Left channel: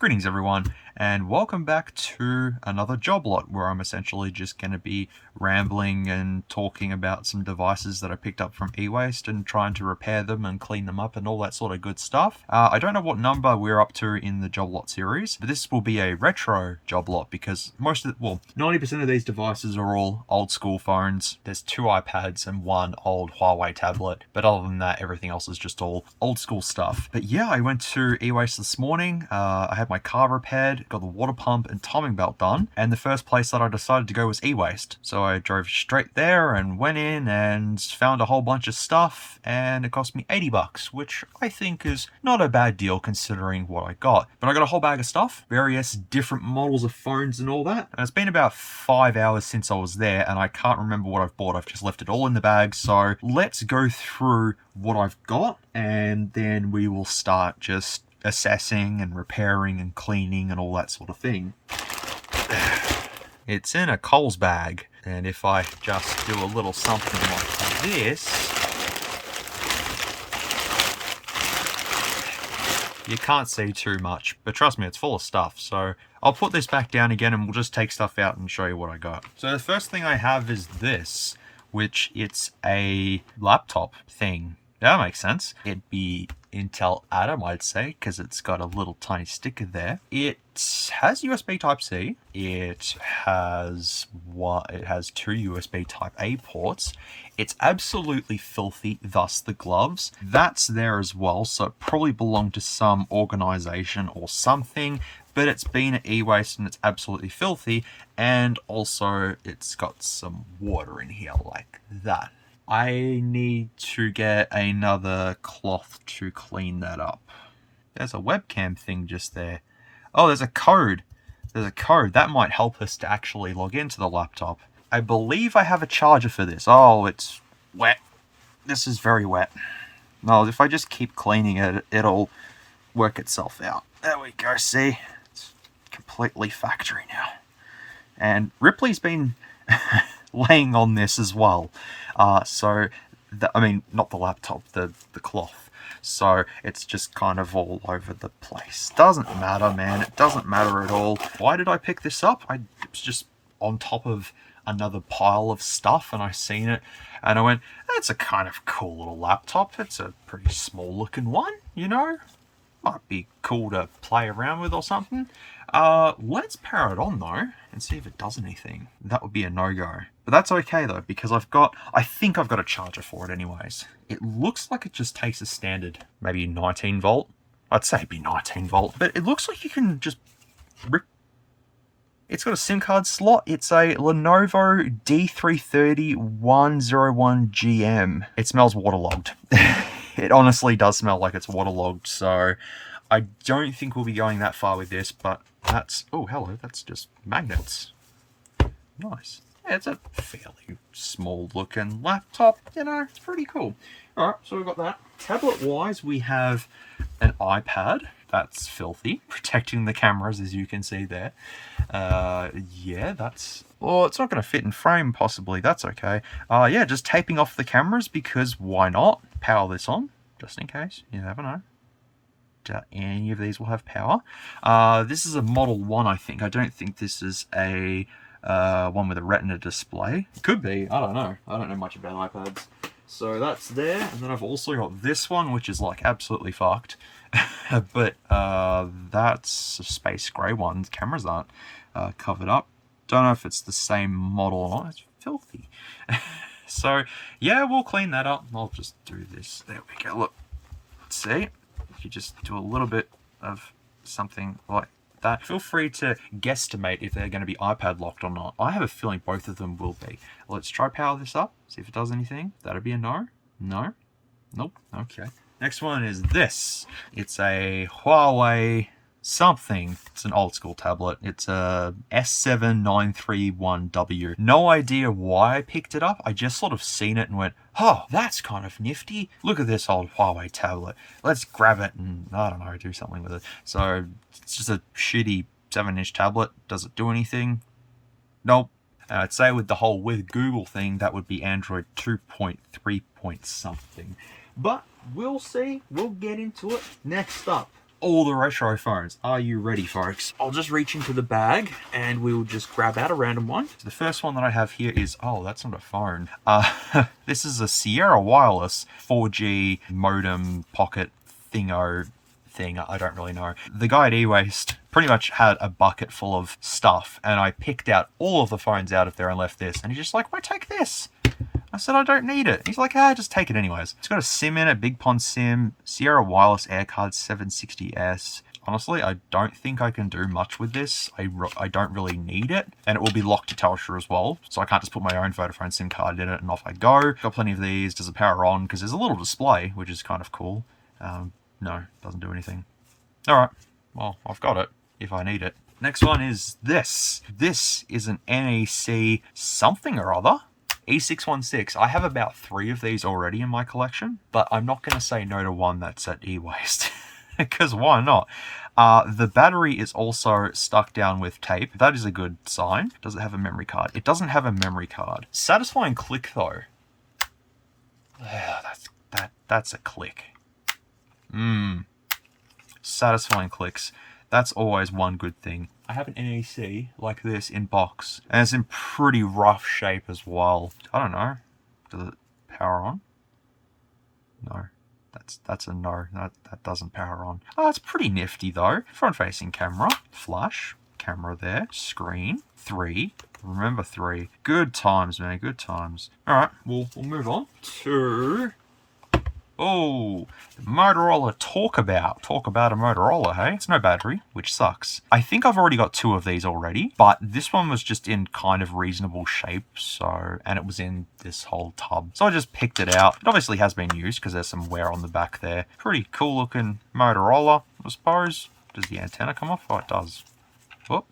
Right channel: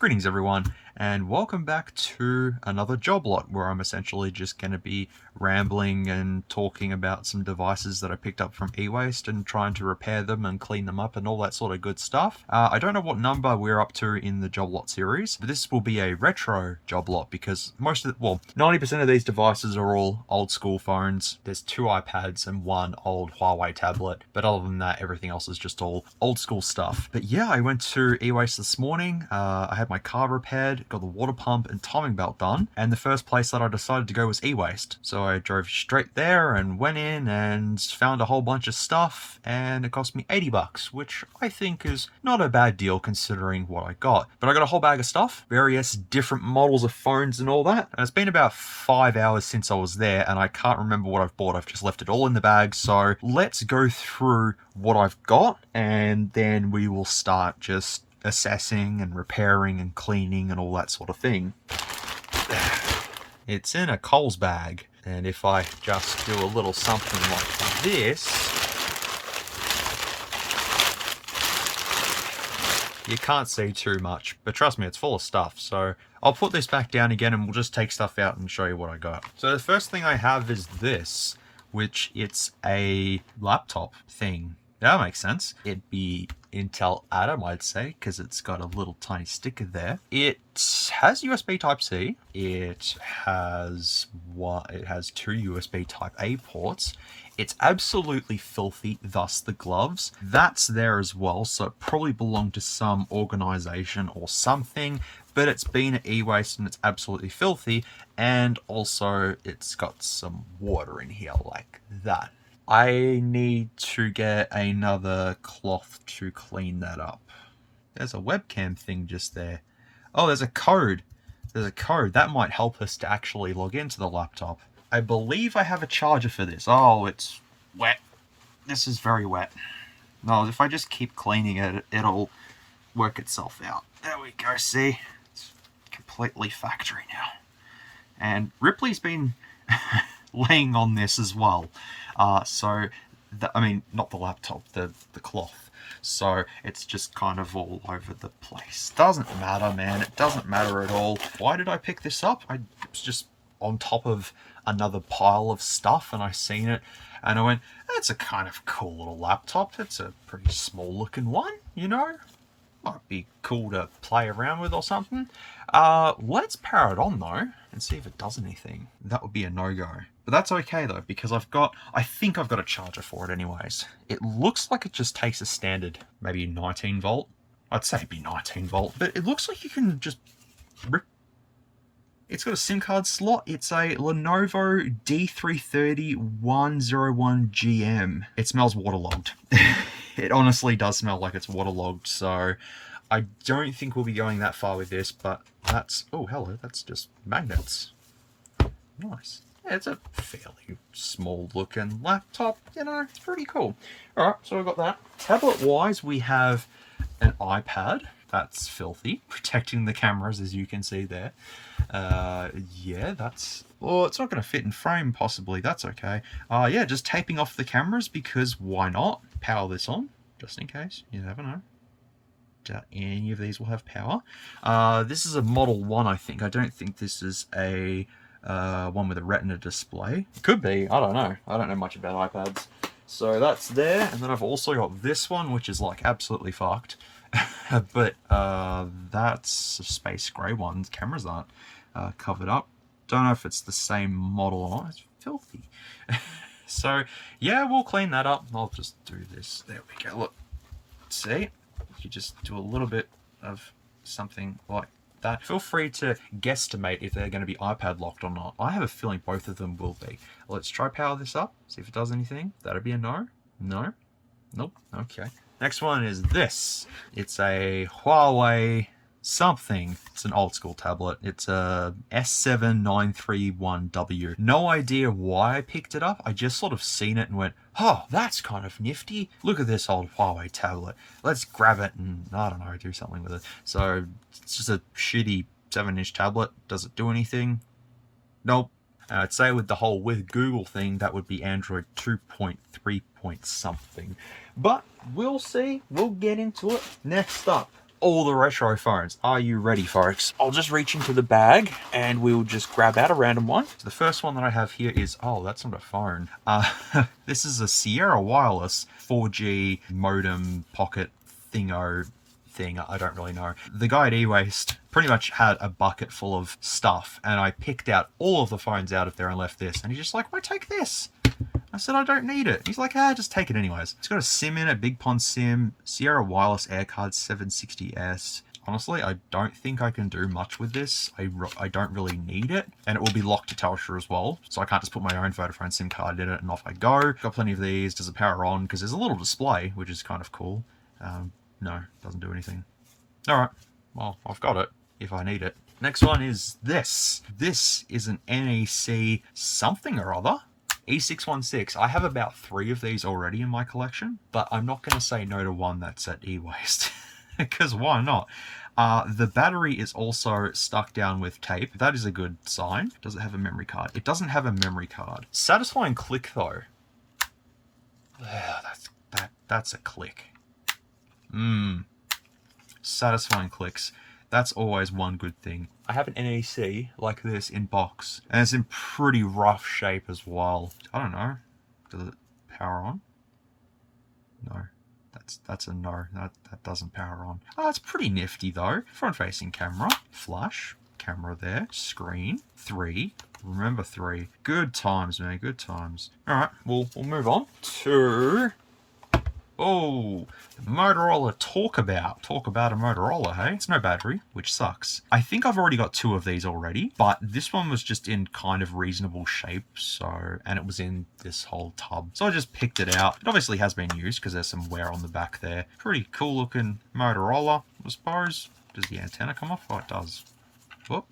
Greetings everyone, and welcome back to another job lot where I'm essentially just going to be rambling and talking about some devices that I picked up from e-waste and trying to repair them and clean them up and all that sort of good stuff. I don't know what number we're up to in the job lot series, but this will be a retro job lot because 90% of these devices are all old school phones. There's 2 iPads and 1 old Huawei tablet, but other than that, everything else is just all old school stuff. But yeah, I went to e-waste this morning. I had my car repaired, got the water pump and timing belt done, and the first place that I decided to go was e-waste. So I drove straight there and went in and found a whole bunch of stuff, and it cost me 80 bucks, which I think is not a bad deal considering what I got. But I got a whole bag of stuff, various different models of phones and all that, and it's been about 5 hours since I was there and I can't remember what I've bought. I've just left it all in the bag, so let's go through what I've got and then we will start just assessing and repairing and cleaning and all that sort of thing. It's in a Coles bag, and if I just do a little something like this, you can't see too much, but trust me, it's full of stuff. So I'll put this back down again and we'll just take stuff out and show you what I got. So the first thing I have is this, which it's a laptop thing. That makes sense. It'd be Intel Atom, I'd say, because it's got a little tiny sticker there. It has USB Type-C. It has 2 USB Type-A ports. It's absolutely filthy, thus the gloves. That's there as well, so it probably belonged to some organization or something, but it's been at e-waste and it's absolutely filthy, and also it's got some water in here like that. I need to get another cloth to clean that up. There's a webcam thing just there. Oh, there's a code. There's a code. That might help us to actually log into the laptop. I believe I have a charger for this. Oh, it's wet. This is very wet. No, if I just keep cleaning it, it'll work itself out. There we go, see? It's completely factory now. And Ripley's been laying on this as well. Not the laptop, the cloth. So it's just kind of all over the place. Doesn't matter, man. It doesn't matter at all. Why did I pick this up? It was just on top of another pile of stuff and I seen it and I went, that's a kind of cool little laptop. It's a pretty small looking one, you know? Might be cool to play around with or something. Let's power it on though and see if it does anything. That would be a no-go. But that's okay though, because I think I've got a charger for it anyways. It looks like it just takes a standard, maybe 19 volt. I'd say it'd be 19 volt, but it looks like you can just rip. It's got a SIM card slot. It's a Lenovo D330-101GM. It smells waterlogged. It honestly does smell like it's waterlogged, so I don't think we'll be going that far with this, but that's... Oh, hello, that's just magnets. Nice. Yeah, it's a fairly small-looking laptop, you know, it's pretty cool. Alright, so we've got that. Tablet-wise, we have an iPad. That's filthy, protecting the cameras, as you can see there. Yeah, that's... Well, it's not going to fit in frame, possibly. That's okay. Yeah, just taping off the cameras, because why not? Power this on, just in case. You never know. Any of these will have power. This is a Model 1, I think. I don't think this is a one with a Retina display. It could be. I don't know. I don't know much about iPads. So that's there. And then I've also got this one, which is like absolutely fucked. But that's a space grey one. Cameras aren't covered up. Don't know if it's the same model or not. It's filthy. So yeah, we'll clean that up. I'll just do this. There we go. Look, see, if you just do a little bit of something like that. Feel free to guesstimate if they're going to be iPad locked or not. I have a feeling both of them will be. Let's try power this up. See if it does anything. That'll be a no. No. Nope. Okay. Next one is this. It's a Huawei something. It's an old school tablet. It's a S7931W. No idea why I picked it up. I just sort of seen it and went, oh, that's kind of nifty. Look at this old Huawei tablet. Let's grab it and, I don't know, do something with it. So it's just a shitty 7-inch tablet. Does it do anything? Nope. And I'd say with the whole with Google thing, that would be Android 2.3 point something. But we'll see. We'll get into it. Next up, all the retro phones. Are you ready, folks? I'll just reach into the bag and we'll just grab out a random one. So the first one that I have here is, oh, that's not a phone. This is a Sierra Wireless 4G modem pocket thingo thing. I don't really know. The guy at eWaste pretty much had a bucket full of stuff, and I picked out all of the phones out of there and left this. And he's just like, why take this? I said, I don't need it. He's like, just take it anyways. It's got a SIM in it, Big Pond SIM, Sierra Wireless AirCard 760S. Honestly, I don't think I can do much with this. I don't really need it. And it will be locked to Telstra as well. So I can't just put my own Vodafone SIM card in it and off I go. Got plenty of these. Does it power on? Because there's a little display, which is kind of cool. No, doesn't do anything. All right, well, I've got it if I need it. Next one is this. This is an NEC something or other. E616. I have about 3 of these already in my collection, but I'm not going to say no to one that's at eWaste, because why not? The battery is also stuck down with tape. That is a good sign. Does it have a memory card? It doesn't have a memory card. Satisfying click though. Yeah, that's a click. Satisfying clicks. That's always one good thing. I have an NEC like this in box, and it's in pretty rough shape as well. I don't know. Does it power on? No. That's a no. That doesn't power on. Oh, it's pretty nifty though. Front-facing camera, flash, camera there, screen, 3. Remember 3. Good times, man. Good times. All right, we'll move on to. Oh, Motorola Talk About a Motorola, hey? It's no battery, which sucks. I think I've already got 2 of these already, but this one was just in kind of reasonable shape, and it was in this whole tub. So I just picked it out. It obviously has been used because there's some wear on the back there. Pretty cool looking Motorola, I suppose. Does the antenna come off? Oh, it does. Oh,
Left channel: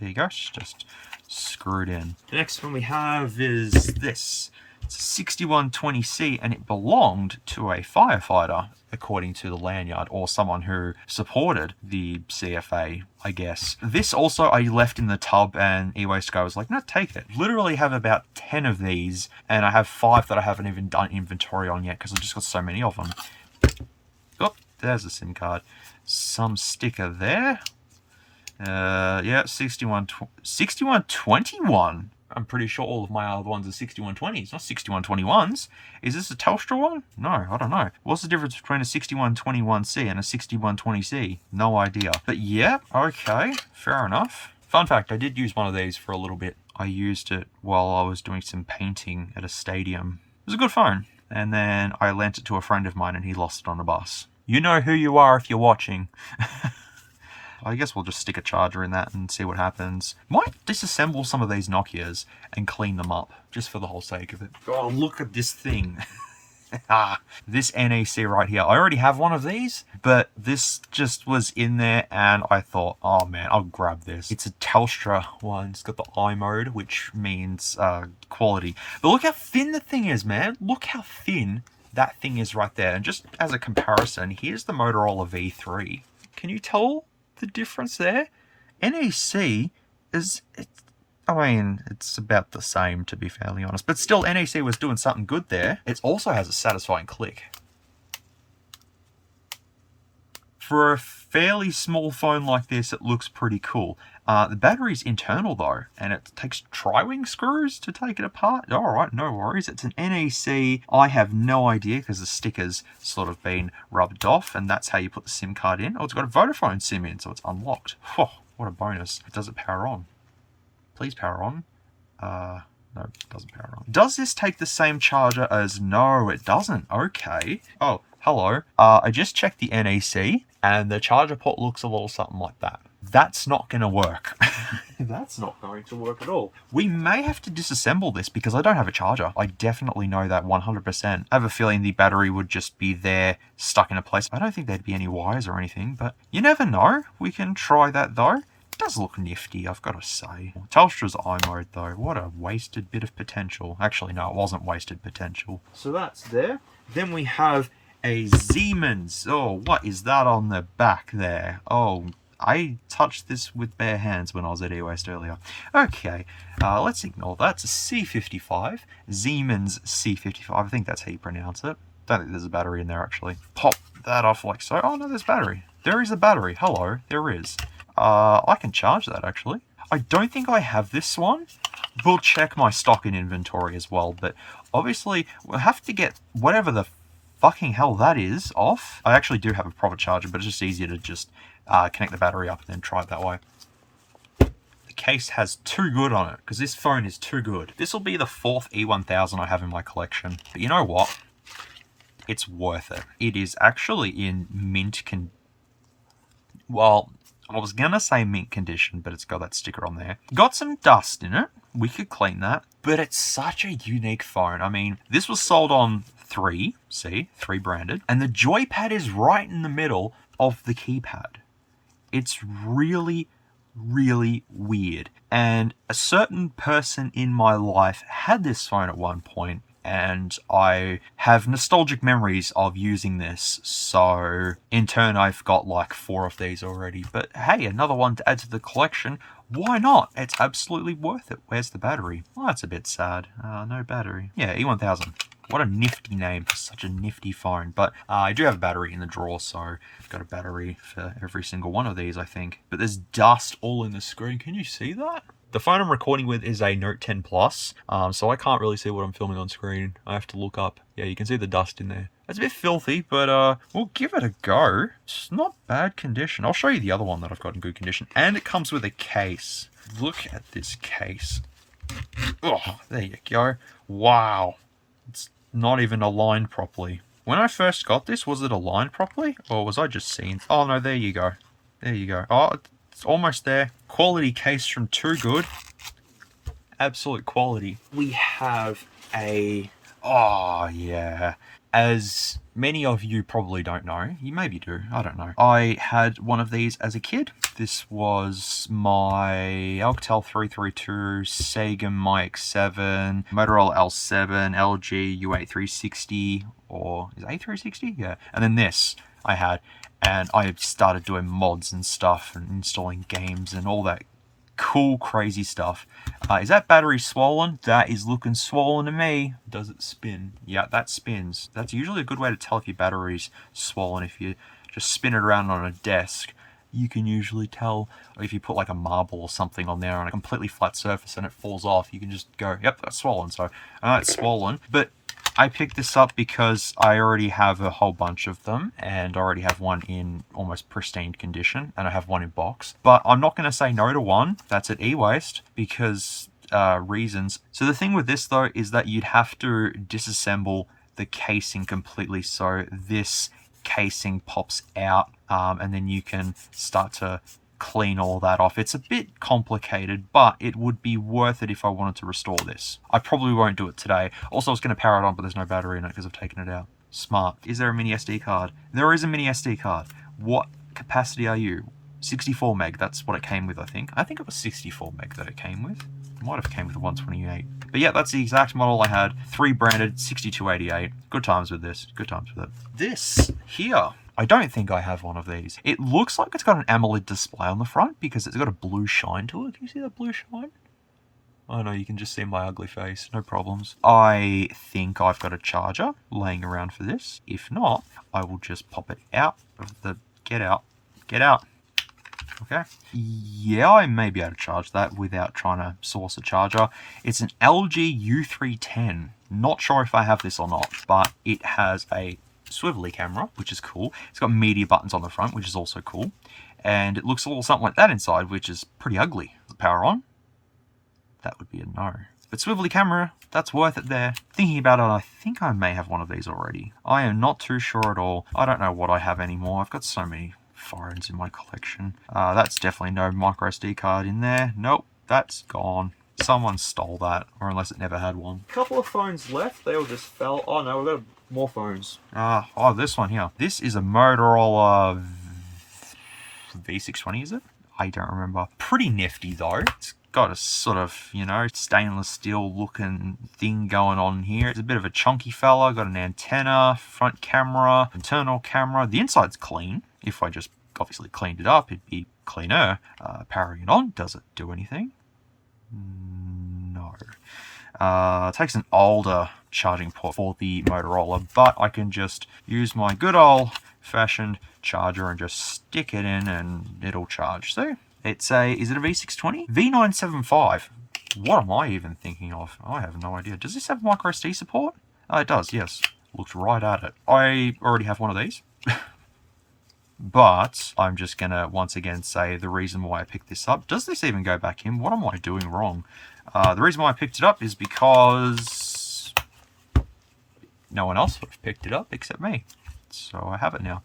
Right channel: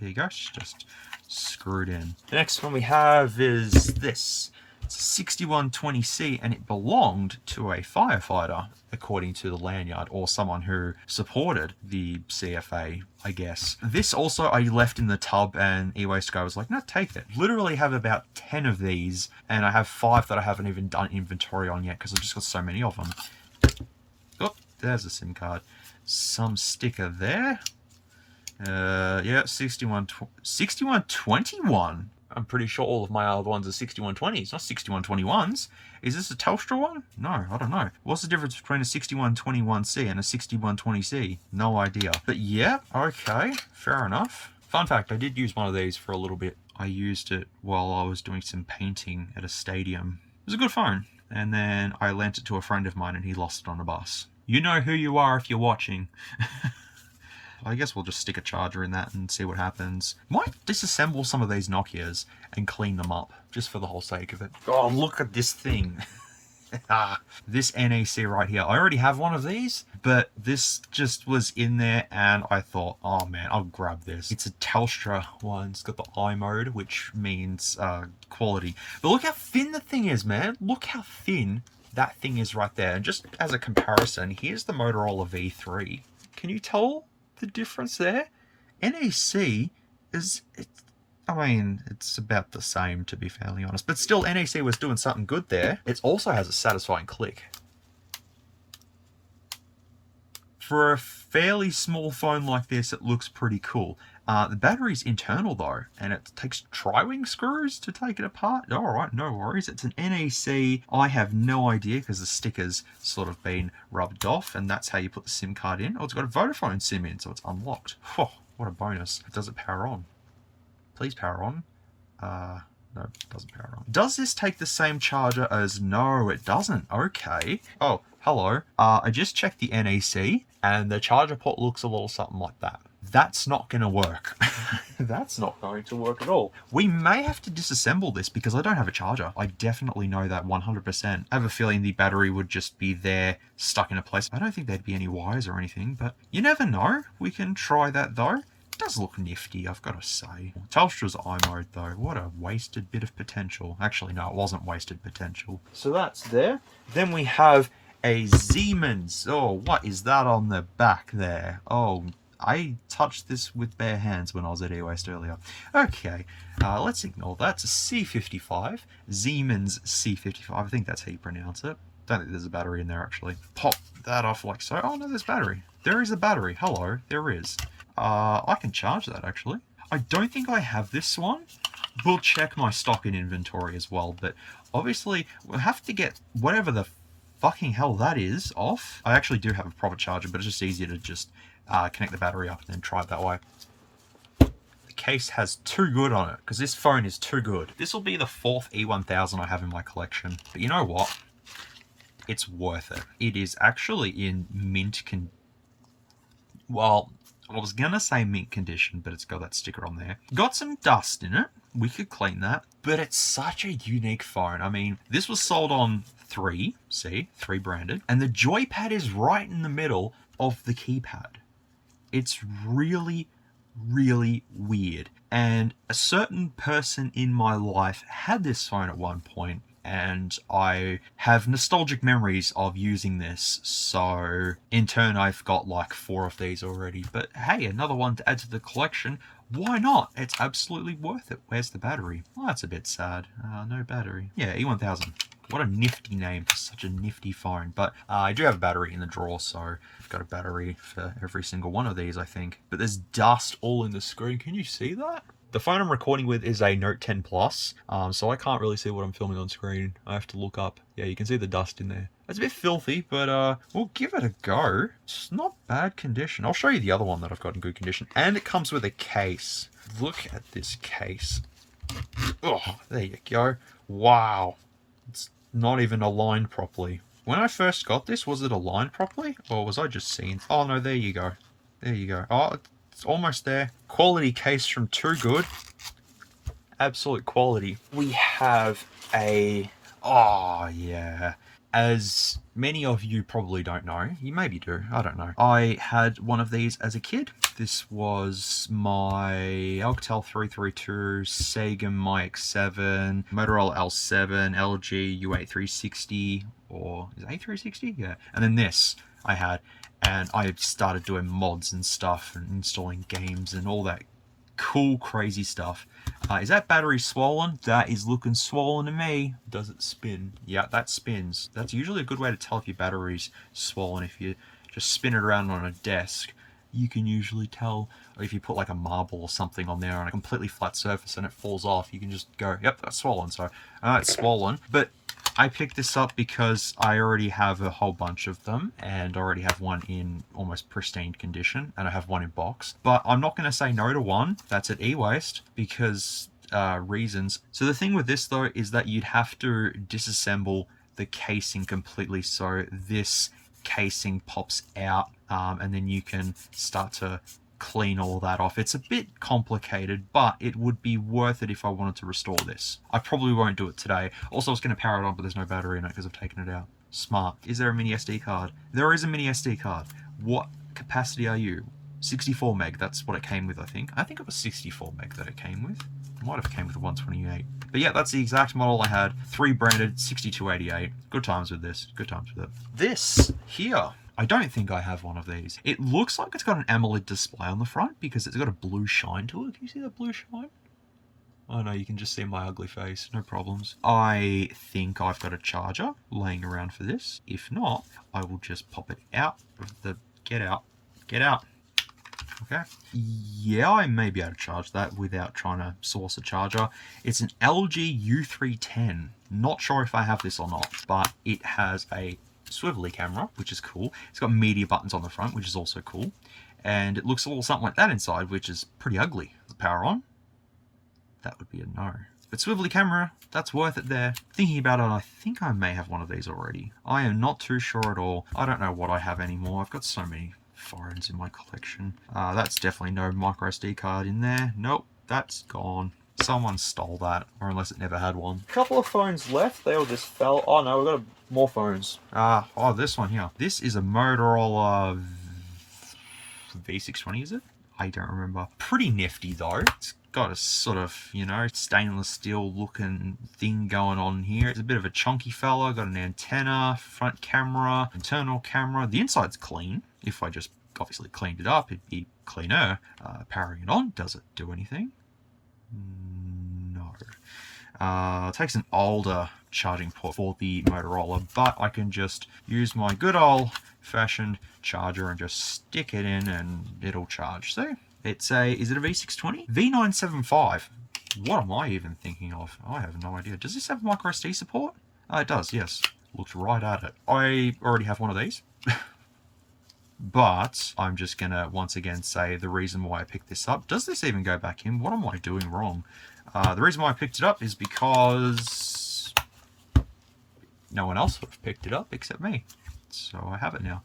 there you go. It's just screwed in. The next one we have is this. It's a 6120C, and it belonged to a firefighter, according to the lanyard, or someone who supported the CFA, I guess. This also I left in the tub, and eWaste guy was like, no, take it. Literally have about 10 of these, and I have 5 that I haven't even done inventory on yet, because I've just got so many of them. Oh, there's a SIM card. Some sticker there. Yeah, 6121. I'm pretty sure all of my other ones are 6120s, not 6121s. Is this a Telstra one? No, I don't know. What's the difference between a 6121C and a 6120C? No idea. But yeah, okay, fair enough. Fun fact, I did use one of these for a little bit. I used it while I was doing some painting at a stadium. It was a good phone. And then I lent it to a friend of mine and he lost it on a bus. You know who you are if you're watching. I guess we'll just stick a charger in that and see what happens. Might disassemble some of these Nokias and clean them up, just for the whole sake of it. Oh, look at this thing. This NEC right here. I already have one of these, but this just was in there and I thought, oh man, I'll grab this. It's a Telstra one. It's got the I mode, which means quality. But look how thin the thing is, man. Look how thin that thing is right there. And just as a comparison, here's the Motorola V3. Can you tell the difference there? NEC is, it's about the same, to be fairly honest, but still NEC was doing something good there. It also has a satisfying click. For a fairly small phone like this, it looks pretty cool. The battery's internal though, and it takes tri-wing screws to take it apart. Alright, no worries. It's an NEC. I have no idea because the sticker's sort of been rubbed off, and that's how you put the SIM card in. Oh, it's got a Vodafone SIM in, so it's unlocked. Oh, what a bonus. Does it power on? Please power on. No, it doesn't power on. Does this take the same charger as... No, it doesn't. Okay. Oh, hello. I just checked the NEC, and the charger port looks a little something like that. That's not going to work. That's not going to work at all. We may have to disassemble this because I don't have a charger. I definitely know that 100%. I have a feeling the battery would just be there, stuck in a place. I don't think there'd be any wires or anything, but you never know. We can try that though. It does look nifty, I've got to say. Telstra's I mode though, what a wasted bit of potential. Actually, no, it wasn't wasted potential. So that's there. Then we have a Siemens. Oh, what is that on the back there? Oh, I touched this with bare hands when I was at eWaste earlier. Okay, let's ignore that. It's a C55, Siemens C55. I think that's how you pronounce it. Don't think there's a battery in there actually. Pop that off like so. Oh no, there's battery. There is a battery. Hello, there is. I can charge that actually. I don't think I have this one. We'll check my stock and inventory as well, but obviously we'll have to get whatever the fucking hell that is off. I actually do have a proper charger, but it's just easier to just connect the battery up and then try it that way. The case has too good on it, because this phone is too good. This will be the 4th E1000 I have in my collection. But you know what? It's worth it. It is actually in mint well, I was gonna say mint condition, but it's got that sticker on there. Got some dust in it. We could clean that. But it's such a unique phone. I mean, this was sold on 3 branded. And the joypad is right in the middle of the keypad. It's really, really weird. And a certain person in my life had this phone at one point, and I have nostalgic memories of using this, so in turn I've got like 4 of these already. But hey, another one to add to the collection. Why not? It's absolutely worth it. Where's the battery? Well, that's a bit sad. No battery. Yeah, E1000. What a nifty name for such a nifty phone. But I do have a battery in the drawer, so I've got a battery for every single one of these, I think. But there's dust all in the screen. Can you see that? The phone I'm recording with is a Note 10 Plus, so I can't really see what I'm filming on screen. I have to look up. Yeah, you can see the dust in there. It's a bit filthy, but we'll give it a go. It's not bad condition. I'll show you the other one that I've got in good condition. And it comes with a case. Look at this case. Oh, there you go. Wow. It's not even aligned properly. When I first got this, was it aligned properly? Or was I just seeing? Oh, no, there you go. There you go. Oh, it's almost there. Quality case from Too Good. Absolute quality. We have a... Oh, yeah. As many of you probably don't know, you maybe do, I don't know. I had one of these as a kid. This was my Alcatel 332, Sega MyX7, Motorola L7, LG U8360, or is it A360? Yeah. And then this I had, and I started doing mods and stuff and installing games and all that cool, crazy stuff. Is that battery swollen? That is looking swollen to me. Does it spin? Yeah, that spins. That's usually a good way to tell if your battery's swollen. If you just spin it around on a desk, you can usually tell. Or if you put like a marble or something on there on a completely flat surface and it falls off, you can just go, yep, that's swollen. So I know it's swollen, but I picked this up because I already have a whole bunch of them, and I already have one in almost pristine condition, and I have one in box. But I'm not going to say no to one that's at e-waste because reasons. So the thing with this though is that you'd have to disassemble the casing completely, so this casing pops out, and then you can start to clean all that off. It's a bit complicated, but it would be worth it if I wanted to restore this. I probably won't do it today. Also, I was going to power it on, but there's no battery in it because I've taken it out. Smart. Is there a mini SD card? There is a mini SD card. What capacity are you? 64 meg. That's what it came with, I think. I think it was 64 meg that it came with. It might have came with a 128. But yeah, that's the exact model I had. 3 branded, 6288. Good times with this. Good times with it. This here, I don't think I have one of these. It looks like it's got an AMOLED display on the front because it's got a blue shine to it. Can you see that blue shine? Oh no, you can just see my ugly face. No problems. I think I've got a charger laying around for this. If not, I will just pop it out of the... Get out. Get out. Okay. Yeah, I may be able to charge that without trying to source a charger. It's an LG U310. Not sure if I have this or not, but it has a swivelly camera, which is cool. It's got media buttons on the front, which is also cool. And it looks a little something like that inside, which is pretty ugly. The power on? That would be a no. But swivelly camera, that's worth it there. Thinking about it, I think I may have one of these already. I am not too sure at all. I don't know what I have anymore. I've got so many phones in my collection. That's definitely no micro SD card in there. Nope, that's gone. Someone stole that, or unless it never had one. A couple of phones left. They all just fell. Oh no, we've got more phones. Oh, this one here. This is a Motorola V620, is it? I don't remember. Pretty nifty though. It's got a sort of, you know, stainless steel looking thing going on here. It's a bit of a chunky fella. Got an antenna, front camera, internal camera. The inside's clean. If I just obviously cleaned it up, it'd be cleaner. Powering it on, does it do anything? No. It takes an older charging port for the Motorola, but I can just use my good old old-fashioned charger and just stick it in and it'll charge. So it's a, is it a V620? V975. What am I even thinking of? I have no idea. Does this have micro SD support? It does, yes. Looked right at it. I already have one of these. But I'm just going to once again say the reason why I picked this up. Does this even go back in? What am I doing wrong? The reason why I picked it up is because no one else would have picked it up except me. So I have it now.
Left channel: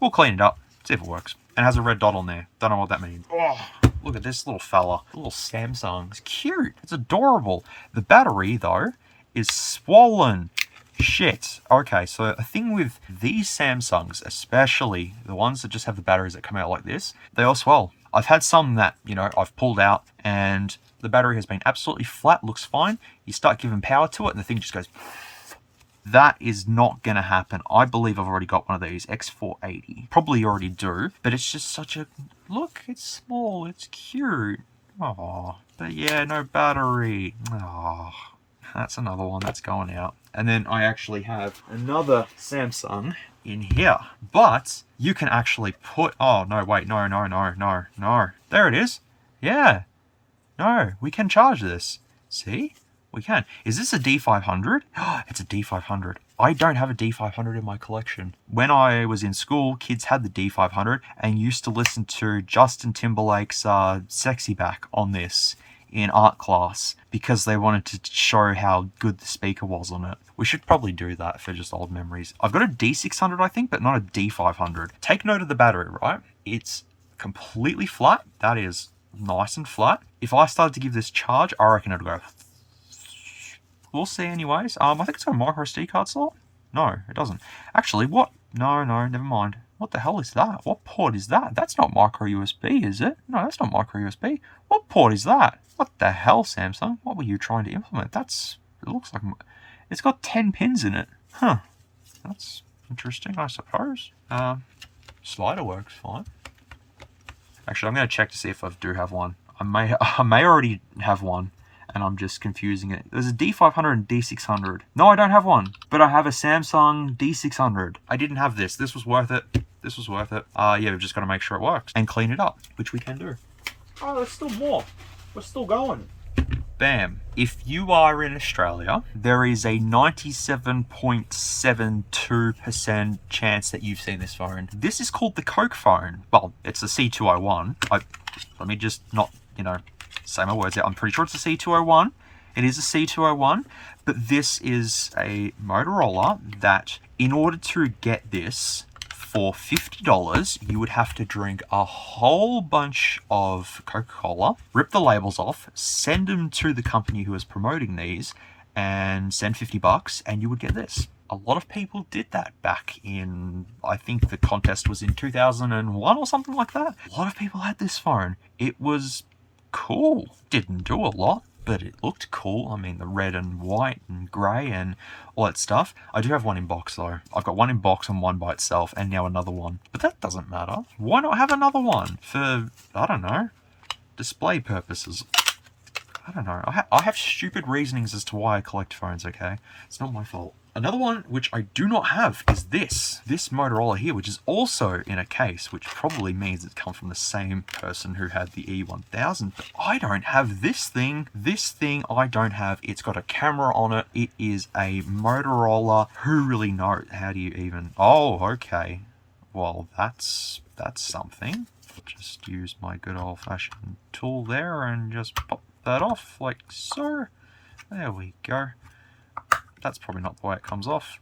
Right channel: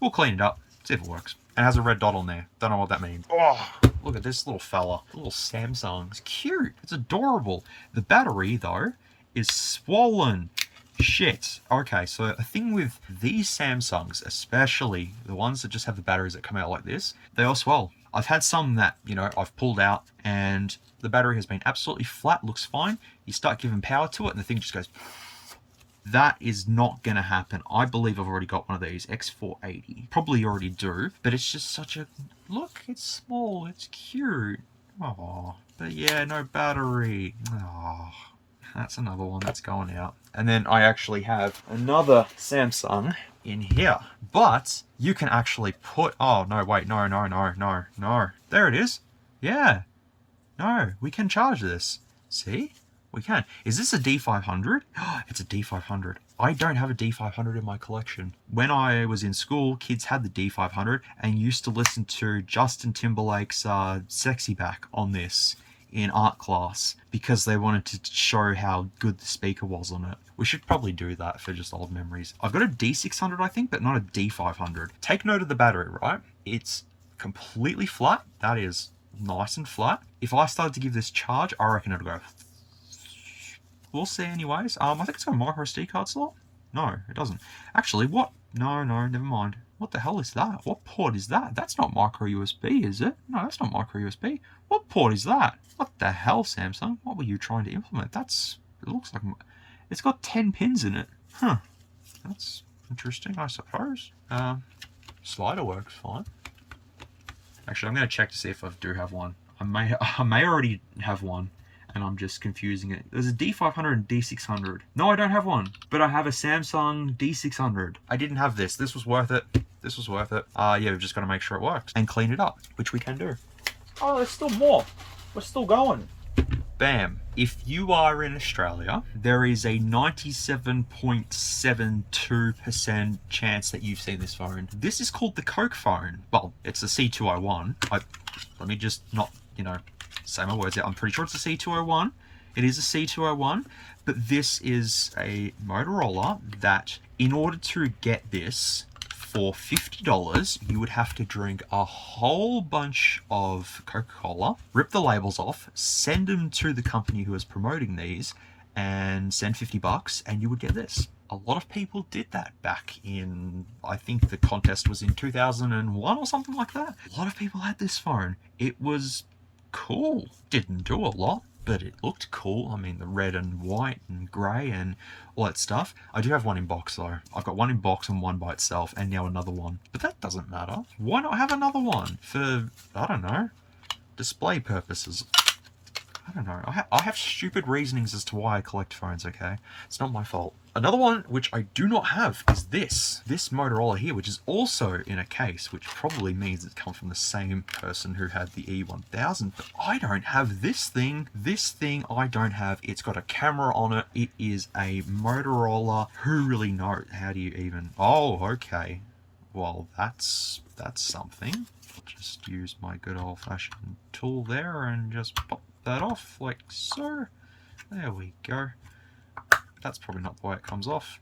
We'll clean it up, see if it works. And it has a red dot on there. Don't know what that means. Oh, look at this little fella. Little Samsung. It's cute. It's adorable. The battery, though, is swollen. Shit. Okay, so a thing with these Samsungs, especially the ones that just have the batteries that come out like this, they all swell. I've had some that, you know, I've pulled out and the battery has been absolutely flat, looks fine. You start giving power to it and the thing just goes... That is not going to happen. I believe I've already got one of these, X480. Probably already do, but it's just such a... Look, it's small, it's cute. Oh, but yeah, no battery. Oh, that's another one that's going out. And then I actually have another Samsung in here. But you can actually put... Oh, no, wait, no. There it is. Yeah. No, we can charge this. See? We can. Is this a D500? It's a D500. I don't have a D500 in my collection. When I was in school, kids had the D500 and used to listen to Justin Timberlake's Sexy Back on this in art class because they wanted to show how good the speaker was on it. We should probably do that for just old memories. I've got a D600, I think, but not a D500. Take note of the battery, right? It's completely flat. That is nice and flat. If I started to give this charge, I reckon it'll go... We'll see anyways. I think it's got a micro SD card slot. No, it doesn't. Actually, what? No, never mind. What the hell is that? What port is that? That's not micro USB, is it? No, that's not micro USB. What port is that? What the hell, Samsung? What were you trying to implement? It looks like... It's got 10 pins in it. Huh. That's interesting, I suppose. Slider works fine. Actually, I'm going to check to see if I do have one. I may already have one. And I'm just confusing it. There's a D500 and D600. No, I don't have one, but I have a Samsung D600. I didn't have this. This was worth it. This was worth it. Yeah, we've just got to make sure it works and clean it up, which we can do. Oh, there's still more. We're still going. Bam. If you are in Australia, there is a 97.72% chance that you've seen this phone. This is called the Coke phone. Well, it's the C201. Let me just not, you know, say my words out. I'm pretty sure it's a C201. It is a C201, but this is a Motorola that in order to get this for $50, you would have to drink a whole bunch of Coca-Cola, rip the labels off, send them to the company who is promoting these, and send $50, and you would get this. A lot of people did that back in, I think the contest was in 2001 or something like that. A lot of people had this phone. It was cool. Didn't do a lot, but it looked cool. I mean, the red and white and grey and all that stuff. I do have one in box though. I've got one in box and one by itself and now another one. But that doesn't matter. Why not have another one for, I don't know, display purposes? I don't know. I have stupid reasonings as to why I collect phones, okay? It's not my fault. Another one which I do not have is this Motorola here, which is also in a case, which probably means it's come from the same person who had the E1000, but I don't have this thing. This thing I don't have. It's got a camera on it. It is a Motorola. Who really knows? How do you even... Oh, okay. Well, that's something. I'll just use my good old-fashioned tool there and just pop that off like so. There we go. That's probably not the way it comes off.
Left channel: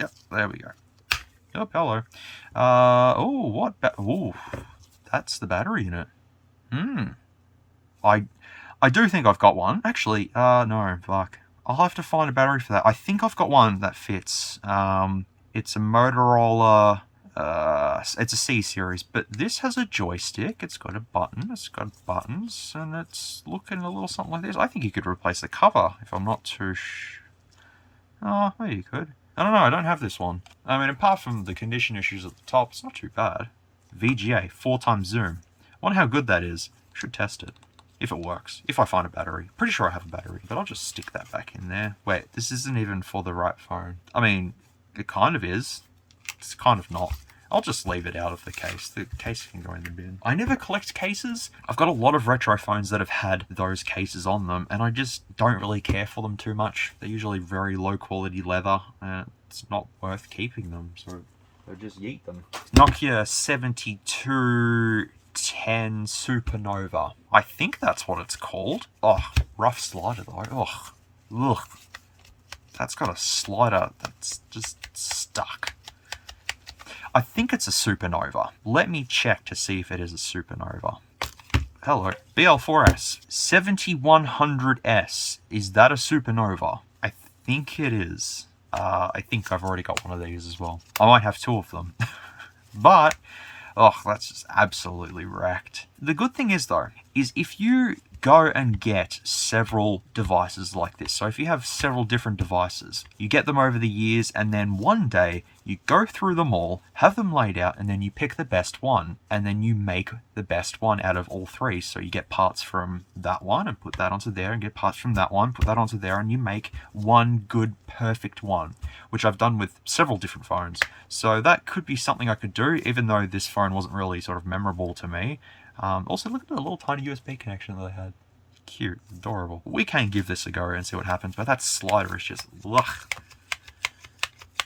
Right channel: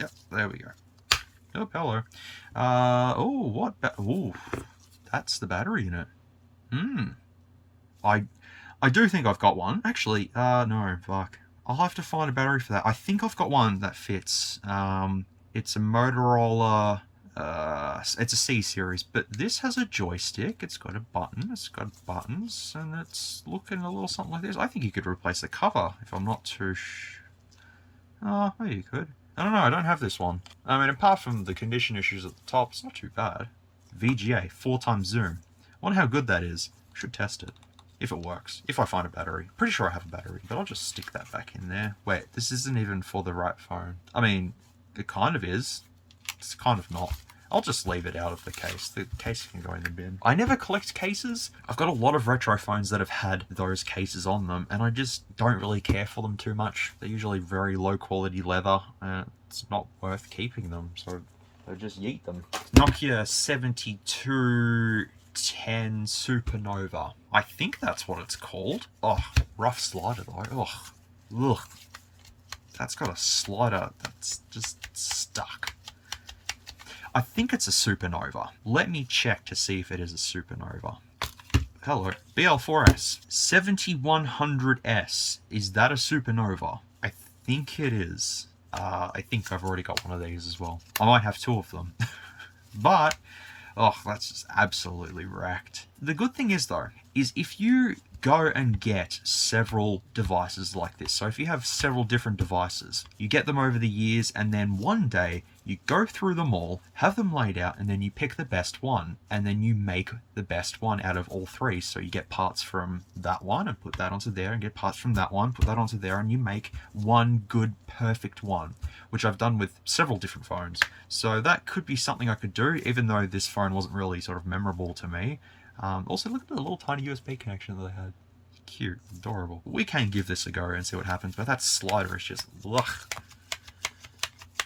Yep, there we go. Oh, hello. Oh, what? Oh, that's the battery in it. I do think I've got one. Actually, no, fuck. I'll have to find a battery for that. I think I've got one that fits. It's a Motorola. It's a C series, but this has a joystick. It's got a button. It's got buttons, and it's looking a little something like this. I think you could replace the cover if I'm not too Oh, maybe you could. I don't know, I don't have this one. I mean, apart from the condition issues at the top, it's not too bad. VGA, 4x zoom. I wonder how good that is. Should test it. If it works. If I find a battery. Pretty sure I have a battery, but I'll just stick that back in there. Wait, this isn't even for the right phone. I mean, it kind of is. It's kind of not. I'll just leave it out of the case. The case can go in the bin. I never collect cases. I've got a lot of retro phones that have had those cases on them, and I just don't really care for them too much. They're usually very low quality leather, and it's not worth keeping them, so I just yeet them. Nokia 7210 Supernova. I think that's what it's called. Oh, rough slider though. Oh, ugh. That's got a slider that's just stuck. I think it's a Supernova. Let me check to see if it is a Supernova. Hello. BL4S. 7100S. Is that a Supernova? I think it is. I think I've already got one of these as well. I might have two of them. But, oh, that's just absolutely wrecked. The good thing is, though, is if you go and get several devices like this. So if you have several different devices, you get them over the years, and then one day you go through them all, have them laid out, and then you pick the best one, and then you make the best one out of all three. So you get parts from that one and put that onto there, and get parts from that one, put that onto there, and you make one good, perfect one, which I've done with several different phones. So that could be something I could do, even though this phone wasn't really sort of memorable to me. Also, look at the little tiny USB connection that they had. Cute, adorable. We can give this a go and see what happens, but that slider is just, ugh.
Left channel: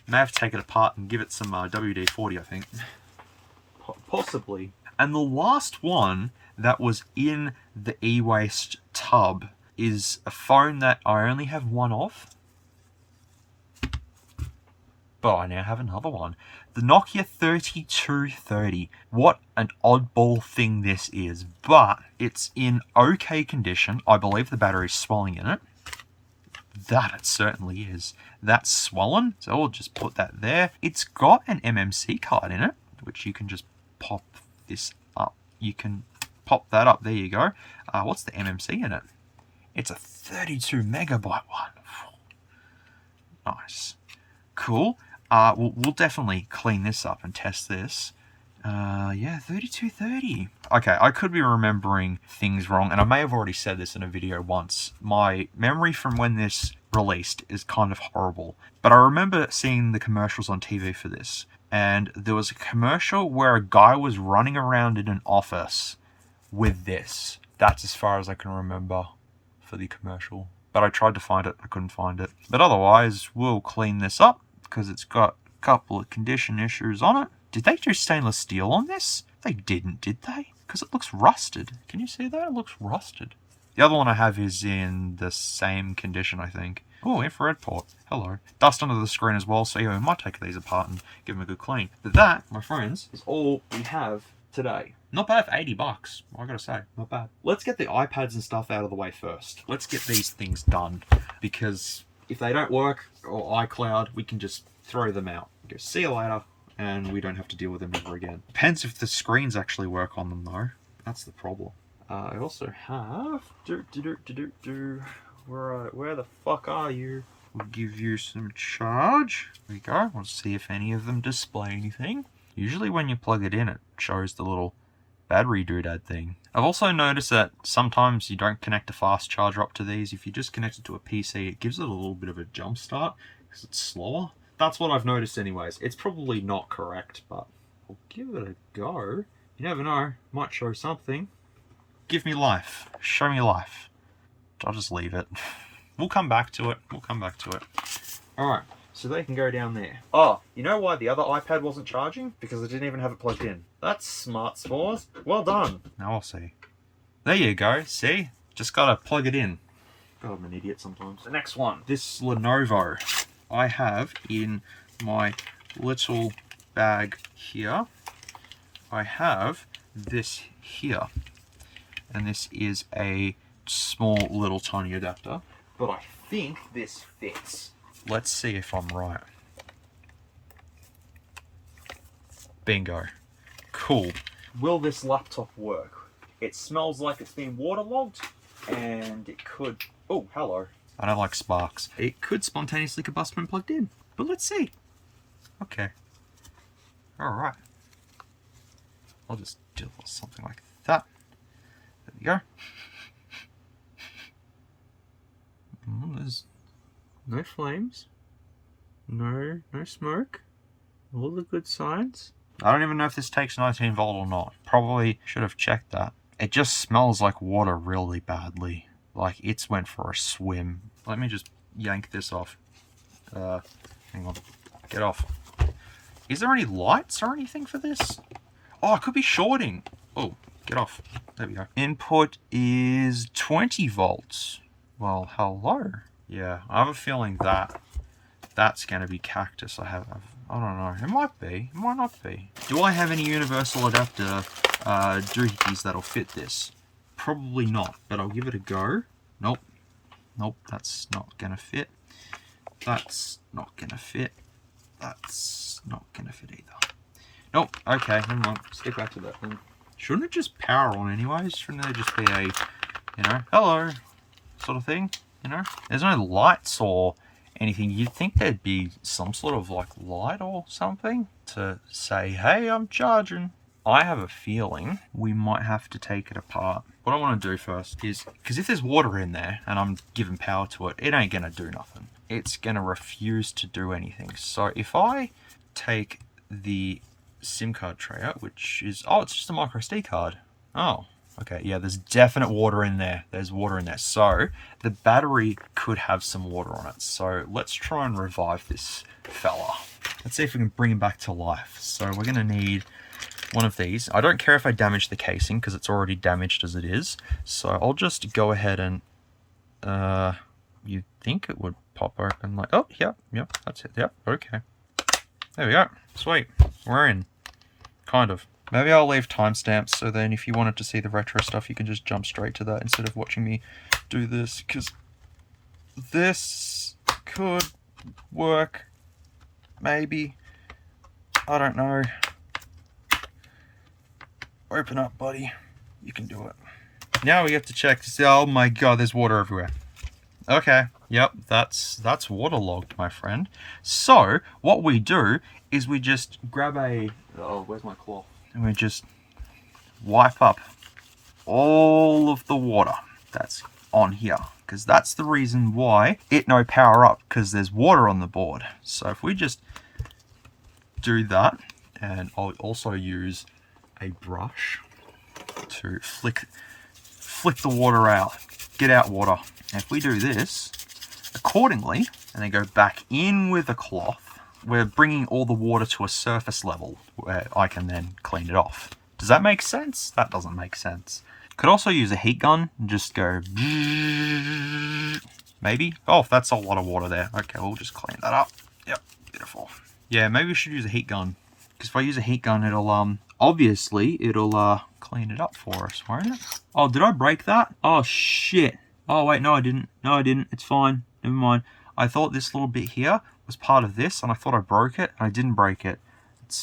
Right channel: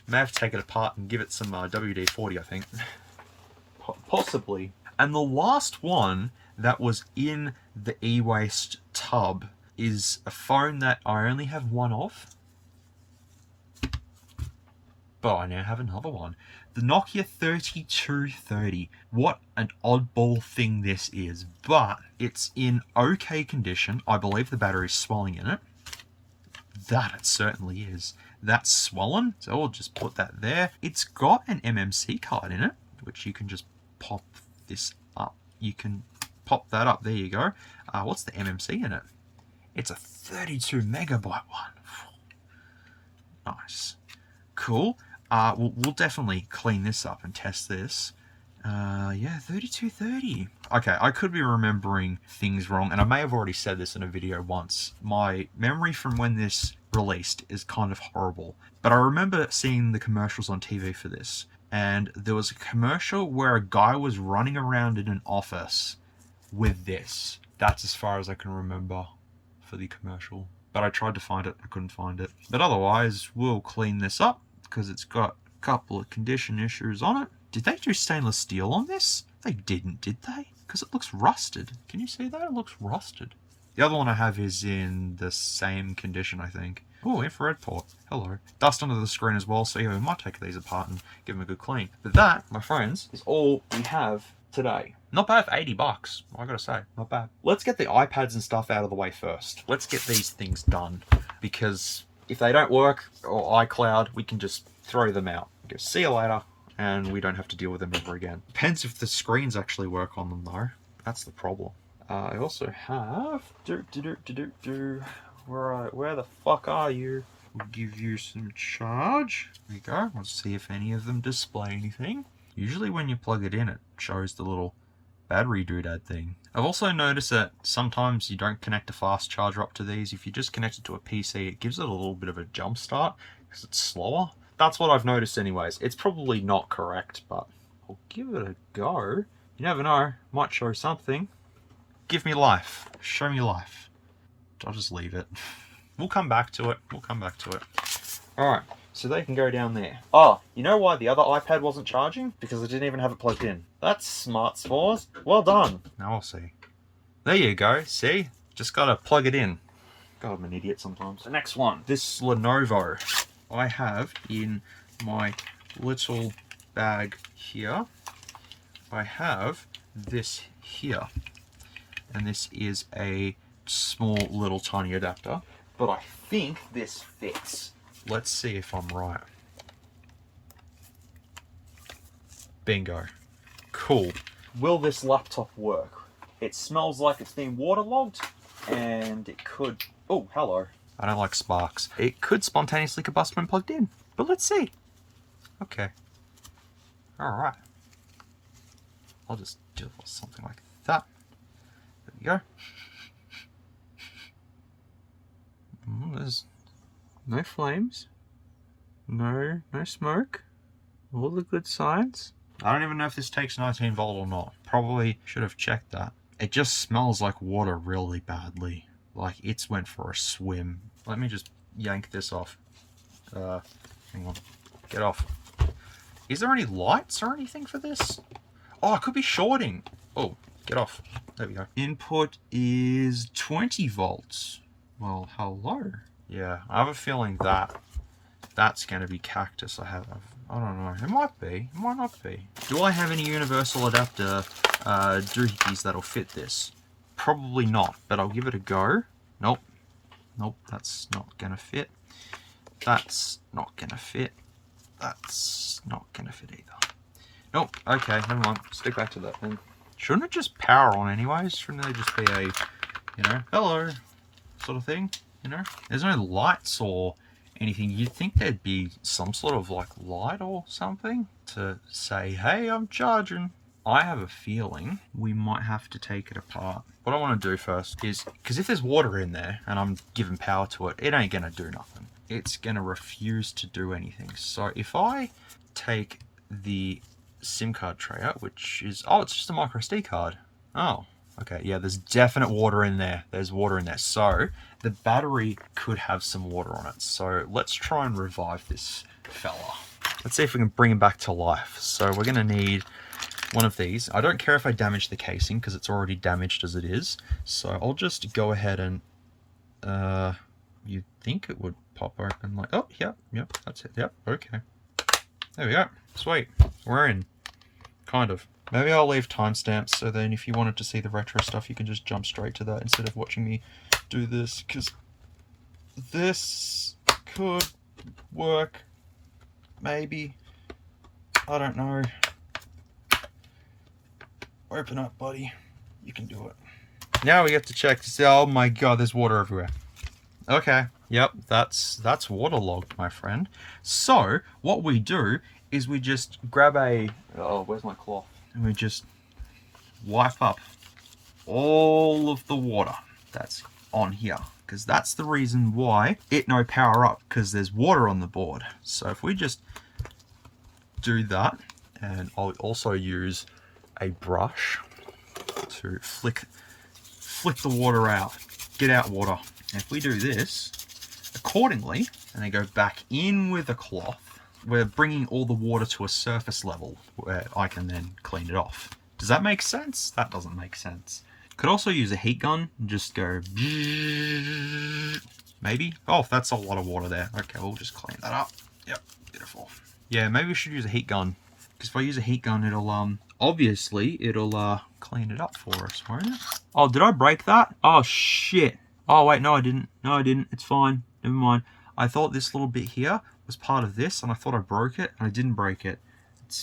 May have to take it apart and give it some WD-40, I think. Possibly. And the last one that was in the e-waste tub is a phone that I only have one of. But I now have another one. The Nokia 3230. What an oddball thing this is, but it's in okay condition. I believe the battery's swelling in it. That it certainly is. That's swollen, so we'll just put that there. It's got an MMC card in it, which you can just pop this up. You can pop that up, there you go. What's the MMC in it? It's a 32 megabyte one. Nice. Cool. We'll definitely clean this up and test this. Yeah, 3230. Okay, I could be remembering things wrong, and I may have already said this in a video once. My memory from when this released is kind of horrible, but I remember seeing the commercials on TV for this, and there was a commercial where a guy was running around in an office with this. That's as far as I can remember for the commercial, but I tried to find it, I couldn't find it. But otherwise, we'll clean this up, because it's got a couple of condition issues on it. Did they do stainless steel on this? They didn't, did they? Because it looks rusted. Can you see that? It looks rusted. The other one I have is in the same condition, I think. Oh, infrared port. Hello. Dust under the screen as well, so yeah, we might take these apart and give them a good clean. But that, my friends, is all we have today. Not bad for 80 bucks, I gotta say, not bad. Let's get the iPads and stuff out of the way first. Let's get these things done, because if they don't work, or iCloud, we can just throw them out. Go, see you later, and we don't have to deal with them ever again. Depends if the screens actually work on them though. That's the problem. I also have... Where the fuck are you? We'll give you some charge. There we go. Let's see if any of them display anything. Usually when you plug it in, it shows the little battery doodad thing. I've also noticed that sometimes you don't connect a fast charger up to these. If you just connect it to a PC, it gives it a little bit of a jump start because it's slower. That's what I've noticed anyways. It's probably not correct, but we'll give it a go. You never know, might show something. Give me life. Show me life. I'll just leave it. We'll come back to it. We'll come back to it. Alright, so they can go down there. Oh, you know why the other iPad wasn't charging? Because I didn't even have it plugged in. That's smart, SMOOREZ. Well done. Now I'll see. There you go. See? Just gotta plug it in. God, I'm an idiot sometimes. The next one. This Lenovo I have in my little bag here. I have this here. And this is a small little tiny adapter. But I think this fits. Let's see if I'm right. Bingo. Cool. Will this laptop work? It smells like it's been waterlogged, and it could... Oh, hello. I don't like sparks. It could spontaneously combust when plugged in, but let's see. Okay. Alright. I'll just do something like that. There we go. There's no flames. No smoke. All the good signs. I don't even know if this takes 19 volt or not. Probably should have checked that. It just smells like water really badly. Like it's went for a swim. Let me just yank this off. Hang on. Get off. Is there any lights or anything for this? Oh, it could be shorting. Oh, get off. There we go. Input is 20 volts. Well, hello. Yeah, I have a feeling that that's going to be cactus. I don't know. It might be. It might not be. Do I have any universal adapter doohickeys that'll fit this? Probably not, but I'll give it a go. Nope. Nope, that's not going to fit. That's not going to fit. That's not going to fit either. Nope. Okay, never mind. Stick back to that thing. Shouldn't it just power on anyways? Shouldn't there just be a, you know, hello sort of thing? You know? There's no lights or anything. You'd think there'd be some sort of like light or something to say, hey, I'm charging. I have a feeling we might have to take it apart. What I want to do first is, because if there's water in there and I'm giving power to it, it ain't going to do nothing. It's going to refuse to do anything. So if I take the SIM card tray out, which is, oh, it's just a micro SD card. Oh, okay. Yeah, there's definite water in there. There's water in there. So the battery could have some water on it. So let's try and revive this fella. Let's see if we can bring him back to life. So we're going to need one of these. I don't care if I damage the casing because it's already damaged as it is. So I'll just go ahead and, you'd think it would pop open like, oh, yep, that's it. Yep, okay. There we go. Sweet. We're in. Kind of. Maybe I'll leave timestamps so then if you wanted to see the retro stuff, you can just jump straight to that instead of watching me do this, because this could work. Maybe. I don't know. Open up, buddy. You can do it. Now we get to check to see, oh my god, there's water everywhere. Okay. Yep, that's waterlogged, my friend. So, what we do is we just grab a... Oh, where's my cloth? And we just wipe up all of the water that's on here. Because that's the reason why it no power up, because there's water on the board. So if we just do that, and I'll also use a brush to flick the water out. Get out water. And if we do this accordingly, and then go back in with a cloth, we're bringing all the water to a surface level where I can then clean it off. Does that make sense? That doesn't make sense. Could also use a heat gun and just go maybe. Oh, that's a lot of water there. Okay, we'll just clean that up. Yep, beautiful. Yeah, maybe we should use a heat gun, because if I use a heat gun, it'll obviously it'll clean it up for us, won't it? Oh, did I break that? Oh shit. Oh wait, no I didn't. No I didn't. It's fine. Never mind. I thought this little bit here was part of this, and I thought I broke it, and I didn't break it.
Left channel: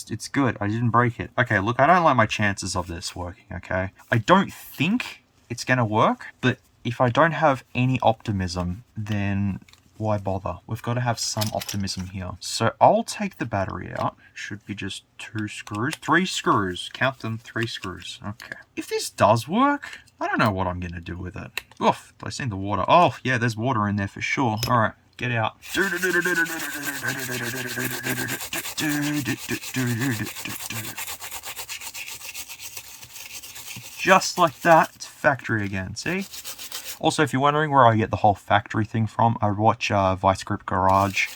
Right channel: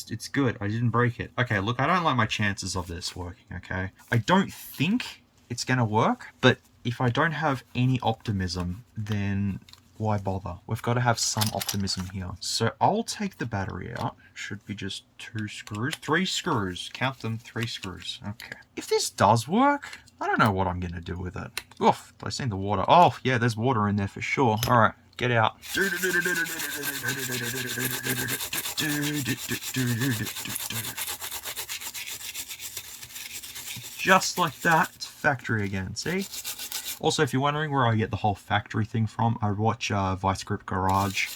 It's good. I didn't break it. Okay, look, I don't like my chances of this working, okay? I don't think it's gonna work, but if I don't have any optimism, then why bother? We've got to have some optimism here. So I'll take the battery out. Should be just 2 screws. 3 screws. Count them, 3 screws. Okay. If this does work, I don't know what I'm gonna do with it. Oof, I seen the water. Oh, yeah, there's water in there for sure. All right. Get out. Just like that, it's factory again, see? Also, if you're wondering where I get the whole factory thing from, I watch Vice Grip Garage,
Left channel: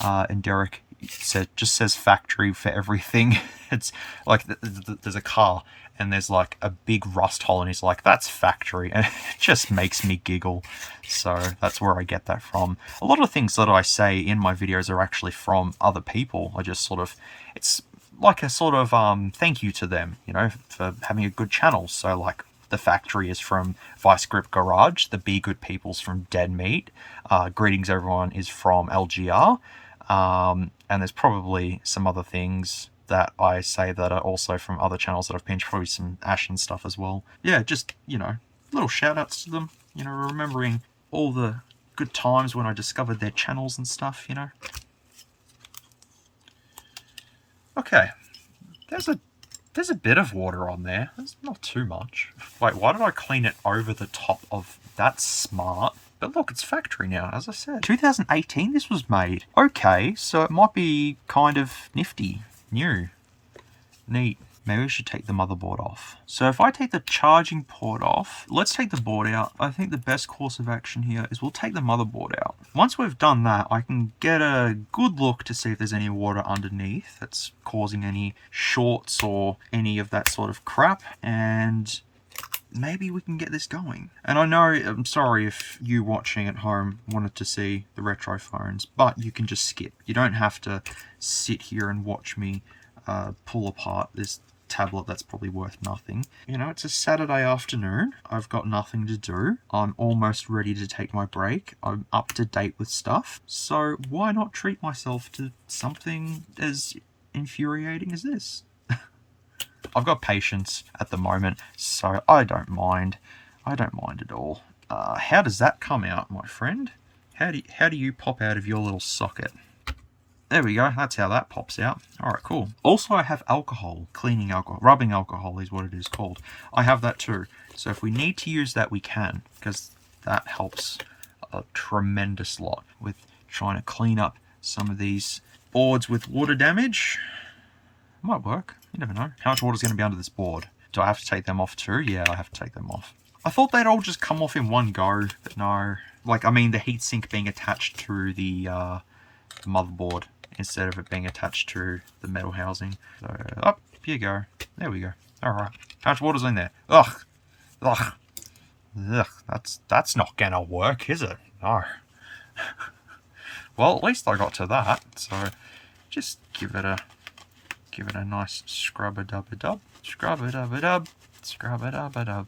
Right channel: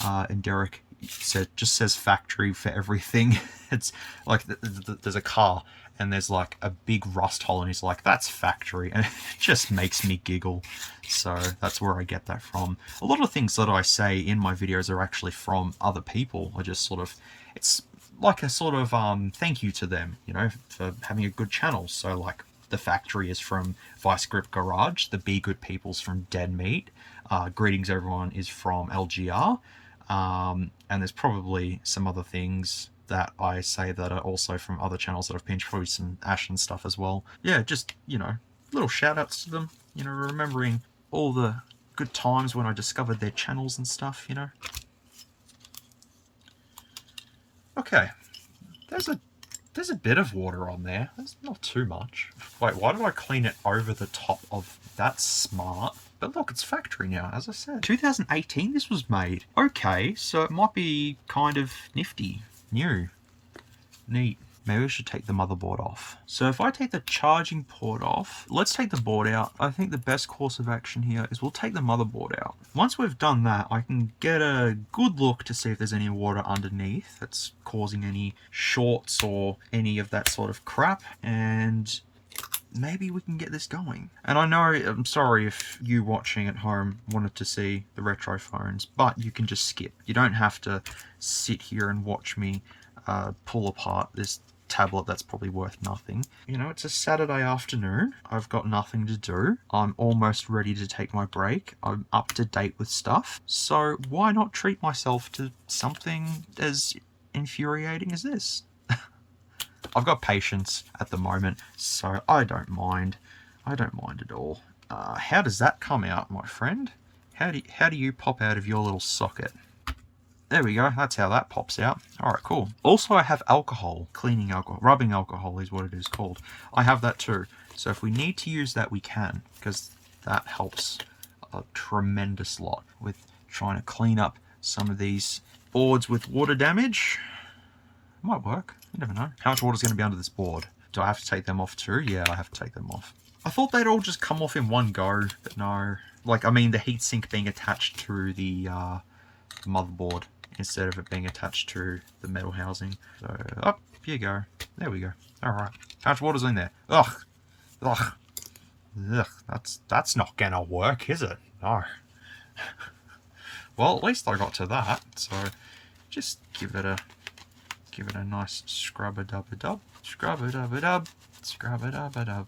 and Derek just says factory for everything. It's like there's a car, and there's like a big rust hole, and he's like, that's factory, and it just makes me giggle. So that's where I get that from. A lot of things that I say in my videos are actually from other people. I just sort of, it's like a sort of thank you to them, you know, for having a good channel. So like the factory is from Vice Grip Garage, the Be Good People's from Dead Meat, Greetings Everyone is from LGR, and there's probably some other things that I say that are also from other channels that I've pinched, probably some Ashen stuff as well. Yeah, just, you know, little shout outs to them, you know, remembering all the good times when I discovered their channels and stuff, you know. Okay, there's a bit of water on there. There's not too much. Wait, why did I clean it over the top of... That's smart. But look, it's factory now, as I said. 2018 this was made. Okay, so it might be kind of nifty. New. Neat. Maybe we should take the motherboard off. So if I take the charging port off, let's take the board out. I think the best course of action here is we'll take the motherboard out. Once we've done that, I can get a good look to see if there's any water underneath that's causing any shorts or any of that sort of crap. And maybe we can get this going. And I know, I'm sorry if you watching at home wanted to see the retro phones, but you can just skip. You don't have to sit here and watch me pull apart this tablet that's probably worth nothing. You know, it's a Saturday afternoon. I've got nothing to do. I'm almost ready to take my break. I'm up to date with stuff. So why not treat myself to something as infuriating as this? I've got patience at the moment, so I don't mind. I don't mind at all. How does that come out, my friend? How do you pop out of your little socket? There we go, that's how that pops out. Alright, cool. Also, I have alcohol, cleaning alcohol, rubbing alcohol is what it is called. I have that too. So if we need to use that, we can, because that helps a tremendous lot with trying to clean up some of these boards with water damage. Might work, you never know. How much water is going to be under this board? Do I have to take them off too? Yeah, I have to take them off. I thought they'd all just come off in one go, but no. Like, I mean, the heatsink being attached to the motherboard instead of it being attached to the metal housing. So, up you go. There we go. Alright. How much water's in there? Ugh. Ugh. Ugh. That's not gonna work, is it? No. Well, at least I got to that. So, just give it a nice scrub-a-dub-a-dub. Scrub-a-dub-a-dub. Scrub-a-dub-a-dub.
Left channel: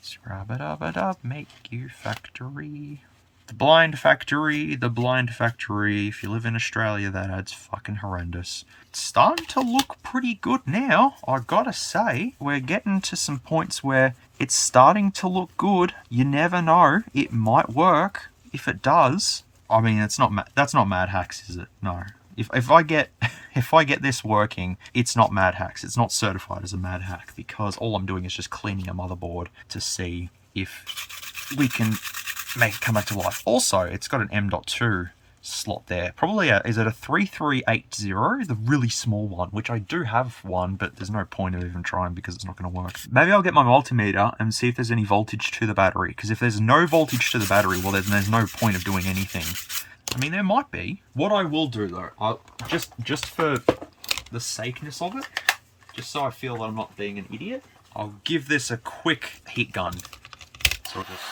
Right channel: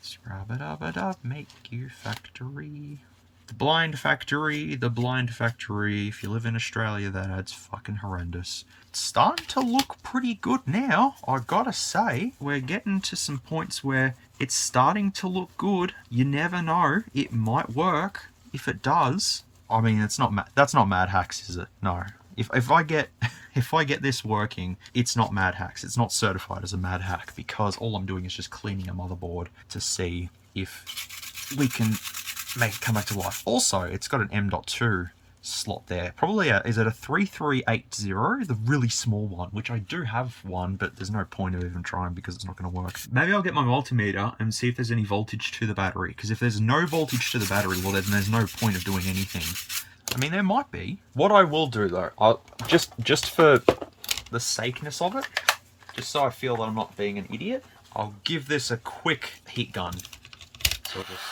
Scrub-a-dub-a-dub. Make you factory. The blind factory, the blind factory. If you live in Australia, that ad's fucking horrendous. It's starting to look pretty good now, I gotta say. We're getting to some points where it's starting to look good. You never know, it might work. If it does, I mean, that's not Mad Hacks, is it? No. If I get this working, it's not Mad Hacks. It's not certified as a Mad Hack, because all I'm doing is just cleaning a motherboard to see if we can make it come back to life. Also, it's got an M.2 slot there. Probably is it a 3380, the really small one, which I do have one, but there's no point of even trying because it's not going to work. Maybe I'll get my multimeter and see if there's any voltage to the battery, because if there's no voltage to the battery, well, there's no point of doing anything. I mean, there might be. What I will do though, I'll just for the sakeness of it, just so I feel that I'm not being an idiot, I'll give this a quick heat gun. So just...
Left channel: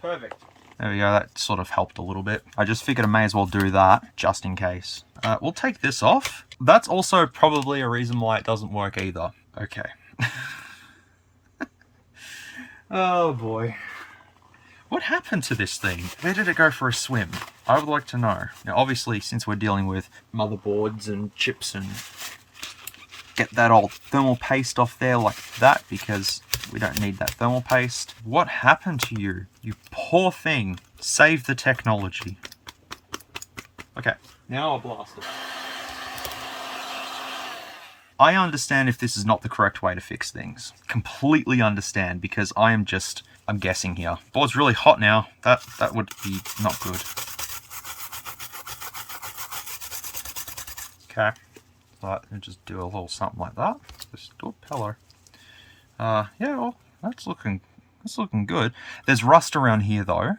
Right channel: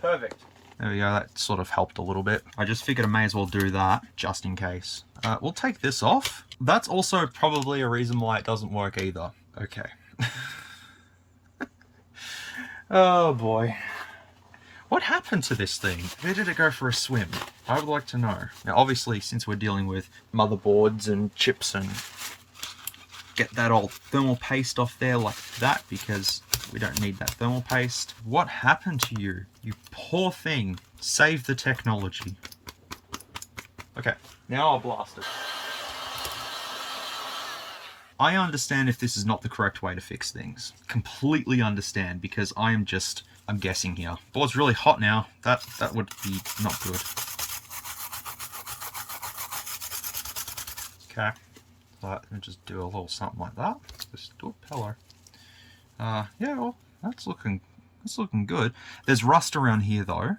Perfect. There we go, that sort of helped a little bit. I just figured I may as well do that, just in case. We'll take this off. That's also probably a reason why it doesn't work either. Okay. Oh boy. What happened to this thing? Where did it go for a swim? I would like to know. Now obviously, since we're dealing with motherboards and chips and get that old thermal paste off there like that, because we don't need that thermal paste. What happened to you? You poor thing. Save the technology. Okay, now I'll blast it. I understand if this is not the correct way to fix things. Completely understand, because I'm guessing here. Board's really hot now. That would be not good. Okay. Let me just do a little something like that. Just do a pillow. Yeah, well, that's looking good. There's rust around here though,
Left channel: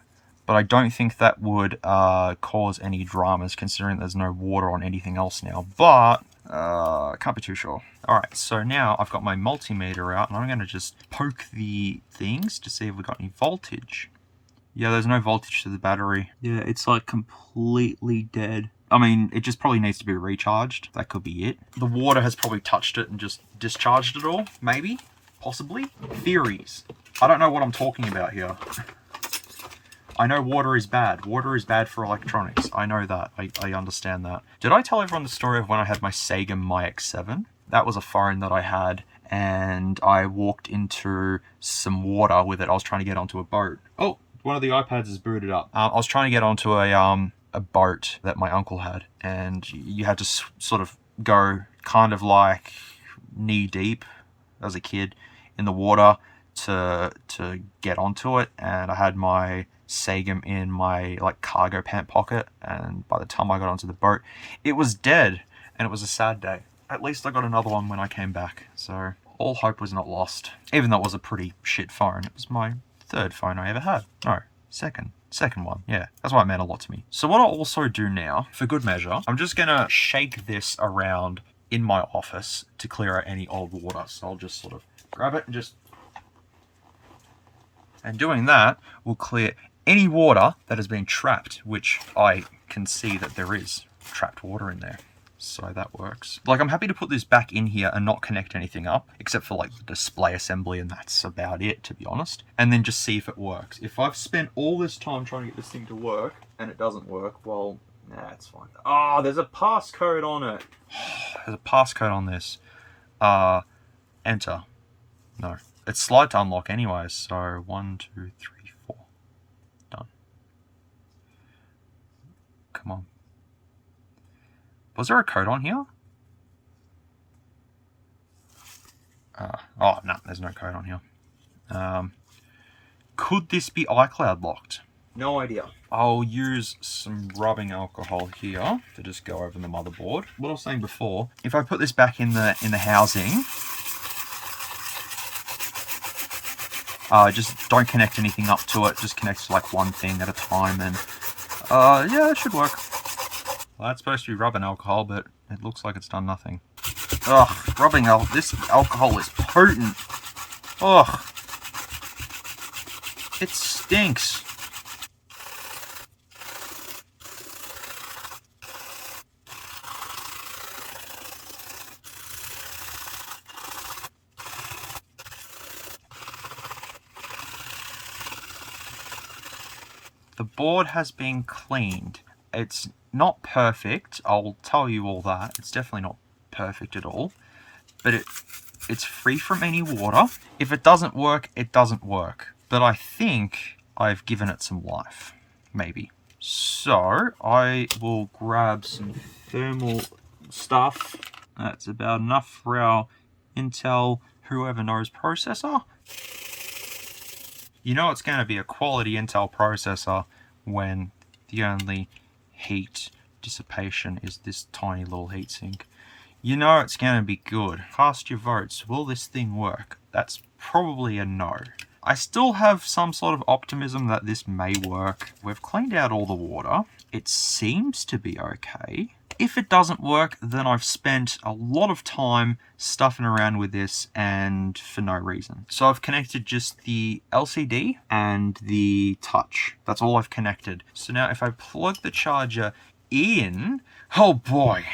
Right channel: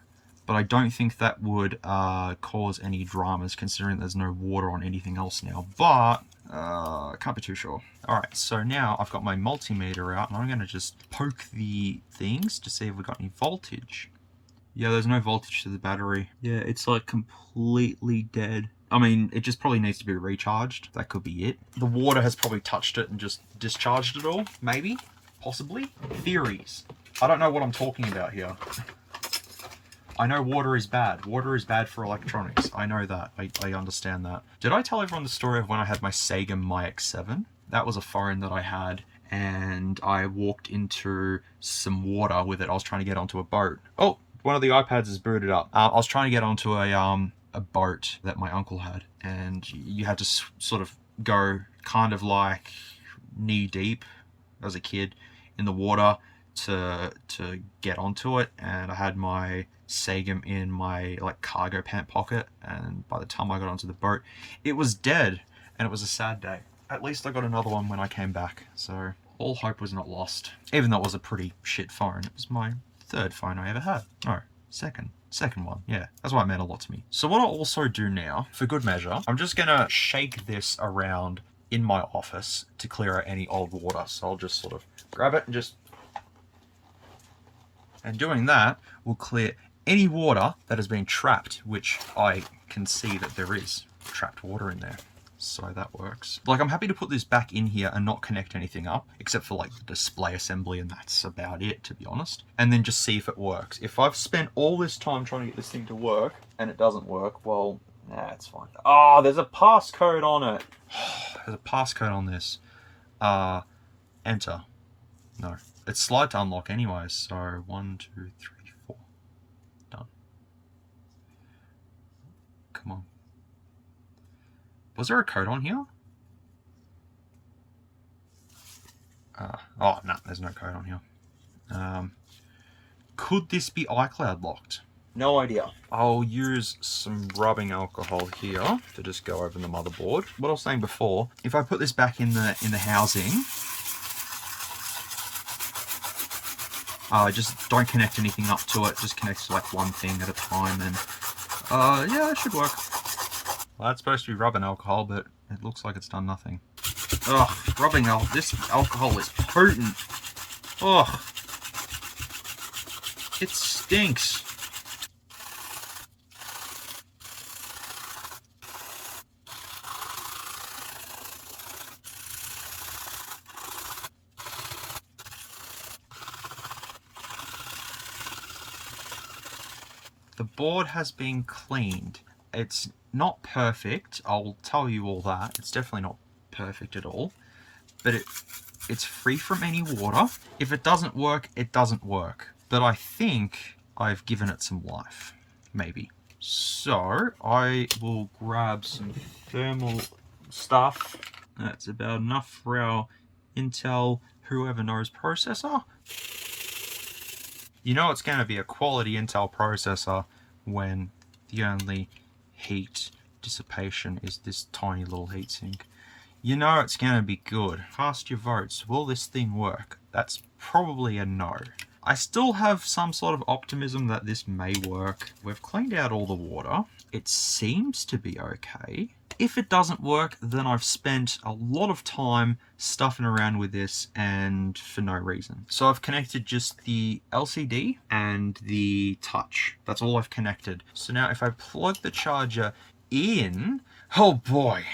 but I don't think that would cause any dramas, considering there's no water on anything else now. But can't be too sure. Alright, so now I've got my multimeter out, and I'm going to just poke the things to see if we've got any voltage. Yeah, there's no voltage to the battery. Yeah, it's like completely dead. I mean, it just probably needs to be recharged. That could be it. The water has probably touched it and just discharged it all, maybe, possibly. Theories. I don't know what I'm talking about here. I know water is bad. Water is bad for electronics. I know that. I understand that. Did I tell everyone the story of when I had my Sega MyX7? That was a phone that I had, and I walked into some water with it. I was trying to get onto a boat. Oh, one of the iPads is booted up. I was trying to get onto a boat that my uncle had, and you had to sort of go kind of like knee deep as a kid in the water to get onto it, and I had my Sagem in my like cargo pant pocket, and by the time I got onto the boat, it was dead, and it was a sad day. At least I got another one when I came back, so all hope was not lost. Even though it was a pretty shit phone. It was my third phone I ever had. No, second one. Yeah, that's why it meant a lot to me. So what I'll also do now, for good measure, I'm just gonna shake this around in my office to clear out any old water. So I'll just sort of grab it and just... And doing that will clear any water that has been trapped, which I can see that there is trapped water in there. So that works. Like, I'm happy to put this back in here and not connect anything up, except for like the display assembly, and that's about it, to be honest. And then just see if it works. If I've spent all this time trying to get this thing to work and it doesn't work, well, nah, it's fine. Oh, there's a passcode on it. There's a passcode on this. Enter. No. It's slide to unlock anyways, so 1, 2, 3, 4. Done. Come on. Was there a code on here? Oh, no, there's no code on here. Could this be iCloud locked? No idea. I'll use some rubbing alcohol here to just go over the motherboard. What I was saying before, if I put this back in the housing, just don't connect anything up to it. Just connect to like one thing at a time, and yeah, it should work. Well, that's supposed to be rubbing alcohol, but it looks like it's done nothing. Ugh, rubbing alcohol. This alcohol is potent. Ugh. It stinks. The board has been cleaned. It's not perfect, I'll tell you all that. It's definitely not perfect at all, but it's free from any water. If it doesn't work, it doesn't work. But I think I've given it some life, maybe. So I will grab some thermal stuff. That's about enough for our Intel whoever knows processor. You know it's going to be a quality Intel processor when the only heat dissipation is this tiny little heatsink. You know it's going to be good. Cast your votes. Will this thing work? That's probably a no. I still have some sort of optimism that this may work. We've cleaned out all the water. It seems to be okay. If it doesn't work, then I've spent a lot of time stuffing around with this and for no reason. So I've connected just the LCD and the touch. That's all I've connected. So now if I plug the charger in, oh boy,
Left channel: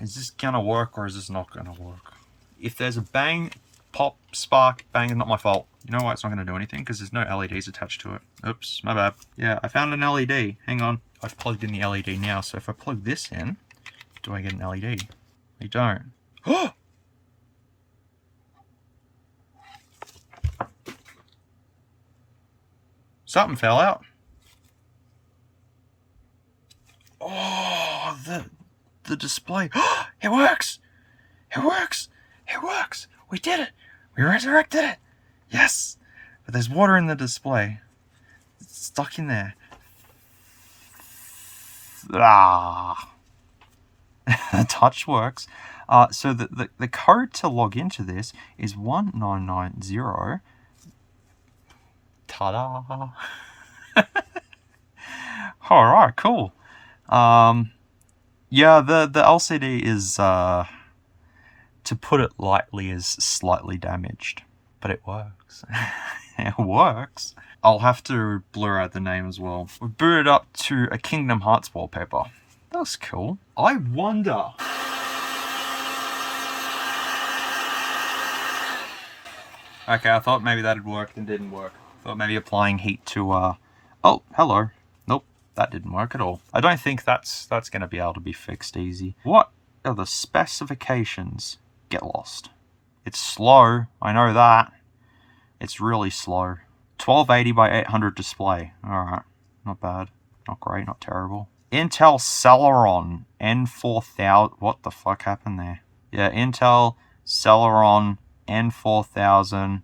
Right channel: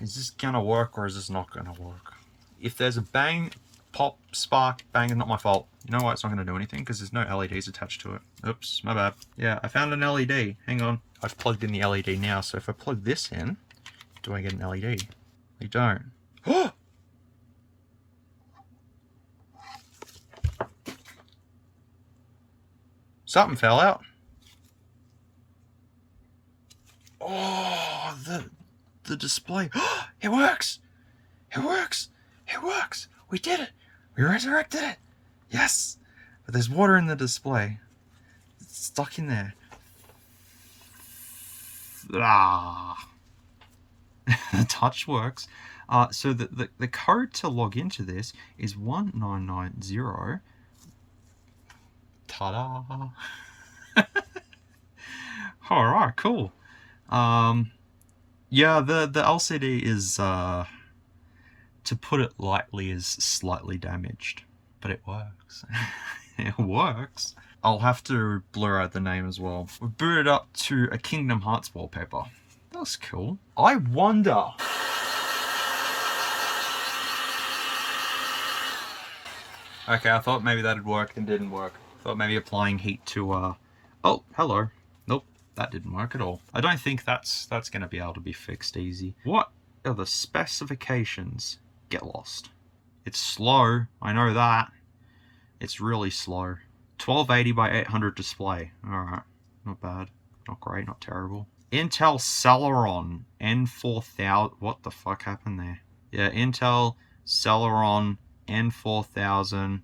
is this gonna work or is this not gonna work? If there's a bang, pop, spark, bang, not my fault. You know why it's not gonna do anything? Because there's no LEDs attached to it. Oops, my bad. Yeah, I found an LED. Hang on. I've plugged in the LED now, so if I plug this in, do I get an LED? I don't. Oh! Something fell out. Oh, the display. It works! It works! It works! We did it! We resurrected it! Yes! But there's water in the display. It's stuck in there. Ah. The touch works. So the code to log into this is 1990. Ta-da! Alright, cool. Yeah, the LCD is, to put it lightly, is slightly damaged. But it works. It works. I'll have to blur out the name as well. We booted up to a Kingdom Hearts wallpaper. That's cool. I wonder... Okay, I thought maybe that'd work and didn't work. Thought maybe applying heat to, Oh, hello. Nope, that didn't work at all. I don't think that's going to be able to be fixed easy. What are the specifications? Get lost. It's slow, I know that. It's really slow. 1280 by 800 display. Alright, not bad. Not great, not terrible. Intel Celeron N4000. What the fuck happened there? Yeah, Intel Celeron N4000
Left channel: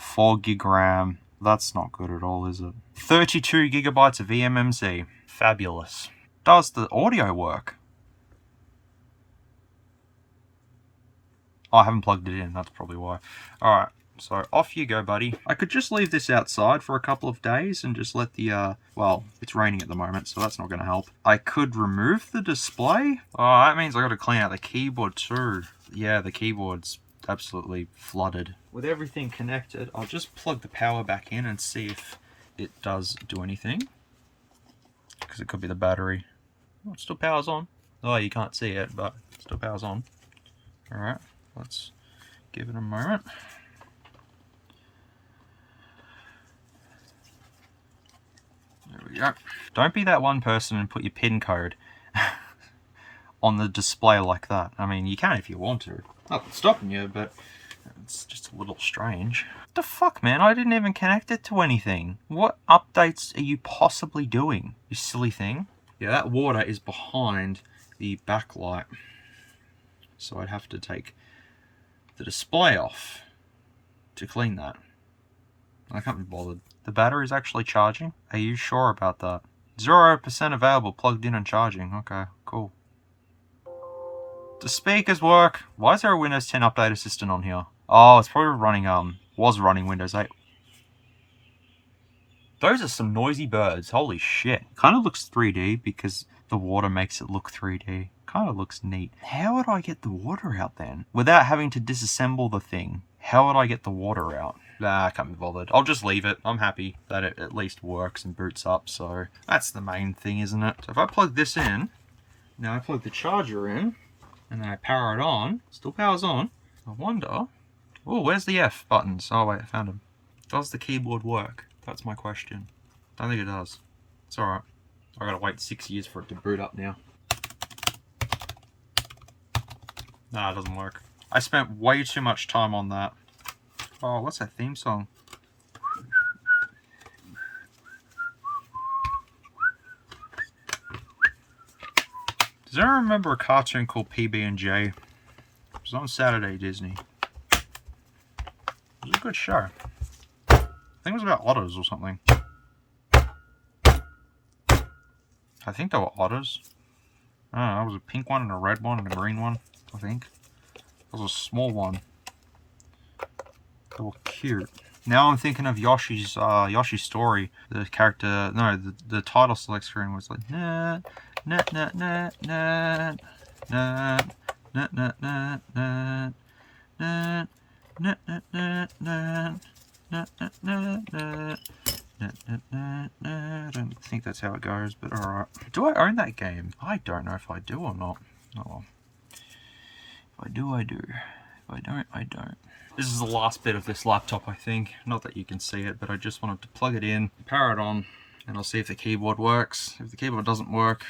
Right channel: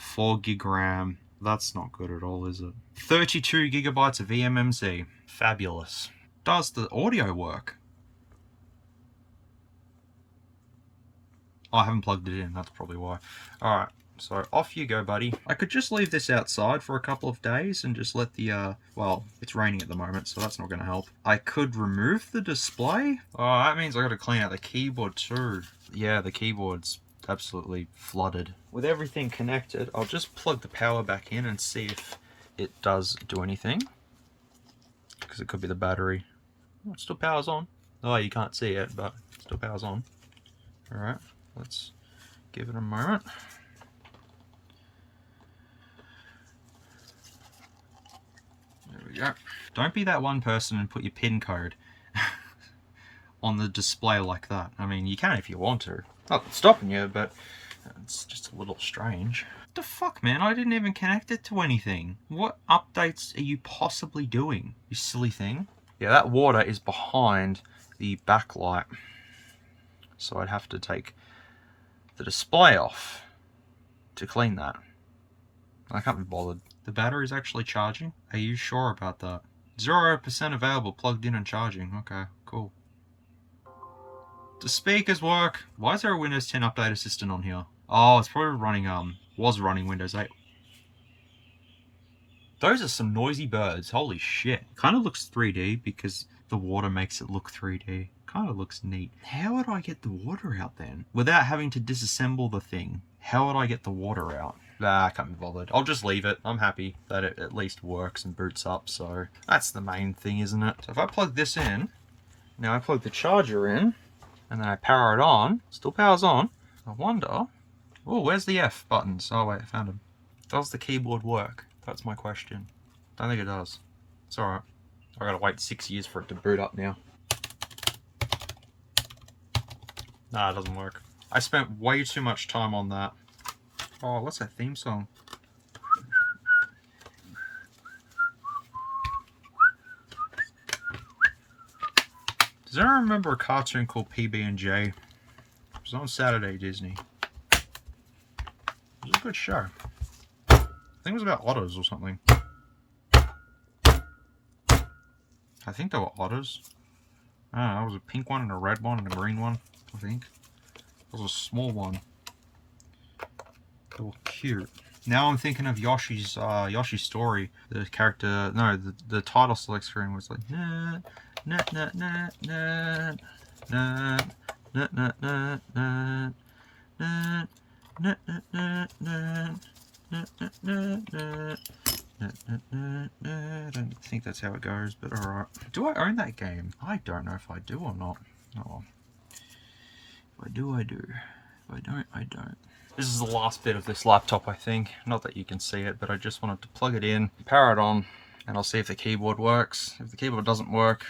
4 gig RAM. That's not good at all, is it? 32 gigabytes of eMMC. Fabulous. Does the audio work? Oh, I haven't plugged it in, that's probably why. Alright, so off you go, buddy. I could just leave this outside for a couple of days and just let the, well, it's raining at the moment, so that's not going to help. I could remove the display. Oh, that means I got to clean out the keyboard too. Yeah, the keyboard's absolutely flooded. With everything connected, I'll just plug the power back in and see if it does do anything. Because it could be the battery. Oh, it still powers on. Oh, you can't see it, but it still powers on. Alright, let's give it a moment. There we go. Don't be that one person and put your PIN code on the display like that. I mean, you can if you want to. Not stopping you, but it's just a little strange. What the fuck, man? I didn't even connect it to anything. What updates are you possibly doing, you silly thing? Yeah, that water is behind the backlight. So I'd have to take the display off to clean that. I can't be bothered. The battery's actually charging? Are you sure about that? 0% available, plugged in and charging. Okay, cool. The speakers work. Why is there a Windows 10 Update Assistant on here? Oh, it's probably running, was running Windows 8. Those are some noisy birds. Holy shit. Kind of looks 3D because the water makes it look 3D. Kind of looks neat. How would I get the water out then? Without having to disassemble the thing. How would I get the water out? Nah, I can't be bothered. I'll just leave it. I'm happy that it at least works and boots up. So that's the main thing, isn't it? So if I plug this in, now I plug the charger in, and then I power it on. Still powers on. I wonder... Oh, where's the F buttons? Oh wait, I found them. Does the keyboard work? That's my question. Don't think it does. It's alright. I gotta wait 6 years for it to boot up now. Nah, it doesn't work. I spent way too much time on that. Oh, what's that theme song? Does anyone remember a cartoon called PB&J? It was on Saturday Disney. It was a good show. I think it was about otters or something. I think they were otters. I don't know, it was a pink one and a red one and a green one, I think. It was a small one. They were cute. Now I'm thinking of Yoshi's Story. The character, no, the title select screen was like, nah, nah, nah, nah, nah, nah, nah, nah, nah, nah, nah. Nah, nah, nah, nah, nah, nah, nah, nah. I don't think that's how it goes, but alright. Do I own that game? I don't know if I do or not. Oh well. If I do, I do. If I don't, I don't. This is the last bit of this laptop, I think. Not that you can see it, but I just wanted to plug it in, power it on, and I'll see if the keyboard works. If the keyboard doesn't work,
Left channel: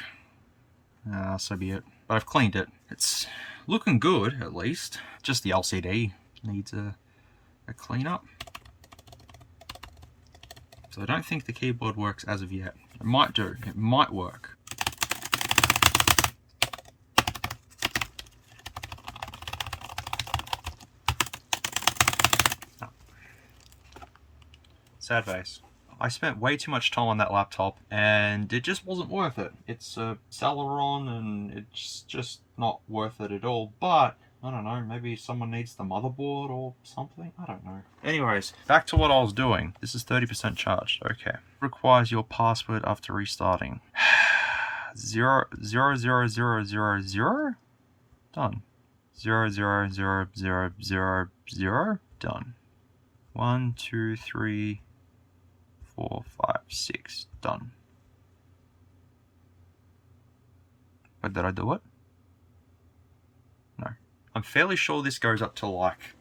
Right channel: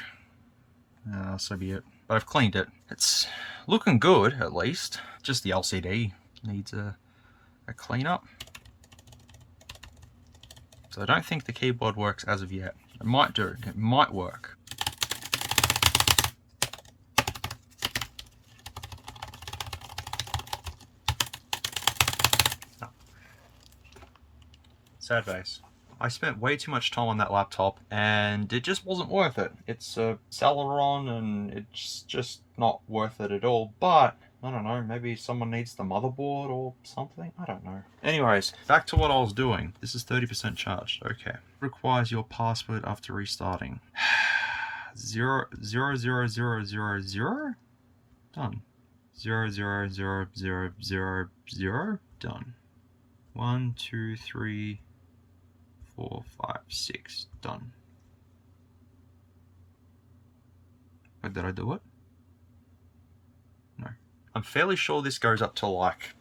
so be it. But I've cleaned it. It's looking good, at least. Just the LCD needs a clean up. So I don't think the keyboard works as of yet. It might do. It might work. No. Sad face. I spent way too much time on that laptop and it just wasn't worth it. It's a Celeron and it's just not worth it at all. But I don't know, maybe someone needs the motherboard or something? I don't know. Anyways, back to what I was doing. This is 30% charged, okay. Requires your password after restarting. 00000. Done. 00000. Done. 1, 2, 3, 4, 5, 6. Done. But did I do it? No. I'm fairly sure this goes up to like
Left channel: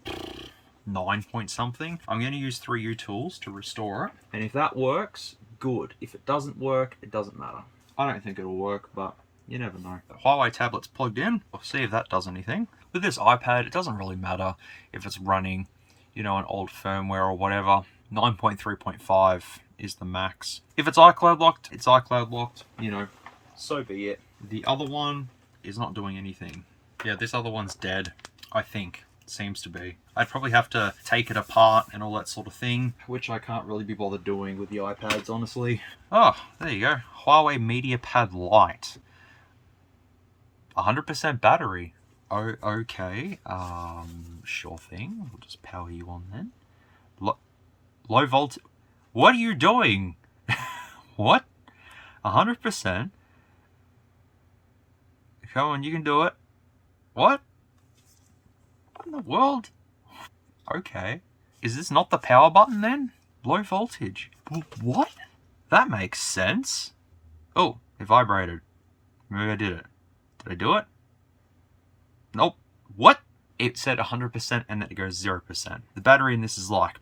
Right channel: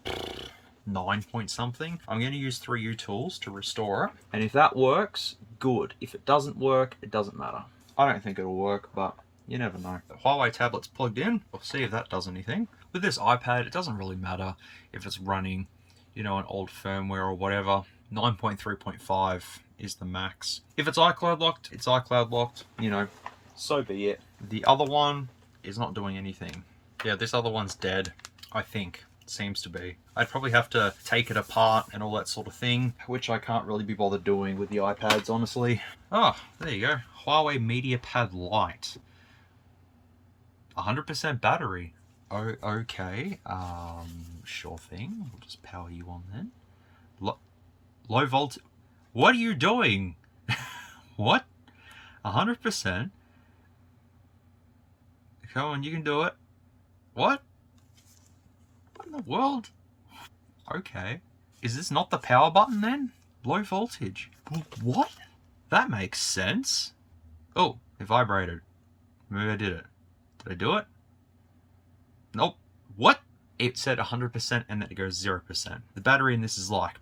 9 point something. I'm going to use 3U tools to restore it. And if that works, good. If it doesn't work, it doesn't matter. I don't think it'll work, but you never know. The Huawei tablet's plugged in. We'll see if that does anything. With this iPad, it doesn't really matter if it's running, you know, an old firmware or whatever. 9.3.5 is the max. If it's iCloud locked, it's iCloud locked. You know, so be it. The other one is not doing anything. Yeah, this other one's dead, I think. seems to be. I'd probably have to take it apart and all that sort of thing, which I can't really be bothered doing with the iPads, honestly. Oh, there you go. Huawei MediaPad Lite. 100% battery. Oh, okay. Sure thing. We'll just power you on then. Low voltage. What are you doing? What? 100%? Come on, you can do it. What? What in the world? Okay. Is this not the power button then? Low voltage. What? That makes sense. Oh, it vibrated. Maybe I did it. Did I do it? Nope. What? It said 100% and then it goes 0%. The battery in this is like,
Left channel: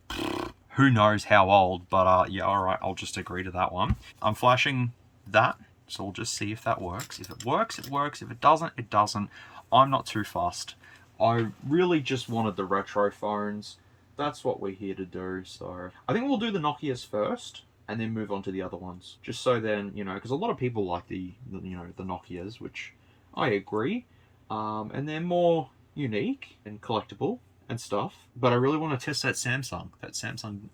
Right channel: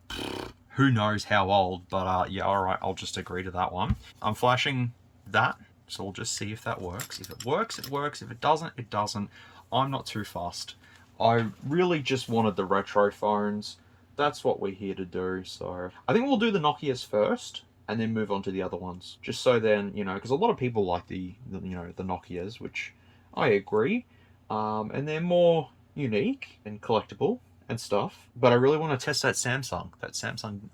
who knows how old, but yeah, alright, I'll just agree to that one. I'm flashing that, so we'll just see if that works. If it works, it works. If it doesn't, it doesn't. I'm not too fussed. I really just wanted the retro phones. That's what we're here to do, so I think we'll do the Nokias first and then move on to the other ones. Just so then, you know, because a lot of people like the Nokias, which I agree. And they're more unique and collectible and stuff. But I really want to test that Samsung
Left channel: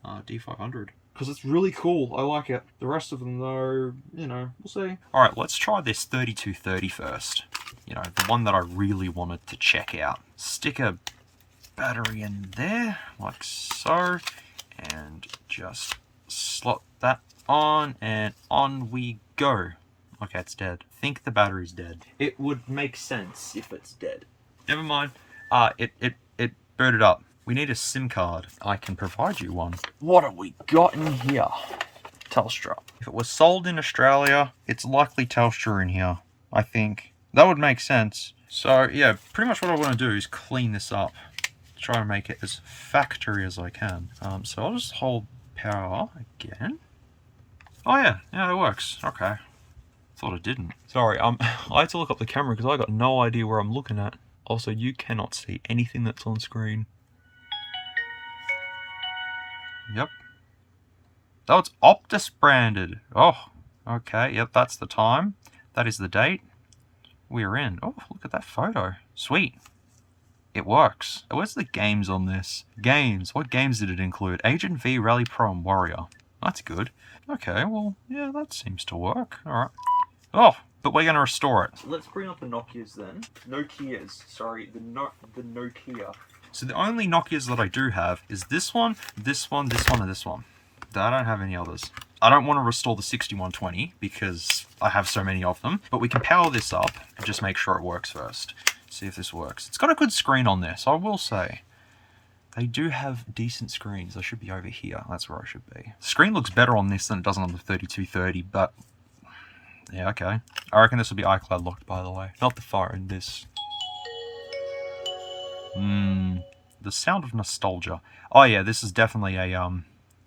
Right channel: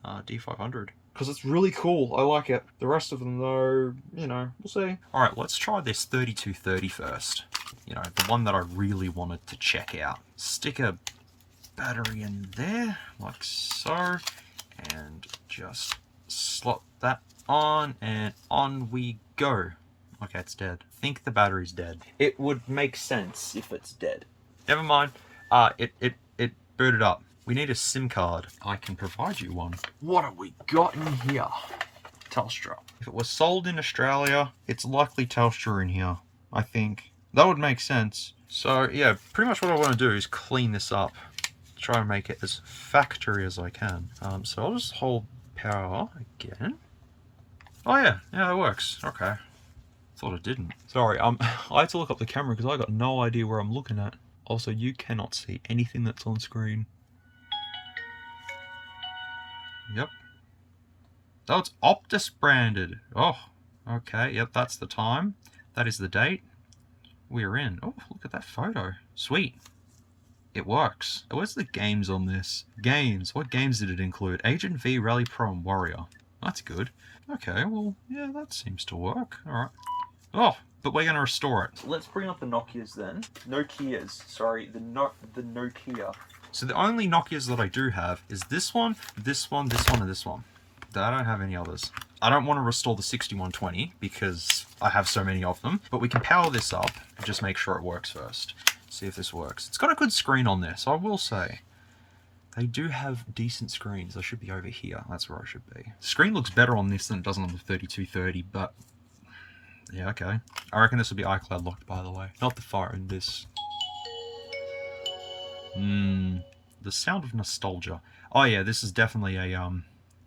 D500. Because it's really cool. I like it. The rest of them, though, you know, we'll see. Alright, let's try this 3230 first. You know, the one that I really wanted to check out. Stick a battery in there, like so. And just slot that on, and on we go. Okay, it's dead. I think the battery's dead. It would make sense if it's dead. Never mind. It booted up. We need a SIM card. I can provide you one. What have we got in here? Telstra. If it was sold in Australia, it's likely Telstra in here, I think. That would make sense. So yeah, pretty much what I want to do is clean this up. Try and make it as factory as I can. So I'll just hold power again. Oh yeah, it works. Okay. Thought it didn't. Sorry, I had to look up the camera because I got no idea where I'm looking at. Also, you cannot see anything that's on screen. Yep. Oh, it's Optus branded. Oh, okay. Yep, that's the time. That is the date. We're in. Oh, look at that photo. Sweet. It works. Where's the games on this? Games. What games did it include? Agent V, Rally Pro, and Warrior. That's good. Okay, well, yeah, that seems to work. Alright. Oh, but we're going to restore it. So let's bring up the Nokias then. Nokias. Sorry, the Nokia. So the only Nokias that I do have is this one, this one, this one, and this one. I don't have any others. I don't want to restore the 6120 because I have so many of them. But we can power this up and just make sure it works first. See if this works. It's got a good screen on this, I will say. They do have decent screens. I should be over here. That's where I should be. The screen looks better on this than it does on the 3230, but yeah, okay. I reckon this will be iCloud locked, by the way. Not the phone, this. The sound of nostalgia. Oh yeah, this is definitely a,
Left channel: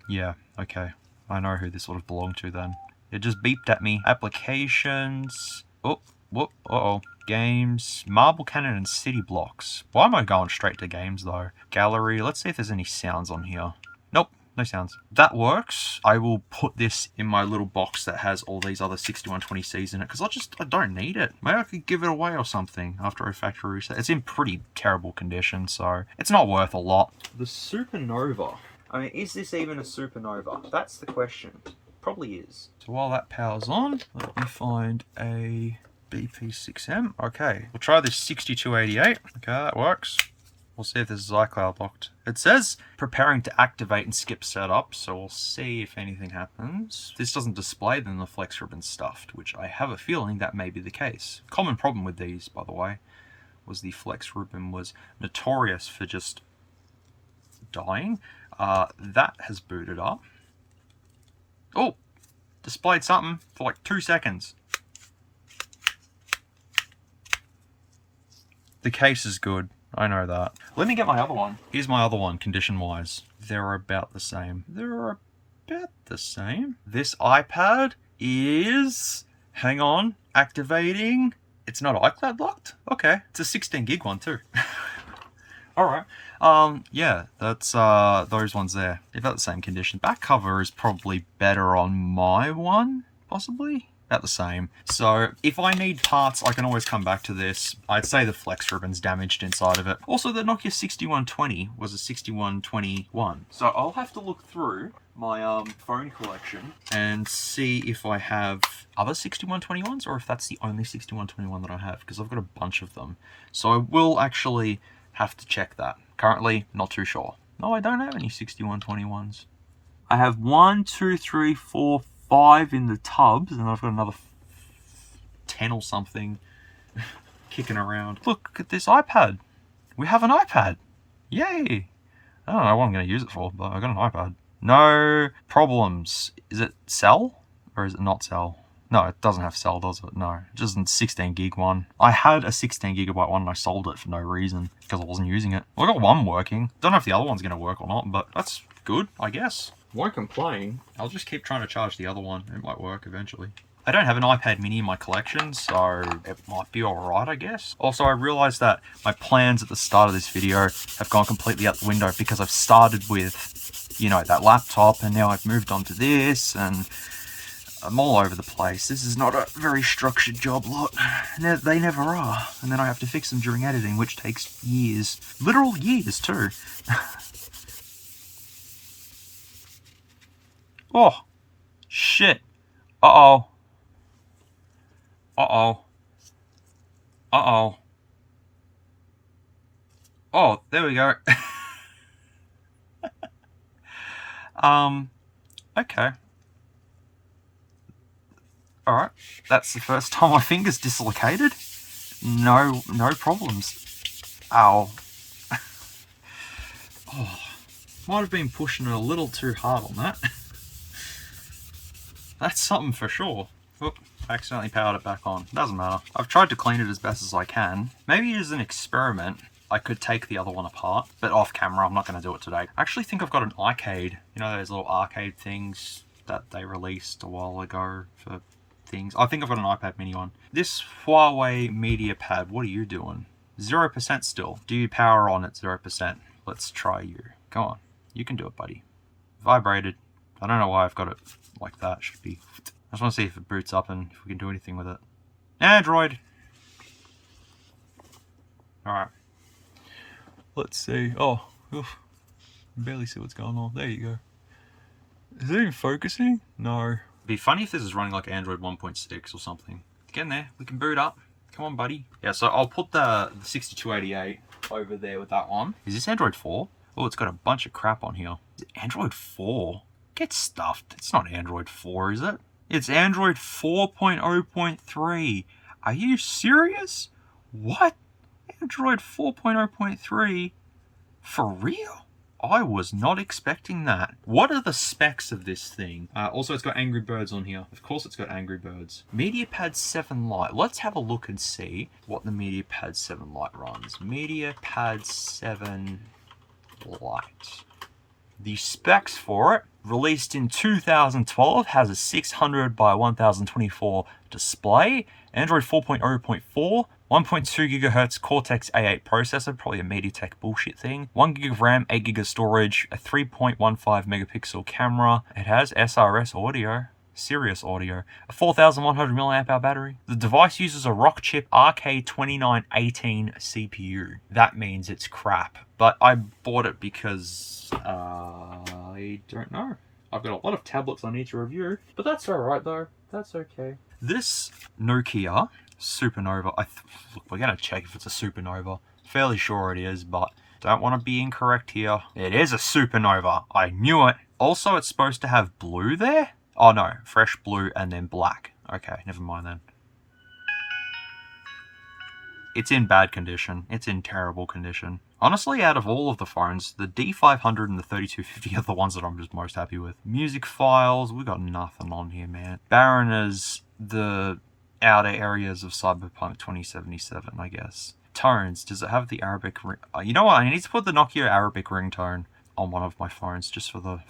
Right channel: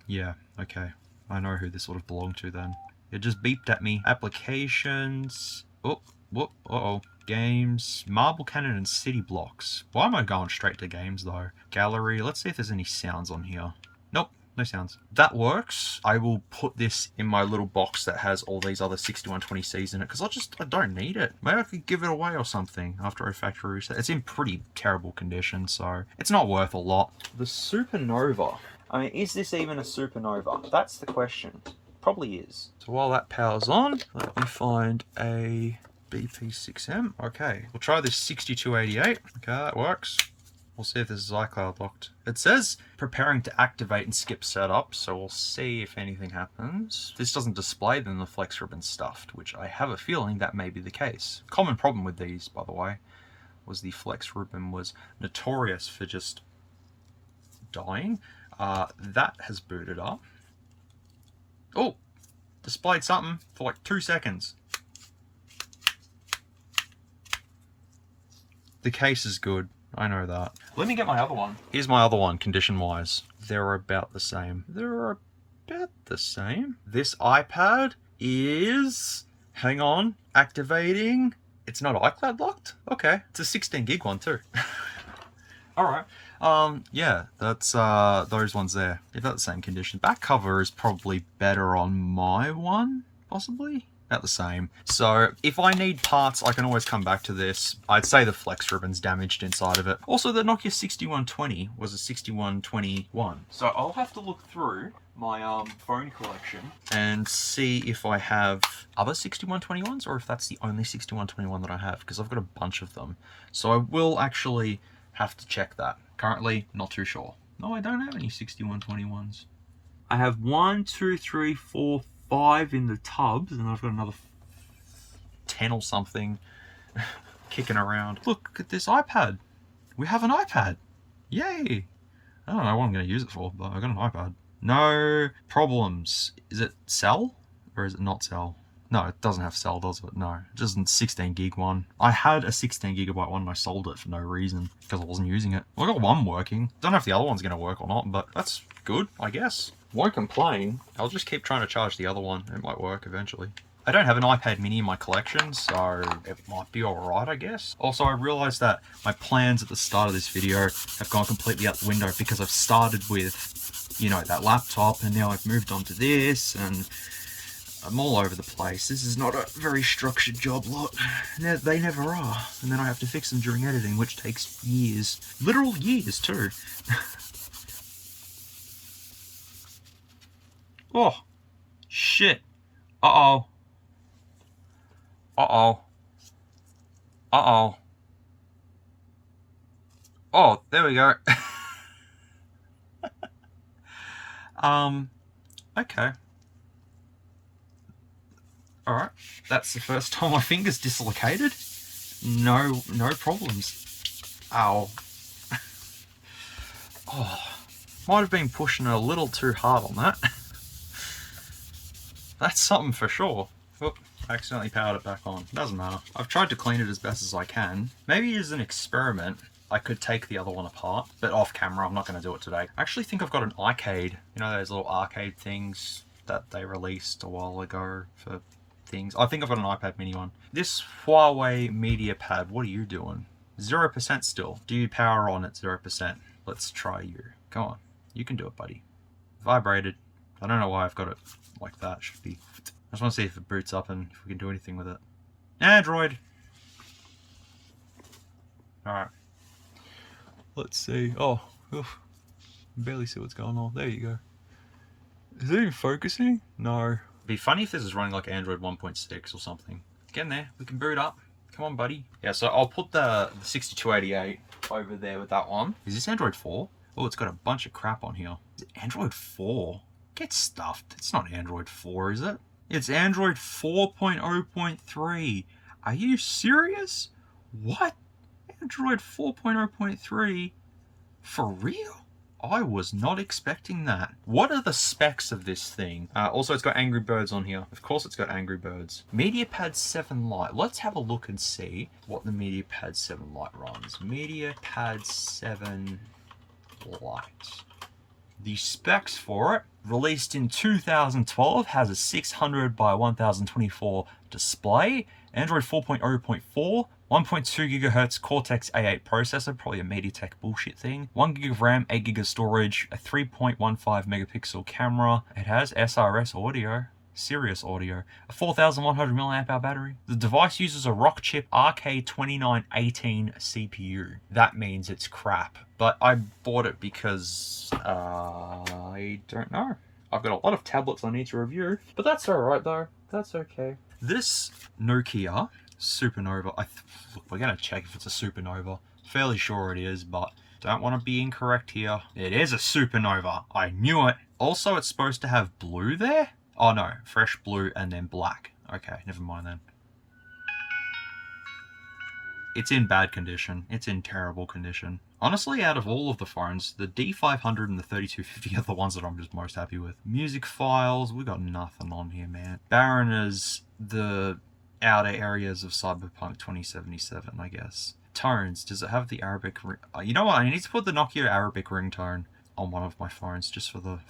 yeah, okay. I know who this would have belonged to then. It just beeped at me. Applications. Oh, whoop, uh-oh. Games, Marble Cannon, and City Blocks. Why am I going straight to games though? Gallery, let's see if there's any sounds on here. Nope, no sounds. That works. I will put this in my little box that has all these other 6120Cs in it because I don't need it. Maybe I could give it away or something after a factory reset. It's in pretty terrible condition, so it's not worth a lot. The Supernova. I mean, is this even a Supernova? That's the question. Probably is. So while that powers on, let me find a BP6M. Okay, we'll try this 6288. Okay, that works. We'll see if this is iCloud locked. It says preparing to activate and skip setup, so we'll see if anything happens. If this doesn't display, then the flex ribbon's stuffed, which I have a feeling that may be the case. Common problem with these, by the way, was the flex ribbon was notorious for just dying. That has booted up. Oh, displayed something for like 2 seconds. The case is good. I know that. Let me get my other one. Here's my other one, condition-wise. They're about the same. They're about the same. This iPad is... Hang on. Activating. It's not iCloud locked? Okay. It's a 16 gig one too. Alright. Yeah, that's those ones there. They've got the same condition. Back cover is probably better on my one, possibly. about the same. So if I need parts, I can always come back to this. I'd say the flex ribbon's damaged inside of it. Also, the Nokia 6120 was a 6121. So I'll have to look through my phone collection and see if I have other 6121s or if that's the only 6121 that I have, because I've got a bunch of them. So I will actually have to check that. Currently, not too sure. No, I don't have any 6121s. I have 1, 2, 3, 4, 5 in the tubs, and I've got another 10 or something kicking around. Look at this iPad. We have an iPad. Yay. I don't know what I'm going to use it for, but I got an iPad. No problems. Is it cell or is it not cell? No, it doesn't have cell, does it? No, just a 16 gig one. I had a 16 gigabyte one and I sold it for no reason because I wasn't using it. Well, I got one working. Don't know if the other one's going to work or not, but that's good, I guess. Won't complain. I'll just keep trying to charge the other one. It might work eventually. I don't have an iPad mini in my collection, so it might be alright, I guess. Also, I realized that my plans at the start of this video have gone completely out the window because I've started with, you know, that laptop, and now I've moved on to this, and I'm all over the place. This is not a very structured job lot. They never are. And then I have to fix them during editing, which takes years. Literal years, too. Oh, shit. Uh-oh. Uh-oh. Uh-oh. Oh, there we go. Okay. Alright, that's the first time my finger's dislocated. No problems. Ow. Oh, might have been pushing it a little too hard on that. That's something for sure. Oop, accidentally powered it back on. Doesn't matter. I've tried to clean it as best as I can. Maybe as an experiment, I could take the other one apart, but off camera, I'm not going to do it today. I actually think I've got an arcade. You know those little arcade things that they released a while ago for things? I think I've got an iPad mini one. This Huawei Media Pad, what are you doing? 0% still. Do you power on at 0%? Let's try you. Come on. You can do it, buddy. Vibrated. I don't know why I've got it like that. Should be. I just want to see if it boots up and if we can do anything with it. Android. Alright. Let's see. Oh, oof. Barely see what's going on. There you go. Is it even focusing? No. It'd be funny if this is running like Android 1.6 or something. Get in there. We can boot up. Come on, buddy. Yeah, so I'll put the 6288 over there with that one. Is this Android 4? Oh, it's got a bunch of crap on here. Is it Android 4? Get stuffed. It's not Android 4, is it? It's Android 4.0.3. Are you serious? What? Android 4.0.3? For real? I was not expecting that. What are the specs of this thing? Also, it's got Angry Birds on here. Of course it's got Angry Birds. MediaPad 7 Lite. Let's have a look and see what the MediaPad 7 Lite runs. MediaPad 7 Lite. The specs for it, released in 2012, has a 600 by 1024 display, Android 4.0.4, 1.2 GHz Cortex A8 processor, probably a MediaTek bullshit thing, 1 GB of RAM, 8 GB of storage, a 3.15 megapixel camera. It has SRS audio, Sirius audio, a 4100 mAh battery. The device uses a Rockchip RK2918 CPU. That means it's crap, but I bought it because I don't know. I've got a lot of tablets I need to review, but that's alright though. That's okay. This Nokia Supernova, look, we're going to check if it's a Supernova. Fairly sure it is, but don't want to be incorrect here. It is a Supernova. I knew it. Also, it's supposed to have blue there. Oh no, fresh blue and then black. Okay, never mind then. It's in bad condition. It's in terrible condition. Honestly, out of all of the phones, the D500 and the 3250 are the ones that I'm just most happy with. Music files, we got nothing on here, man. Barren as the outer areas of Cyberpunk 2077, I guess. Tones, does it have the Arabic ring? You know what, I need to put the Nokia Arabic ringtone on one of my phones just for the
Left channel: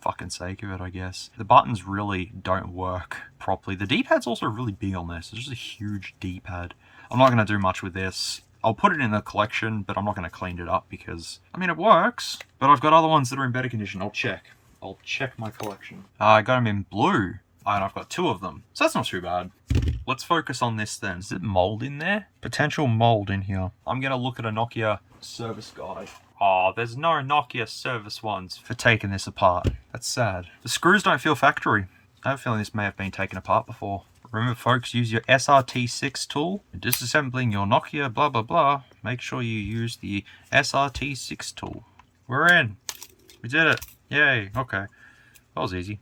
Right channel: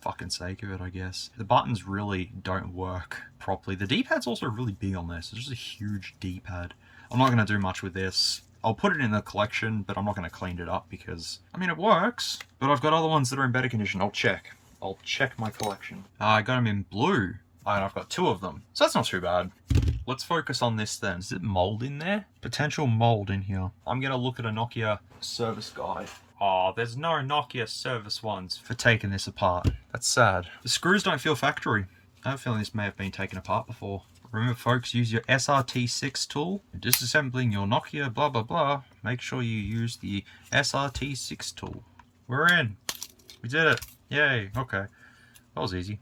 fucking sake of it, I guess. The buttons really don't work properly. The D-pad's also really big on this. It's just a huge D-pad. I'm not going to do much with this. I'll put it in the collection, but I'm not going to clean it up because, I mean, it works, but I've got other ones that are in better condition. I'll check my collection. I got them in blue. And I've got 2 of them, so that's not too bad. Let's focus on this then. Is it mold in there? Potential mold in here. I'm gonna look at a Nokia service guide. Oh, there's no Nokia service ones for taking this apart. That's sad. The screws don't feel factory. I have a feeling this may have been taken apart before. Remember folks, use your SRT6 tool. Disassembling your Nokia blah blah blah. Make sure you use the SRT6 tool. We're in. We did it. Yay. Okay. That was easy.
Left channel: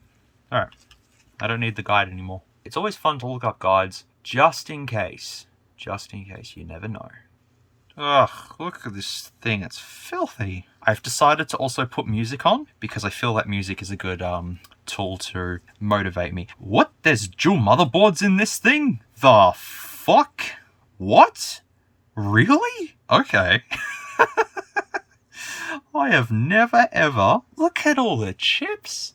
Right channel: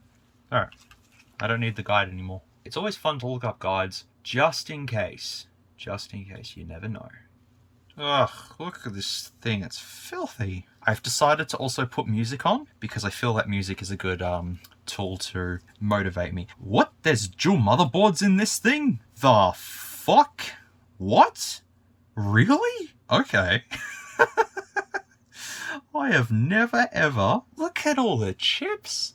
Alright. I don't need the guide anymore. It's always fun to look up guides, just in case. Just in case, you never know. Ugh, look at this thing, it's filthy. I've decided to also put music on, because I feel that music is a good tool to motivate me. What? There's dual motherboards in this thing? The fuck? What? Really? Okay. I have never ever... Look at all the chips.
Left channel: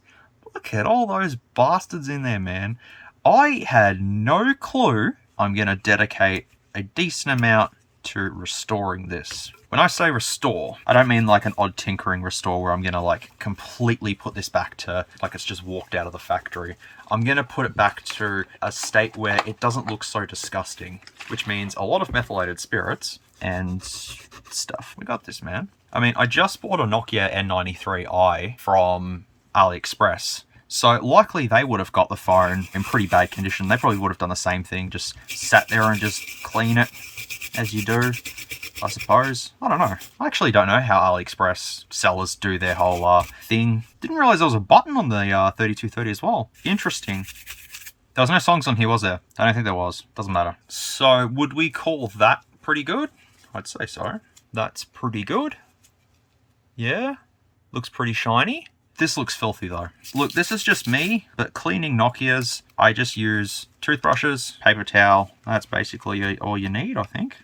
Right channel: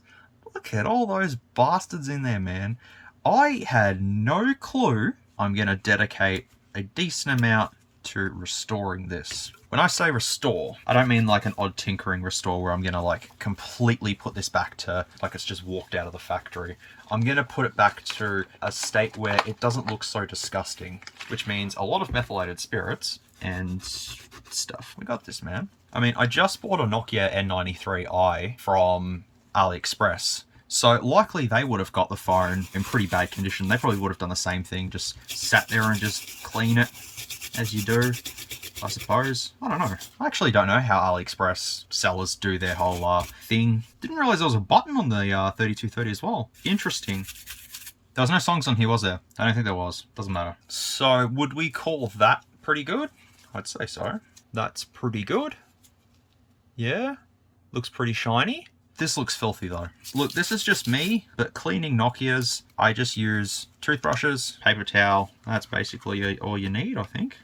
Look at all those bastards in there, man. I had no clue. I'm going to dedicate a decent amount to restoring this. When I say restore, I don't mean like an odd tinkering restore where I'm going to like completely put this back to like it's just walked out of the factory. I'm going to put it back to a state where it doesn't look so disgusting, which means a lot of methylated spirits and stuff. We got this, man. I mean, I just bought a Nokia N93i from AliExpress. So likely they would have got the phone in pretty bad condition. They probably would have done the same thing, just sat there and just clean it as you do, I suppose. I don't know. I actually don't know how AliExpress sellers do their whole thing. Didn't realize there was a button on the 3230 as well. Interesting. There was no songs on here, was there? I don't think there was. Doesn't matter. So would we call that pretty good? I'd say so. That's pretty good. Yeah. Looks pretty shiny. This looks filthy though. Look, this is just me, but cleaning Nokias, I just use toothbrushes, paper towel. That's basically all you need, I think.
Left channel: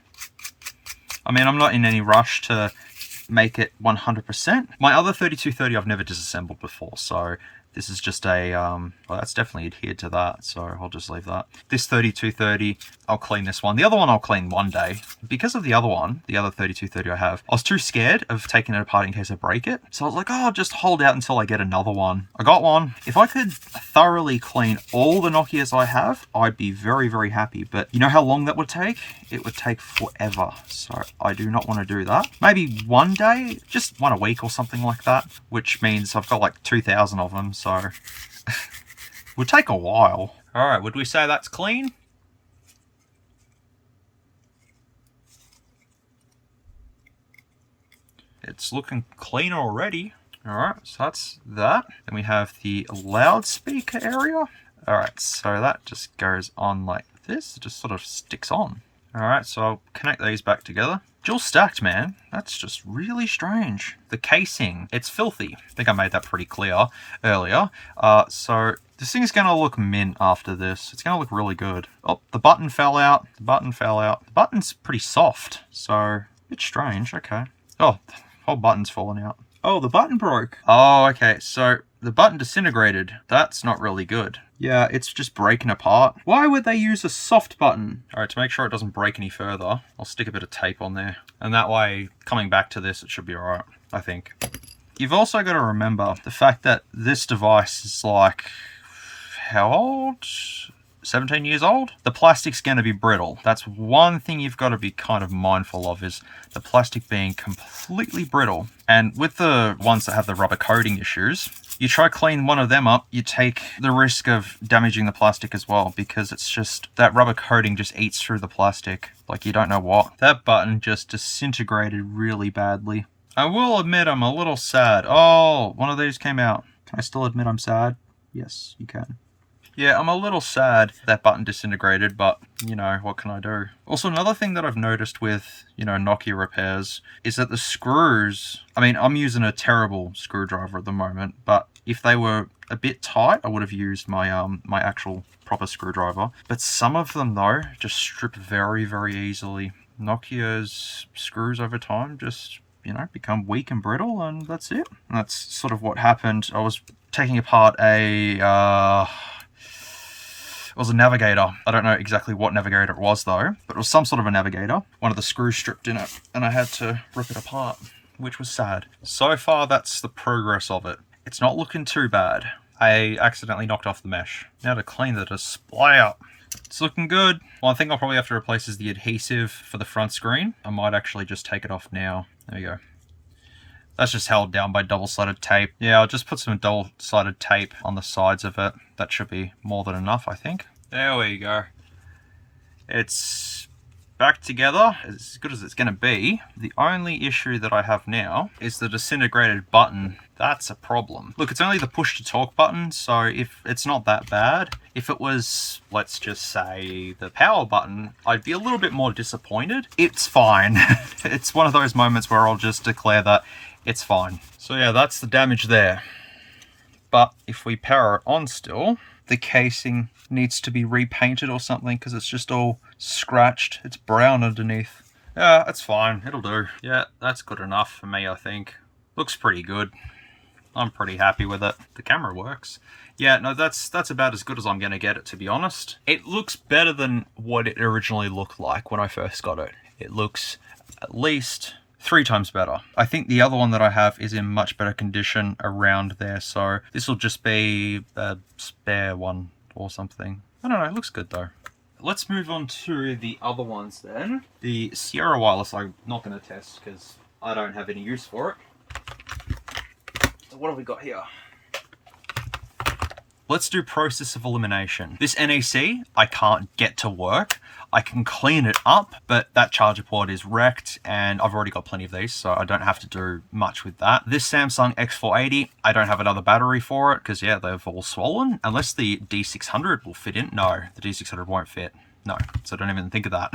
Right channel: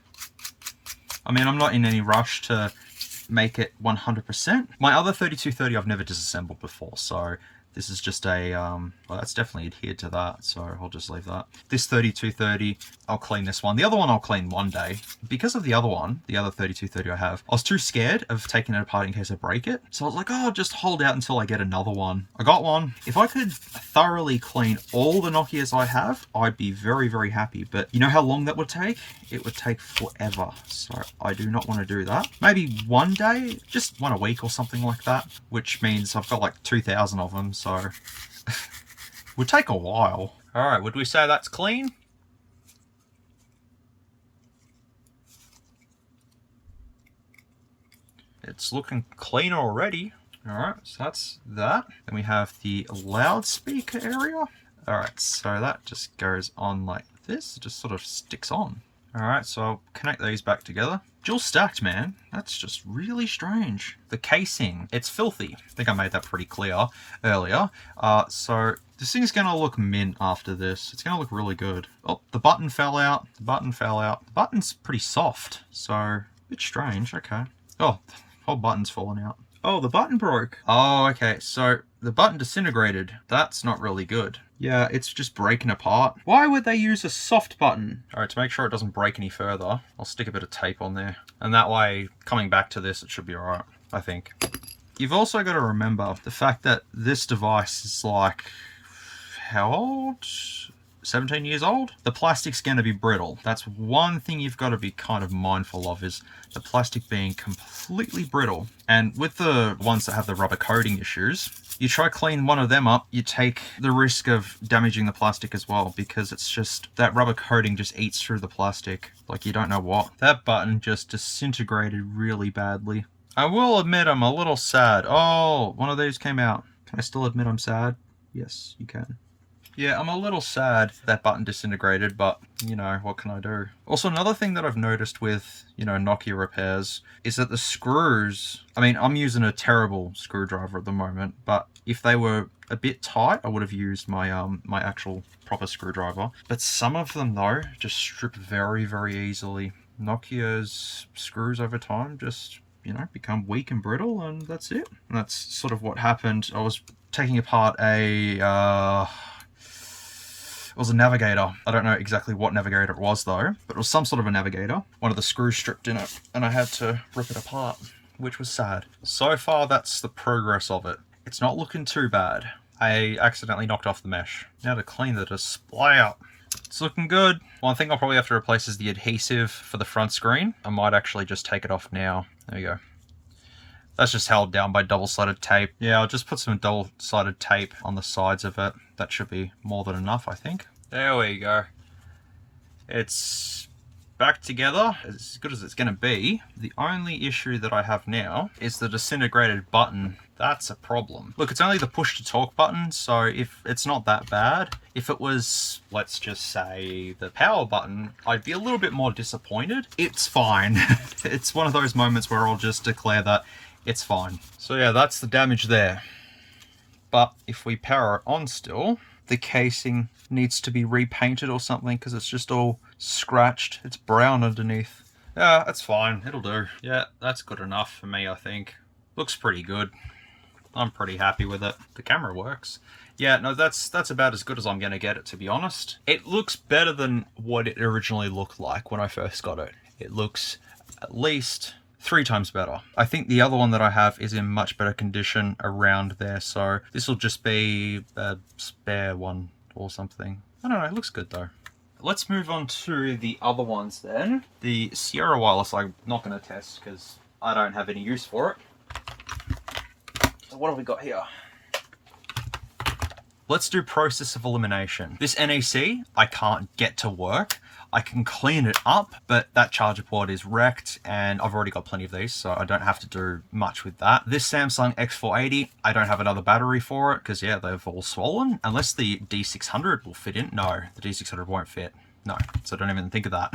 I mean, I'm not in any rush to make it 100%. My other 3230 I've never disassembled before, so this is just a, well, that's definitely adhered to that, so I'll just leave that. This 3230, I'll clean this one. The other one I'll clean one day. Because of the other one, the other 3230 I have, I was too scared of taking it apart in case I break it. So I was like, oh, I'll just hold out until I get another one. I got one. If I could thoroughly clean all the Nokias I have, I'd be very, very happy. But you know how long that would take? It would take forever. So I do not want to do that. Maybe one day, just one a week or something like that, which means I've got like 2,000 of them. So would take a while. All right, would we say that's clean? It's looking clean already. All right, so that's that. Then we have the loudspeaker area. All right, so that just goes on like this. It just sort of sticks on. All right, so I'll connect these back together. Dual stacked, man. That's just really strange. The casing, it's filthy. I think I made that pretty clear earlier. So this thing is going to look mint after this. It's going to look really good. Oh, the button fell out. The button fell out. The button's pretty soft, so a bit strange. Okay. Oh, the whole button's fallen out. Oh, the button broke. Oh, okay. So the button disintegrated. That's not really good. Yeah, it's just breaking apart. Why would they use a soft button? All right, to make sure it doesn't break any further, I'll stick a bit of tape on there. And that way, coming back to this, it should be all right, I think. You've also got to remember the fact that this device is like, how old? 17 years old? The plastic's going to be brittle. That's one thing you've got to be kind of mindful of, is the plastic being completely brittle. And with the ones that have the rubber coating issues, you try clean one of them up, you take the risk of damaging the plastic as well, because it's just, that rubber coating just eats through the plastic like you don't know what. That button just disintegrated really badly. I will admit I'm a little sad. Oh, one of these came out. Can I still admit I'm sad? Yes, you can. Yeah, I'm a little sad that button disintegrated, but, you know, what can I do? Also, another thing that I've noticed with, you know, Nokia repairs is that the screws, I mean, I'm using a terrible screwdriver at the moment, but if they were a bit tight, I would have used my my actual proper screwdriver. But some of them, though, just strip very, very easily. Nokia's screws over time just, you know, become weak and brittle, and that's it. And that's sort of what happened. I was taking apart it was a navigator. I don't know exactly what navigator it was though, but it was some sort of a navigator. One of the screws stripped in it, and I had to rip it apart, which was sad. So far, that's the progress of it. It's not looking too bad. I accidentally knocked off the mesh. Now to clean the display up. It's looking good. One thing I'll probably have to replace is the adhesive for the front screen. I might actually just take it off now. There you go. That's just held down by double-sided tape. Yeah, I'll just put some double-sided tape on the sides of it. That should be more than enough, I think. There we go. It's back together, as good as it's going to be. The only issue that I have now is the disintegrated button. That's a problem. Look, it's only the push to talk button, so if it's not that bad. If it was, let's just say, the power button, I'd be a little bit more disappointed. It's fine. It's one of those moments where I'll just declare that it's fine. So yeah, that's the damage there. But if we power it on still, the casing needs to be repainted or something because it's just all scratched. It's brown underneath. Yeah, that's fine. It'll do. Yeah, that's good enough for me, I think. Looks pretty good. I'm pretty happy with it. The camera works. Yeah, no, that's about as good as I'm going to get it, to be honest. It looks better than what it originally looked like when I first got it. It looks at least 3 times better. I think the other one that I have is in much better condition around there, so this will just be a spare one or something. I don't know, it looks good though. Let's move on to the other ones then. The Sierra Wireless I'm not going to test because I don't have any use for it. So what have we got here? Let's do process of elimination. This NEC I can't get to work. I can clean it up, but that charger port is wrecked and I've already got plenty of these, so I don't have to do much with that. This Samsung X480, I don't have another battery for it because, yeah, they've all swollen. Unless the D600 will fit in. No, the D600 won't fit. No, so don't even think of that.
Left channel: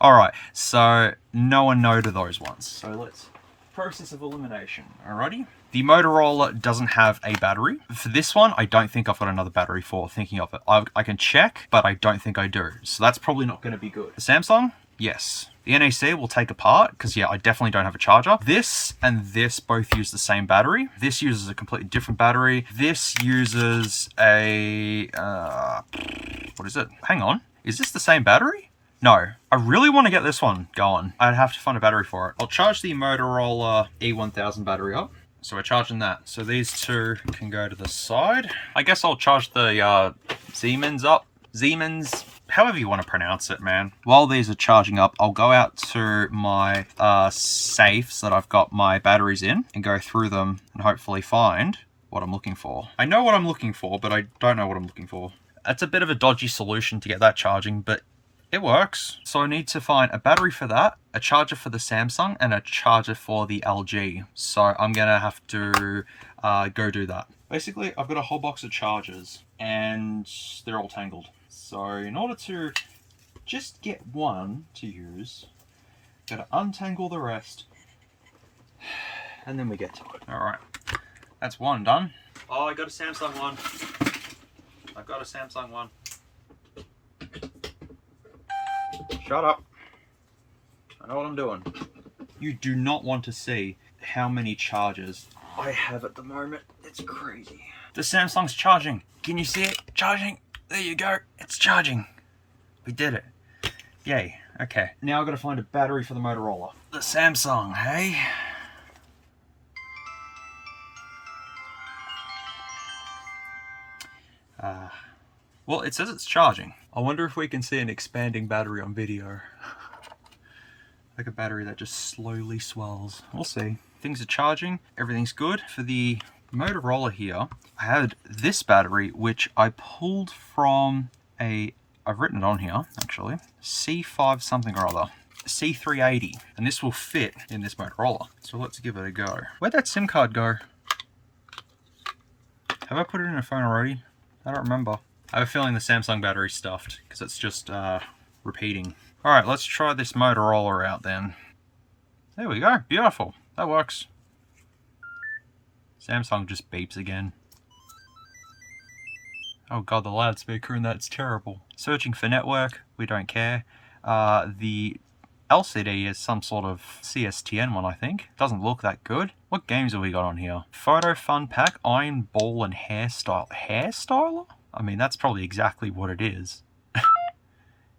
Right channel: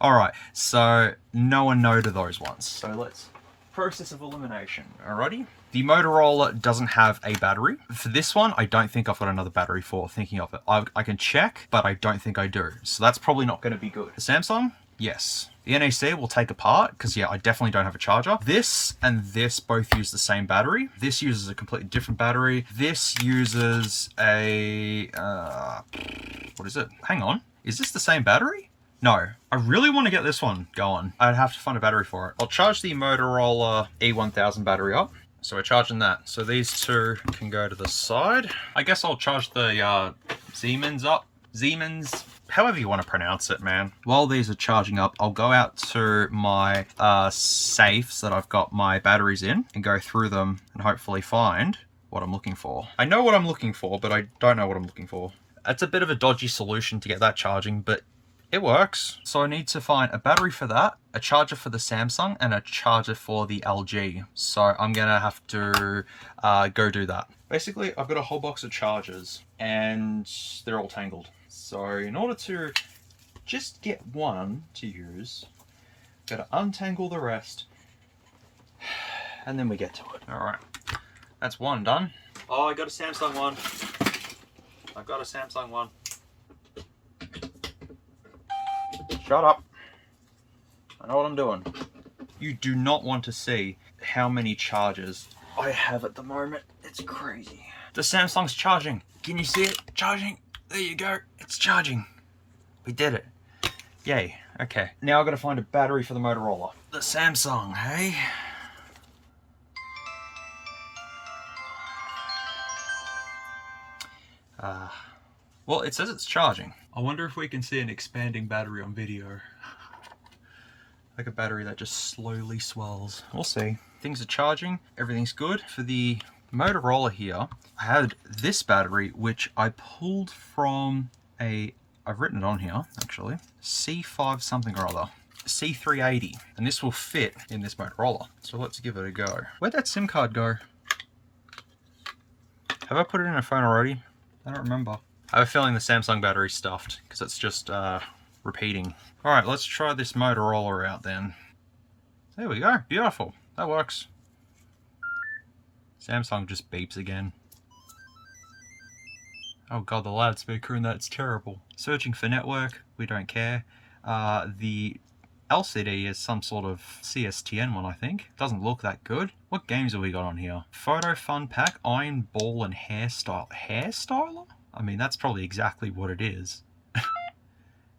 All right, so no to those ones. So let's process of elimination. Alrighty. The Motorola doesn't have a battery. For this one, I don't think I've got another battery for thinking of it. I can check, but I don't think I do. So that's probably not going to be good. The Samsung, yes. The NEC will take apart because, yeah, I definitely don't have a charger. This and this both use the same battery. This uses a completely different battery. This uses a... what is it? Hang on. Is this the same battery? No, I really want to get this one going. I'd have to find a battery for it. I'll charge the Motorola E1000 battery up. So we're charging that. So these two can go to the side. I guess I'll charge the Siemens up. Siemens, however you want to pronounce it, man. While these are charging up, I'll go out to my safes that I've got my batteries in and go through them and hopefully find what I'm looking for. I know what I'm looking for, but I don't know what I'm looking for. It's a bit of a dodgy solution to get that charging, but it works. So I need to find a battery for that, a charger for the Samsung, and a charger for the LG. So I'm gonna have to go do that. Basically, I've got a whole box of chargers and they're all tangled. So in order to just get one to use, gotta untangle the rest and then we get to it. All right, that's one done. Oh, I got a Samsung one. I've got a Samsung one. Shut up. I know what I'm doing. You do not want to see how many chargers I have at the moment. It's crazy. The Samsung's charging. Can you see it? Charging. There you go. It's charging. We did it. Yay. Okay. Now I've got to find a battery for the Motorola. The Samsung, hey? Well, it says it's charging. I wonder if we can see an expanding battery on video. Like a battery that just slowly swells. We'll see. Things are charging. Everything's good. For the Motorola here, I had this battery, which I pulled from I've written it on here, actually. C5 something or other. C380. And this will fit in this Motorola. So let's give it a go. Where'd that SIM card go? Have I put it in a phone already? I don't remember. I have a feeling the Samsung battery's stuffed because it's just repeating. All right, let's try this Motorola out then. There we go, beautiful. That works. Samsung just beeps again. Oh god, the loudspeaker in that's terrible. Searching for network, we don't care. The LCD is some sort of CSTN one, I think. Doesn't look that good. What games have we got on here? Photo Fun Pack, Iron Ball and Hairstyle. Hairstyler? I mean, that's probably exactly what it is.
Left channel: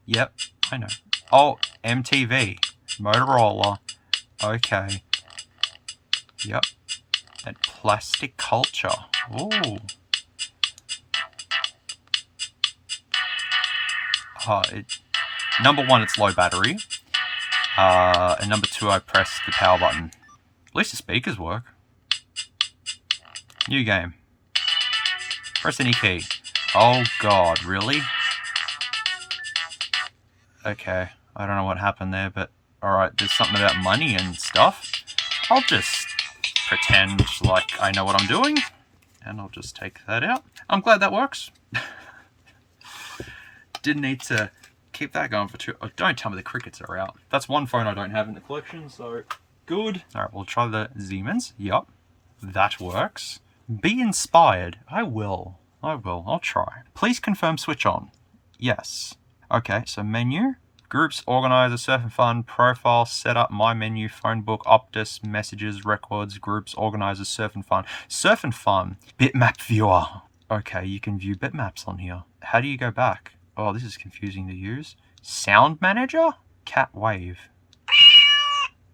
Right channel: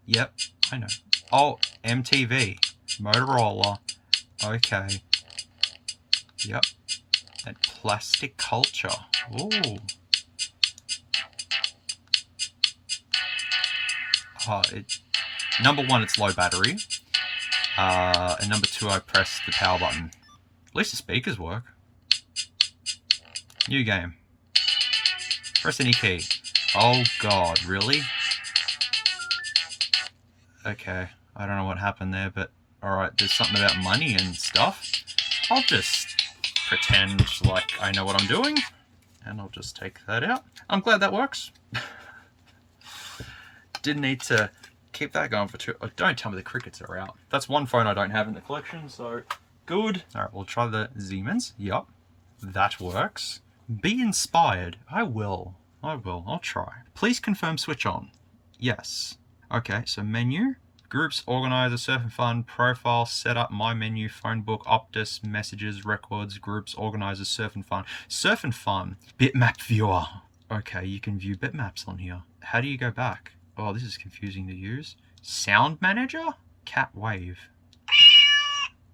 Yep, I know. Oh, MTV. Motorola. Okay. Yep. And Plastic Culture. Ooh. Number one, it's low battery. And number two, I press the power button. At least the speakers work. New game. Press any key. Oh god, really? Okay, I don't know what happened there, but alright, there's something about money and stuff. I'll just pretend like I know what I'm doing, and I'll just take that out. I'm glad that works. Didn't need to keep that going for too... Oh, don't tell me the crickets are out. That's one phone I don't have in the collection, so good. Alright, we'll try the Siemens. Yup, that works. Be inspired. I will. I'll try. Please confirm switch on. Yes. Okay, so menu. Groups, organizer, surf and fun, profile, setup, my menu, phone book, Optus, messages, records, groups, organizer, surf and fun. Surf and fun. Bitmap viewer. Okay, you can view bitmaps on here. How do you go back? Oh, this is confusing to use. Sound manager? Cat wave.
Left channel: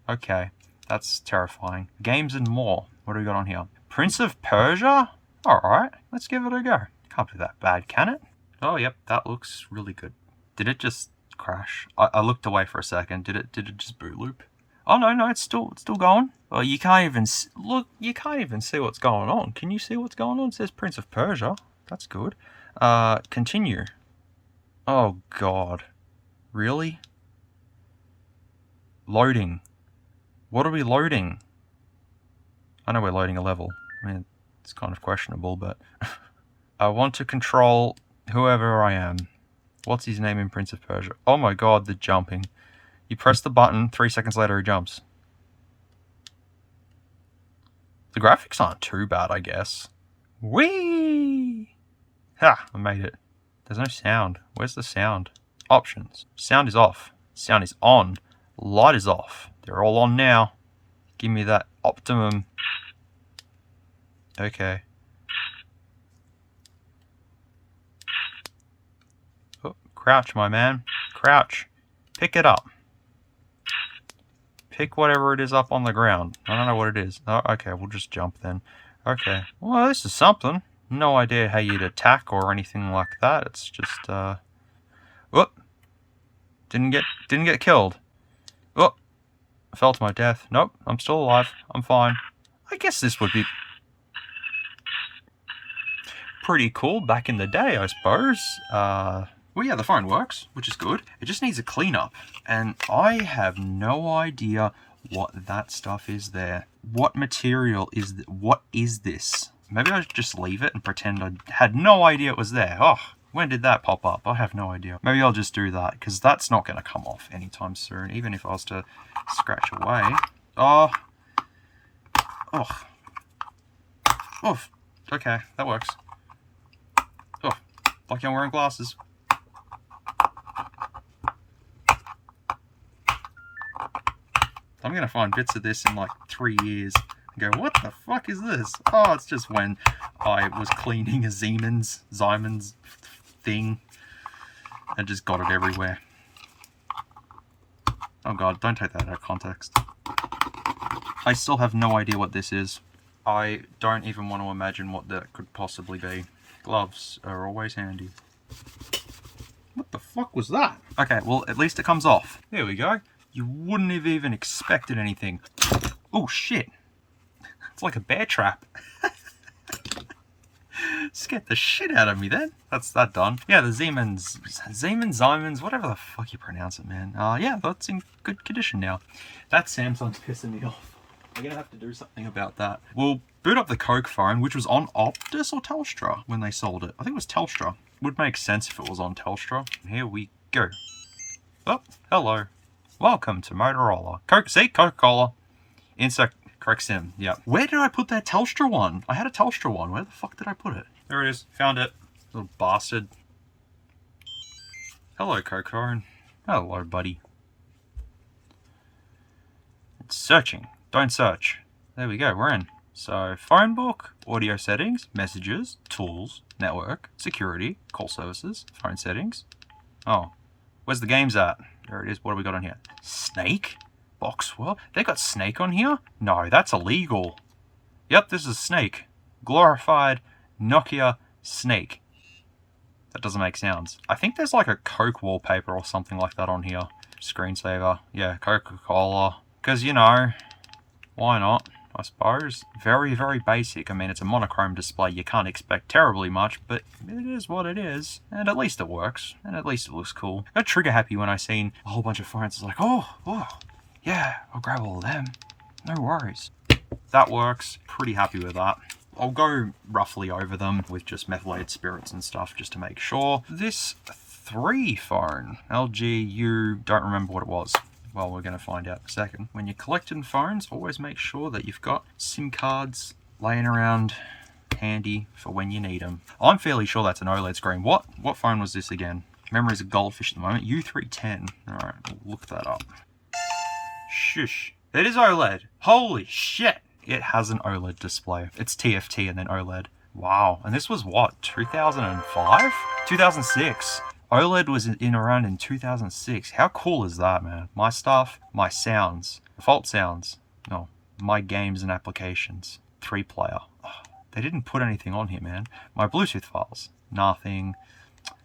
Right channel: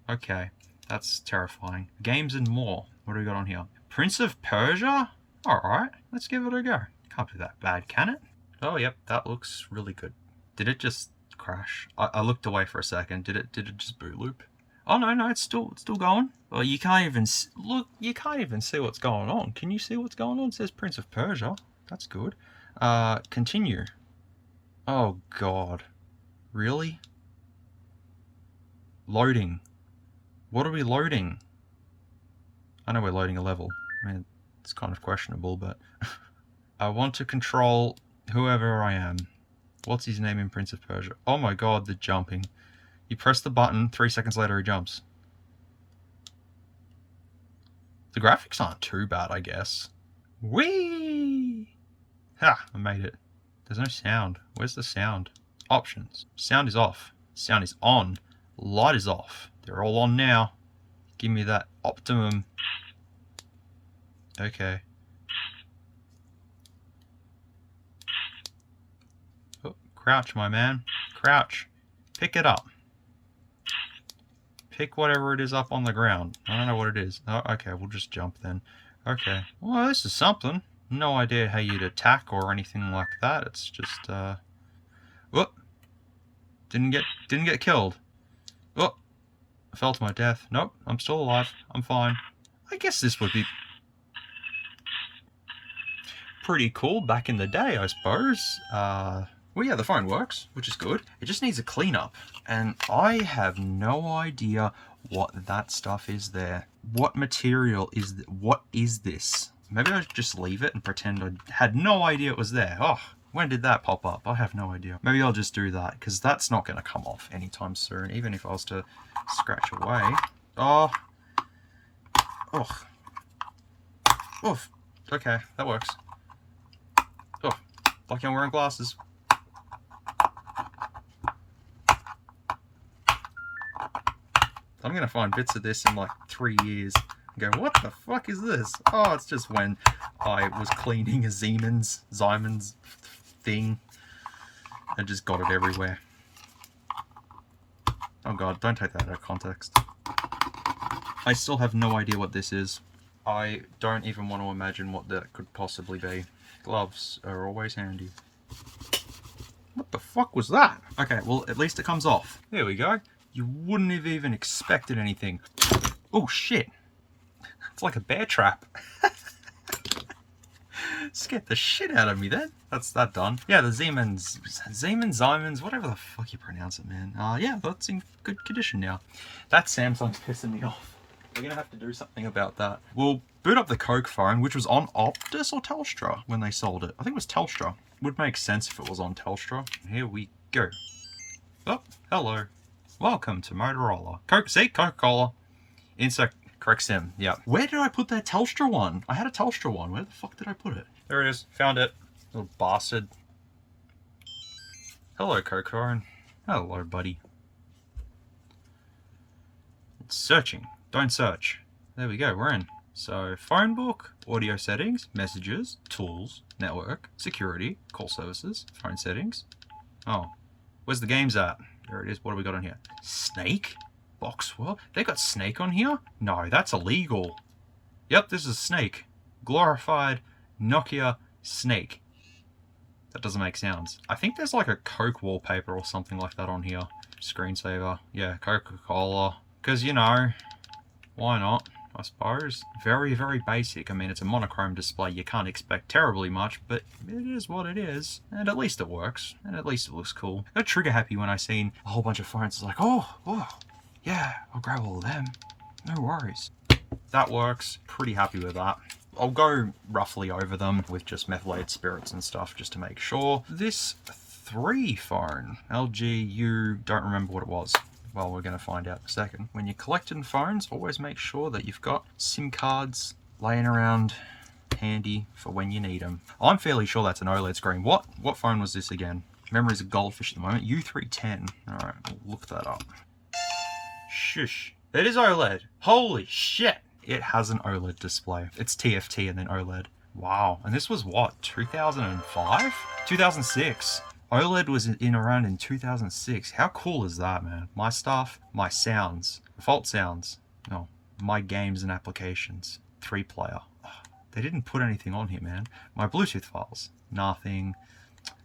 Okay, that's terrifying. Games and more. What do we got on here? Prince of Persia? Alright, let's give it a go. Can't be that bad, can it? Oh, yep, that looks really good. Did it just crash? I looked away for a second. Did it just boot loop? Oh, no, it's still going. Well, you can't even look. You can't even see what's going on. Can you see what's going on? It says Prince of Persia. That's good. Continue. Oh god, really? Loading. What are we loading? I know we're loading a level. I mean, it's kind of questionable, but I want to control whoever I am. What's his name in Prince of Persia? Oh my god, the jumping. You press the button, 3 seconds later he jumps. The graphics aren't too bad, I guess. Whee! Ha! I made it. There's no sound. Where's the sound? Options. Sound is off. Sound is on. Light is off. They're all on now. Give me that optimum. Okay. Oh, crouch, my man. Crouch. Pick it up. Pick whatever it is up on the ground. I don't know what it is. Oh, okay, we'll just jump then. Okay. Well, this is something. No idea how you'd attack or anything like that. It's just whoop. Didn't get killed. Whoop. I fell to my death. Nope, I'm still alive. I'm fine. I guess this would be pretty cool back in the day, I suppose. Well, yeah, the phone works, which is good. It just needs a cleanup, and I have no idea what that stuff is there. What material is what is this? Maybe I should just leave it and pretend I had no idea it was there. Oh, when did that pop up? I have no idea. Maybe I'll just do that, because that's not going to come off anytime soon, even if I was to scratch away. Oh. Oh. Oof. Okay, that works. Oh, like I'm wearing glasses. I'm going to find bits of this in like 3 years. Go, what the fuck is this? Oh, it's just when I was cleaning a Siemens thing and just got it everywhere. Oh god, don't take that out of context. I still have no idea what this is. I don't even want to imagine what that could possibly be. Gloves are always handy. What the fuck was that? Okay, well, at least it comes off. There we go. You wouldn't have even expected anything. Oh shit. It's like a bear trap. Scared the shit out of me then. That's that done. Yeah, the Siemens, whatever the fuck you pronounce it, man. Yeah, that's in good condition now. That Samsung's pissing me off. We're gonna have to do something about that. We'll boot up the Coke phone, which was on Optus or Telstra when they sold it. I think it was Telstra. Would make sense if it was on Telstra. Here we go. Oh, hello. Welcome to Motorola. Coca-Cola. Insert correct sim. Yeah. Where did I put that Telstra one? I had a Telstra one. Where the fuck did I put it? There it is. Found it. Little bastard. Hello, Coke phone. Hello, buddy. It's searching. Don't search. There we go. We're in. So, phone book, audio settings, messages, tools, network, security, call services, phone settings. Oh, where's the games at? There it is. What have we got on here? Snake? Boxwell? They got Snake on here? No, that's illegal. Yep, this is Snake. Glorified Nokia Snake. that doesn't make sounds. I think there's like a Coke wallpaper or something like that on here. Screensaver. Yeah, Coca-Cola. Because, you know, why not? I suppose. Very, very basic. I mean, it's a monochrome display. You can't expect terribly much, but it is what it is. And at least it works. And at least it looks cool. I got trigger happy when I seen a whole bunch of phones. It's like, oh, yeah, I'll grab all of them. No worries. That works. Pretty happy with that. I'll go roughly over them with just methylated spirits and stuff just to make sure. This 3 phone, LG U, don't remember what it was. Well, we're going to find out in a second. When you're collecting phones, always make sure that you've got SIM cards laying around handy for when you need them. I'm fairly sure that's an OLED screen. What phone was this again? Memory's a goldfish at the moment. U310. Alright, we'll look that up. Shush. It is OLED. Holy shit. It has an OLED display. It's TFT and then OLED. Wow. And this was what? 2005? 2006. OLED was around in 2006. How cool is that, man? My stuff, my sounds, default sounds, no, my games and applications, 3-player. Oh, they didn't put anything on here, man. My Bluetooth files, nothing.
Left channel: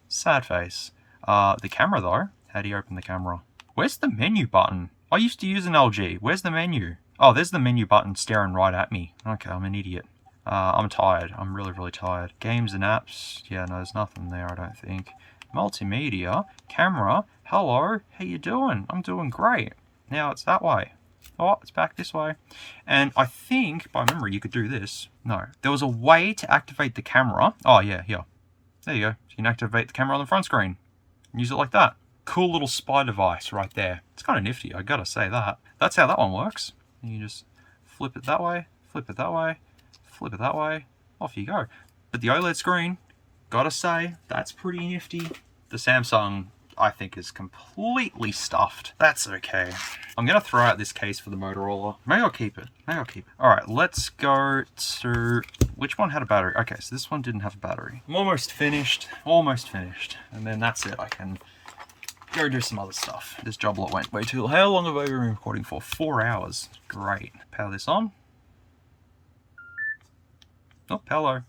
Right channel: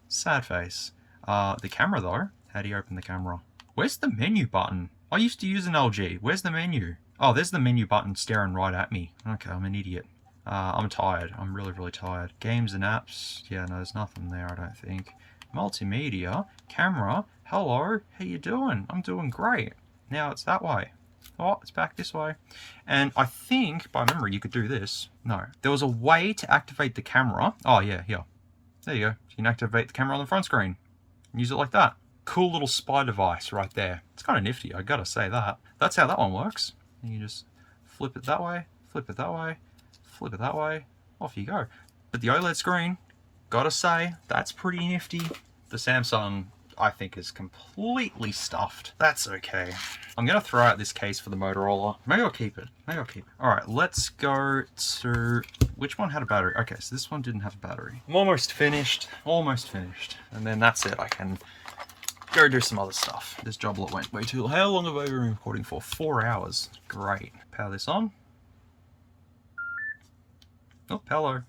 Sad face. The camera though, how do you open the camera? Where's the menu button? I used to use an LG. Where's the menu? Oh, there's the menu button staring right at me. Okay, I'm an idiot. I'm tired. I'm really, really tired. Games and apps. Yeah, no, there's nothing there, I don't think. Multimedia, camera, hello, how you doing? I'm doing great. Now it's that way. Oh, it's back this way. And I think, by memory, you could do this. No. There was a way to activate the camera. Oh, yeah, here. There you go. You can activate the camera on the front screen. Use it like that. Cool little spy device right there. It's kind of nifty, I gotta say that. That's how that one works. You just flip it that way, flip it that way, flip it that way. Off you go. But the OLED screen, gotta say, that's pretty nifty. The Samsung, I think, is completely stuffed. That's okay. I'm gonna throw out this case for the Motorola. Maybe I'll keep it. Maybe I'll keep it. Alright, let's go to... Which one had a battery? Okay, so this one didn't have a battery. I'm almost finished. Almost finished. And then that's it. I can go do some other stuff. This job lot went way too long. How long have I been recording for? 4 hours. Great. Power this on. Oh, hello.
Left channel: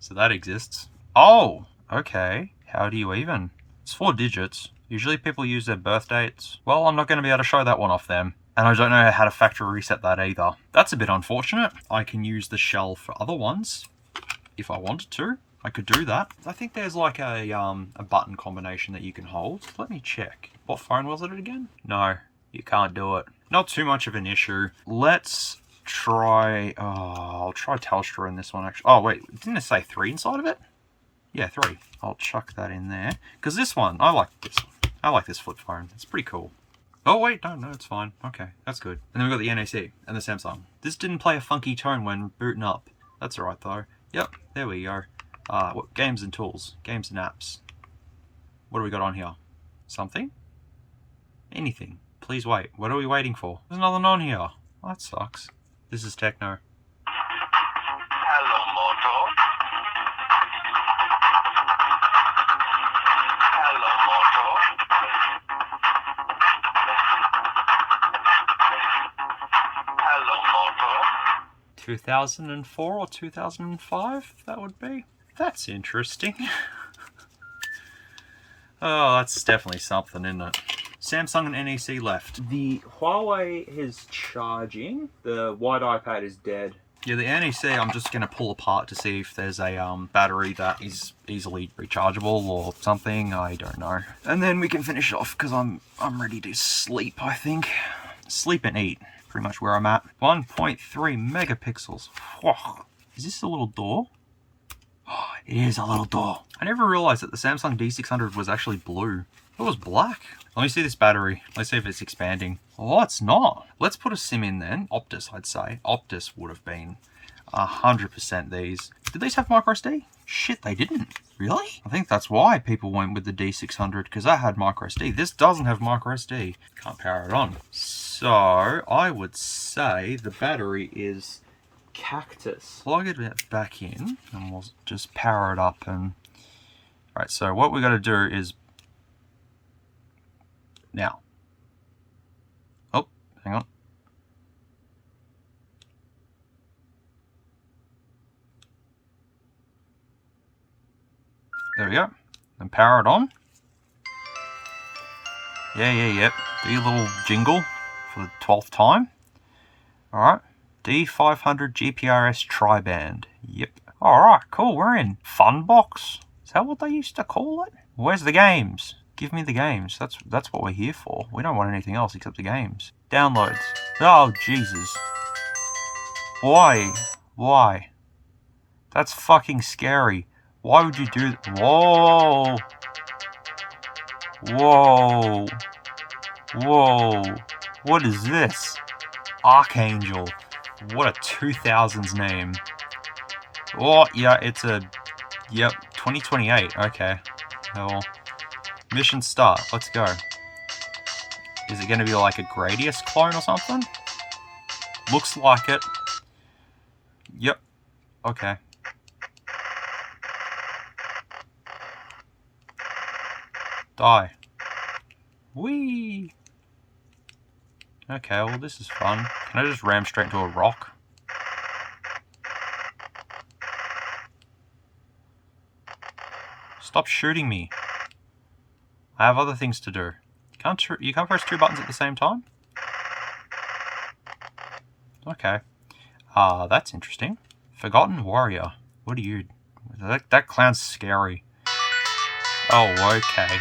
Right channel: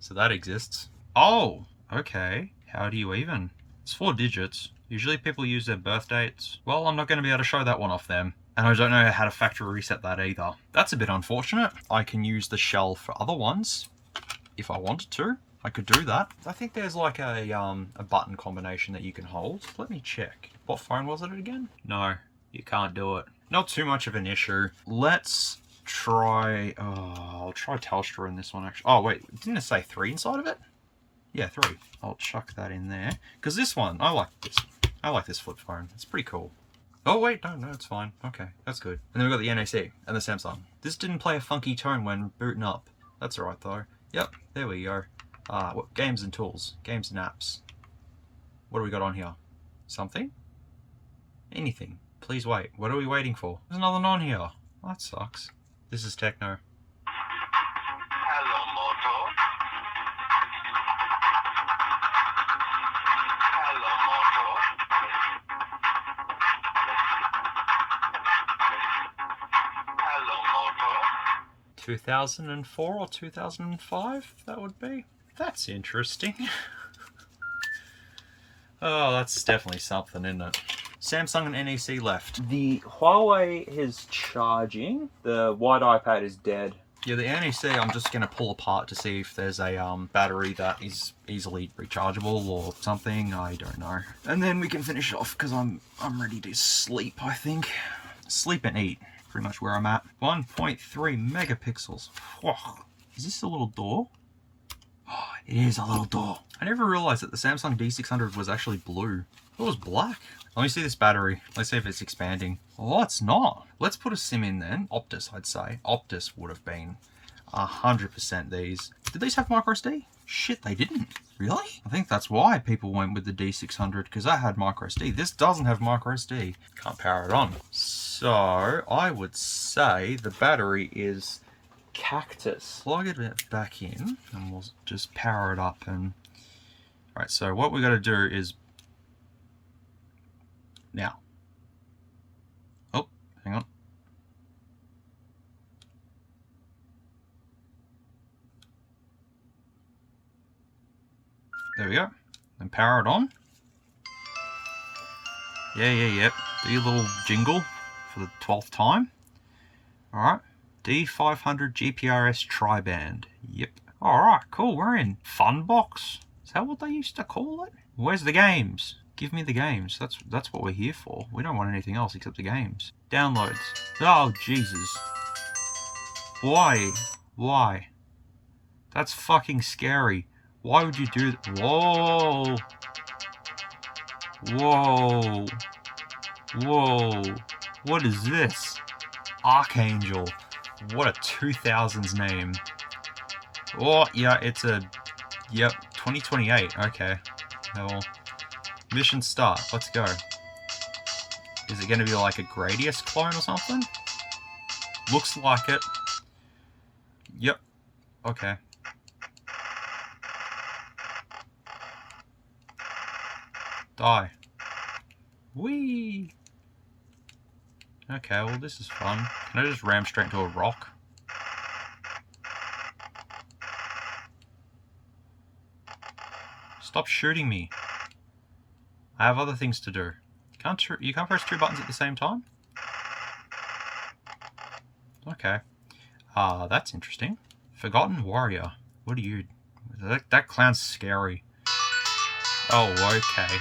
So that exists. Oh, okay. How do you even? It's 4 digits. Usually people use their birth dates. Well, I'm not going to be able to show that one off them. And I don't know how to factory reset that either. That's a bit unfortunate. I can use the shell for other ones. If I wanted to, I could do that. I think there's like a button combination that you can hold. Let me check. What phone was it again? No, you can't do it. Not too much of an issue. Let's try... Oh, I'll try Telstra in this one actually. Oh wait, didn't it say 3 inside of it? Yeah, 3. I'll chuck that in there. Because this one, I like this one. I like this flip phone. It's pretty cool. Oh wait, no, it's fine. Okay, that's good. And then we've got the NAC and the Samsung. This didn't play a funky tone when booting up. That's alright though. Yep, there we go. What, games and tools. Games and apps. What do we got on here? Something? Anything. Please wait. What are we waiting for? There's nothing on here. Oh, that sucks. This is techno. Hello, Moto. Hello, Moto. Hello, Moto. 2004 or 2005, that would be. That's interesting. Oh, that's definitely something, isn't it? Samsung and NEC left. The Huawei is charging. The white iPad is dead. Yeah, the NEC I'm just going to pull apart to see if there's a battery that is easily rechargeable or something. I don't know. And then we can finish it off because I'm ready to sleep, I think. Sleep and eat. Pretty much where I'm at. 1.3 megapixels. Whoa. Is this a little door? Oh, it is a little door. I never realized that the Samsung D600 was actually blue. It was black. Let me see this battery. Let's see if it's expanding. Oh, it's not. Let's put a SIM in then. Optus, I'd say. Optus would have been 100% these. Did these have microSD? Shit, they didn't. Really? I think that's why people went with the D600, because that had microSD. This doesn't have microSD. Can't power it on. So, I would say the battery is cactus. Plug it back in, and we'll just power it up. And right, so what we got to do is... Now. Oh, hang on. There we go. And power it on. Yep. Do your little jingle for the 12th time. Alright. D500 GPRS tri-band. Yep. Alright, cool. We're in Fun Box. Is that what they used to call it? Where's the games? Give me the games. That's what we're here for. We don't want anything else except the games. Downloads. Oh, Jesus. Why? Why? That's fucking scary. Why would you do that? Whoa. Whoa. Whoa. What is this? Archangel. What a 2000s name. Oh, yeah, it's a... Yep, 2028. Okay. Well, mission start. Let's go. Is it going to be like a Gradius clone or something? Looks like it. Yep. Okay. Die. Whee! Okay, well this is fun. Can I just ram straight into a rock? Stop shooting me. I have other things to do. You can't press two buttons at the same time? Okay. That's interesting. Forgotten Warrior. What are you... That clown's scary. Oh, okay.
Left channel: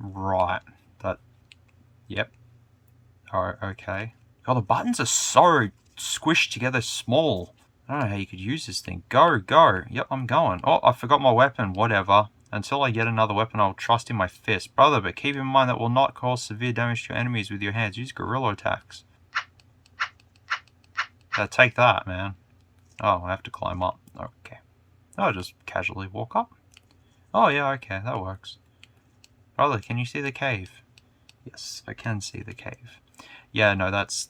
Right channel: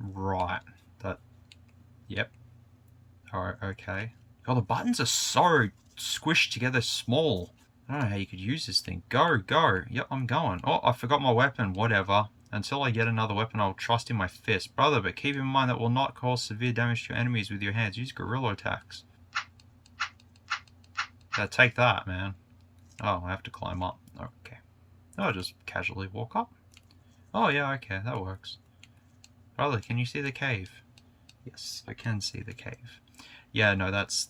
Right. Yep. Oh, okay. Oh, the buttons are so squished together small. I don't know how you could use this thing. Go. Yep, I'm going. Oh, I forgot my weapon. Whatever. Until I get another weapon, I'll trust in my fist. Brother, but keep in mind that will not cause severe damage to your enemies with your hands. Use guerrilla attacks. Take that, man. Oh, I have to climb up. Okay. I'll just casually walk up. Oh, yeah, okay. That works. Brother, can you see the cave? Yes, I can see the cave. Yeah, no, that's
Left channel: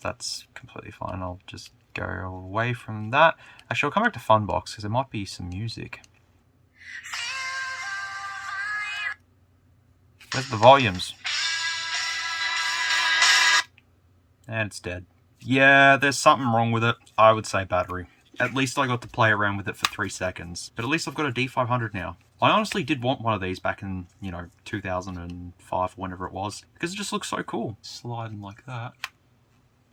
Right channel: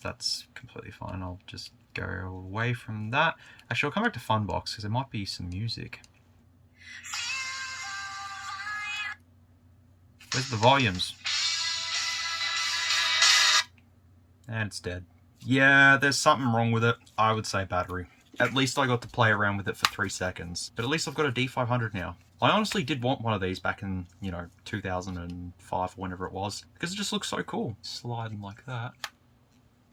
completely fine. I'll just go away from that. Actually, I'll come back to Funbox because there might be some music. Where's the volumes? And it's dead. Yeah, there's something wrong with it. I would say battery. At least I got to play around with it for 3 seconds. But at least I've got a D500 now. I honestly did want one of these back in, 2005 or whenever it was. Because it just looks so cool. Sliding like that.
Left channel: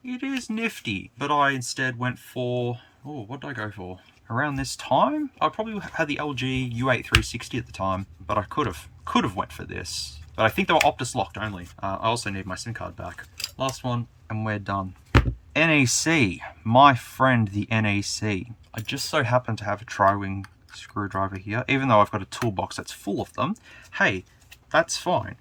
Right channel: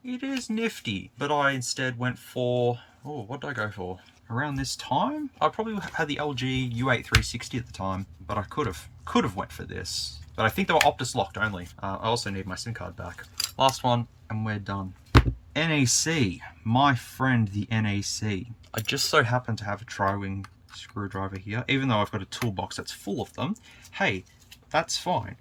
It is nifty. But I instead went for... Oh, what did I go for? Around this time? I probably had the LG U8 360 at the time. But I could have went for this. But I think they were Optus locked only. I also need my SIM card back. Last one, and we're done. NEC. My friend, the NEC. I just so happen to have a tri-wing screwdriver here, even though I've got a toolbox that's full of them. Hey, that's fine.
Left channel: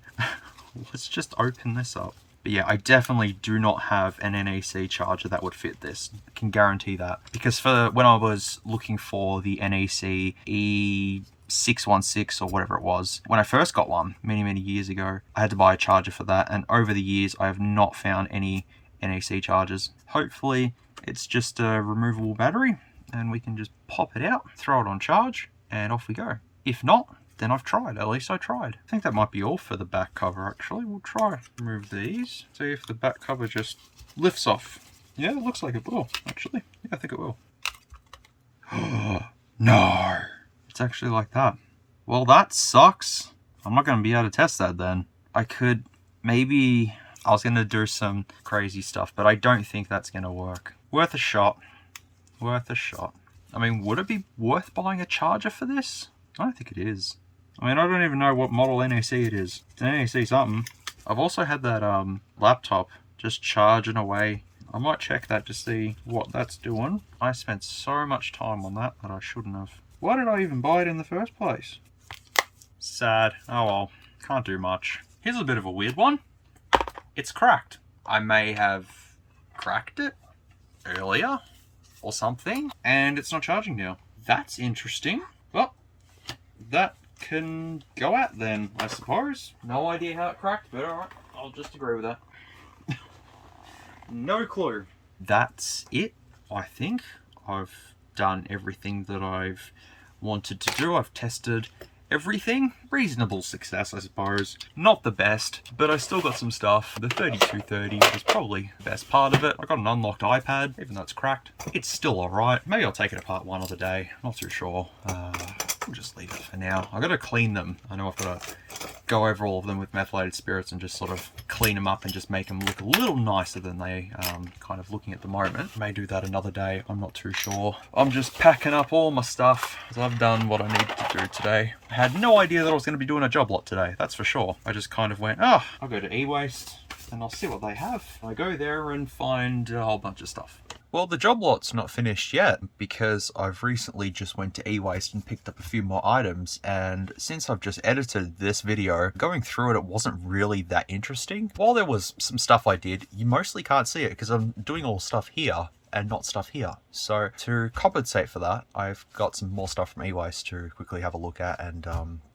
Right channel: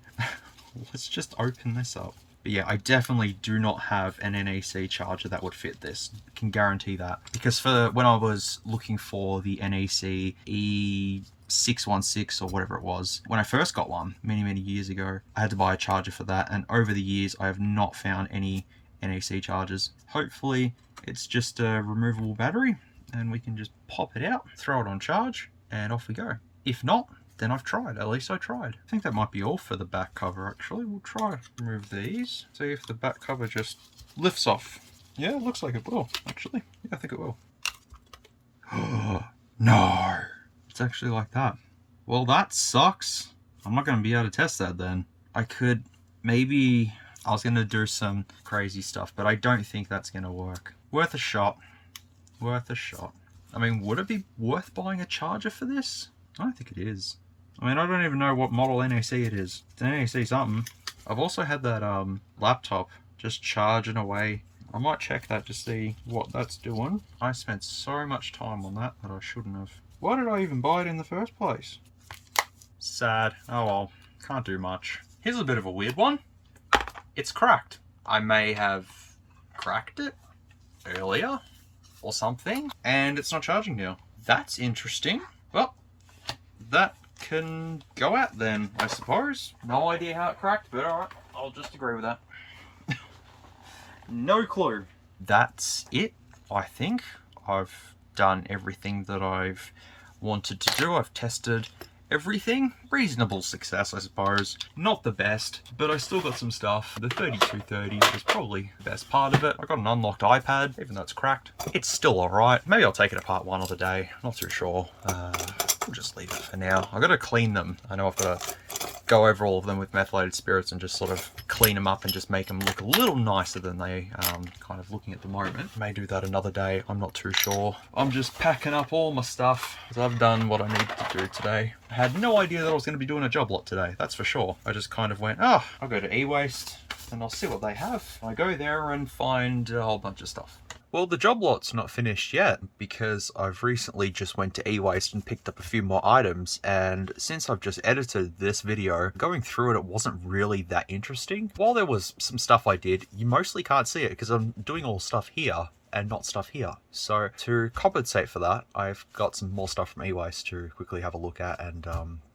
Let's just open this up. But yeah, I definitely do not have an NEC charger that would fit this. I can guarantee that. Because for when I was looking for the NEC E616 or whatever it was, when I first got one, many years ago, I had to buy a charger for that. And over the years, I have not found any NEC chargers. Hopefully, it's just a removable battery. And we can just pop it out, throw it on charge, and off we go. If not, then I've tried. At least I tried. I think that might be all for the back cover, actually. We'll try remove these. See if the back cover just lifts off. Yeah, it looks like it will, actually. Yeah, I think it will. Oh, no. It's actually like that. Well, that sucks. I'm not going to be able to test that then. I could maybe... I was going to do some crazy stuff, but I don't think that's going to work. Worth a shot. Worth a shot. I mean, would it be worth buying a charger for this? I don't think it is. I mean, I don't even know what model NEC it is. It's an NEC something. I've also had that laptop just charging away. I might check that to see what that's doing. I spent so much time on that I shouldn't have. Why did I even buy it in the first place? Sad. Oh well, can't do much. Here's a bit of a weird one. It's cracked. I may have cracked it earlier or something, and it's not charging now. That's interesting. Well, that can go out then, I suppose. No idea how it cracked, but alright, I'll just agree with that. No clue. That's it, I think. I've done everything that I've wanted to do. I've tested everything. Reasonable success, I suppose. Not the best, but I still got some stuff. The 3230 was probably the best part of it. I got an unlocked iPad, even though it's cracked. It's still alright. Maybe I'll take it apart one other day. Not too sure. We'll just leave it for now. I've got to clean them. I know I've got to go over all of them with methylated spirits and just sort of clean them up and just make them look a little nicer than they kind of looking at the moment. May do that another day. I'm not too sure. I'm just packing up all my stuff because I've done what I needed to do today. I had no idea that I was going to be doing a job lot today. That's for sure. I just kind of went, oh, I'll go to e-waste and I'll see what they have. I go there and find a whole bunch of stuff. Well, the job lot's not finished yet because I've recently just went to e-waste and picked up a few more items, and since I've just edited this video, going through it wasn't really that interesting. While there was some stuff I did, you mostly can't see it because I'm doing all stuff here and not stuff here. So to compensate for that, I've got some more stuff from e-waste to quickly have a look at, and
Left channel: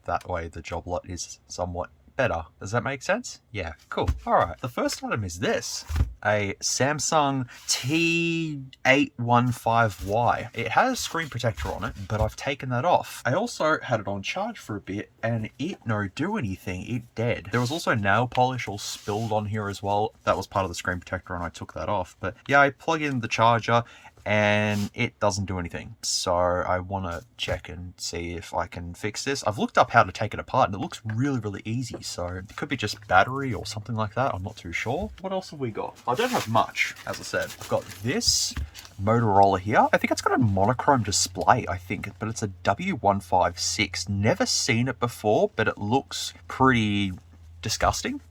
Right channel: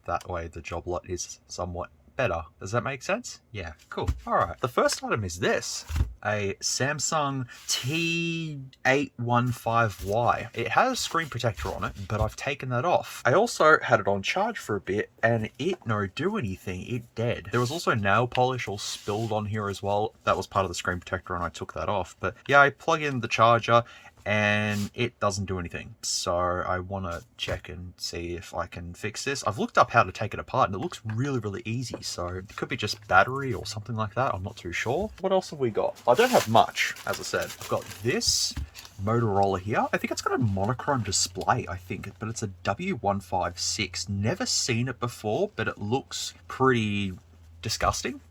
that way the job lot is somewhat better. Does that make sense? Yeah, cool. All right, the first item is this. A Samsung T815Y. It has a screen protector on it, but I've taken that off. I also had it on charge for a bit and it no do anything. It dead. There was also nail polish all spilled on here as well. That was part of the screen protector and I took that off. But yeah, I plug in the charger and it doesn't do anything. So I want to check and see if I can fix this. I've looked up how to take it apart and it looks really, really easy. So it could be just battery or something like that. I'm not too sure. What else have we got? I don't have much, as I said. I've got this Motorola here. I think it's got a monochrome display, I think, but it's a W156. Never seen it before, but it looks pretty disgusting.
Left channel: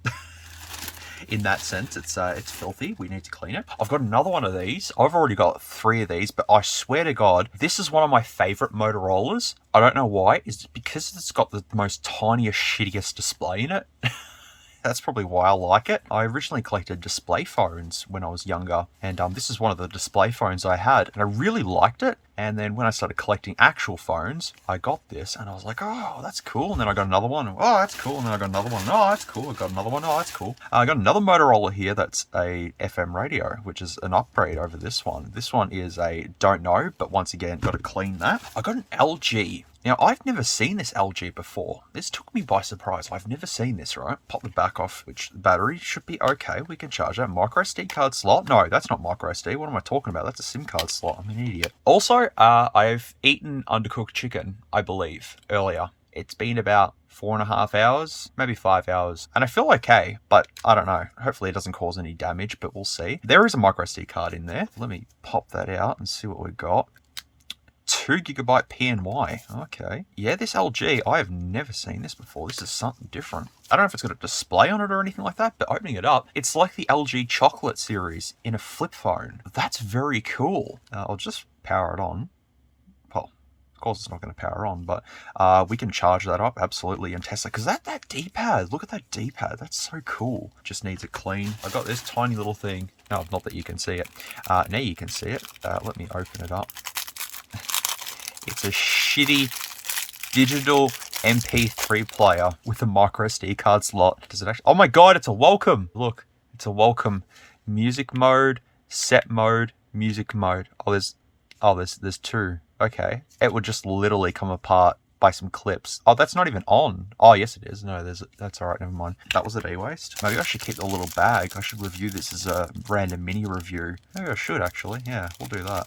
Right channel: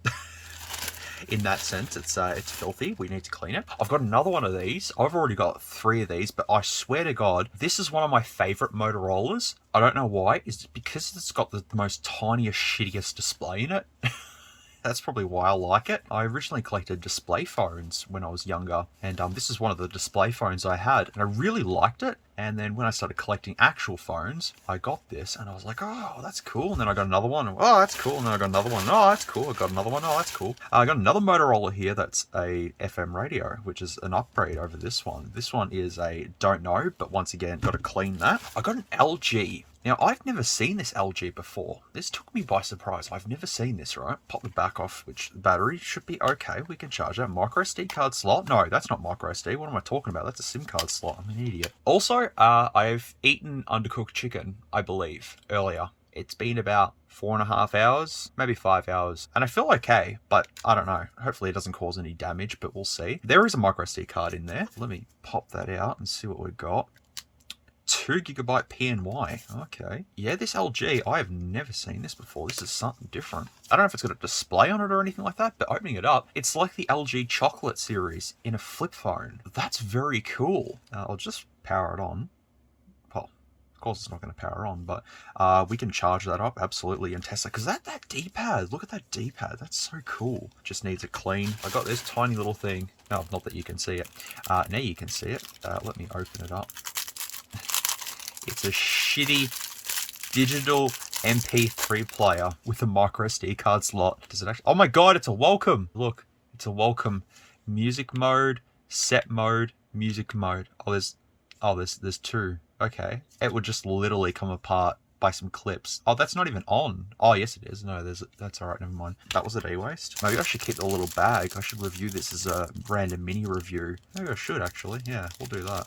In that sense, it's filthy. We need to clean it. I've got another one of these. I've already got 3 of these, but I swear to God, this is one of my favorite Motorola's. I don't know why. It's because it's got the most tiniest, shittiest display in it. That's probably why I like it. I originally collected display phones when I was younger, and this is one of the display phones I had, and I really liked it. And then when I started collecting actual phones, I got this, and I was like, oh, that's cool. And then I got another one. Oh, that's cool. And then I got another one. Oh, that's cool. I got another one. Oh, that's cool. I got another Motorola here that's a FM radio, which is an upgrade over this one. This one is a don't know, but once again, got to clean that. I got an LG. Now, I've never seen this LG before. This took me by surprise. I've never seen this, right? Pop the back off, which the battery should be okay. We can charge that. Micro SD card slot? No, that's not micro SD. What am I talking about? That's a SIM card slot. I'm an idiot. Also, I've eaten undercooked chicken, I believe, earlier. It's been about 4.5 hours, maybe 5 hours, and I feel okay, but I don't know. Hopefully it doesn't cause any damage, but we'll see. There is a micro SD card in there. Let me pop that out and see what we've got. 2 GB PNY. Okay. Yeah, this LG, I have never seen this before. This is something different. I don't know if it's got a display on it or anything like that, but opening it up, it's like the LG chocolate series in a flip phone. That's very cool. I'll just power it on. Well, of course it's not going to power on, but we can charge that up, absolutely, and test it. Because that D-pad, look at that D-pad. That's so cool. Just needs a clean. I got this tiny little thing. No, not that you can see it. Now you can see it. Let me open it up. It's a shitty digital MP3 player with a micro SD card slot. Does it actually? Oh my God, it's a welcome. Look, it's a welcome. Music mode, set mode, music mode. There's 2. Okay. It would just literally come apart by some clips. Oh, that's not even on. Oh, yes it is. No, that's all right. Never mind. That was at e-waste. Maybe I should keep the little bag. I should review this as a random mini review. Maybe I should actually. Yeah, we'll do that.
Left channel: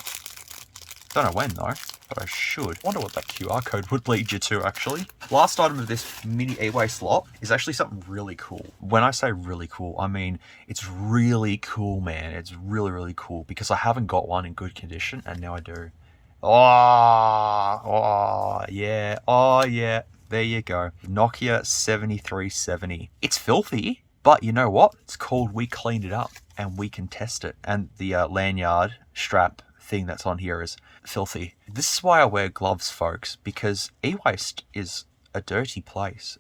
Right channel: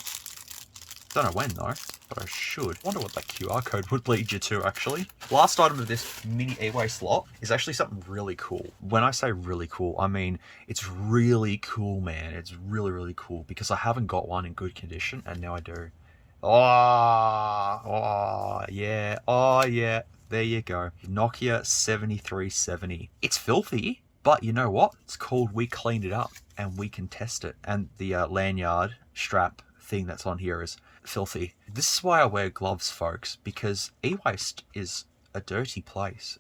Don't know when though, but I should. Wonder what that QR code would lead you to actually. Last item of this mini e-waste lot is actually something really cool. When I say really cool, I mean it's really cool, man. It's really, really cool because I haven't got one in good condition and now I do. Oh yeah. There you go. Nokia 7370. It's filthy, but you know what? It's called We Cleaned It Up and we can test it. And the lanyard strap thing that's on here is filthy. This is why I wear gloves, folks, because e-waste is a dirty place.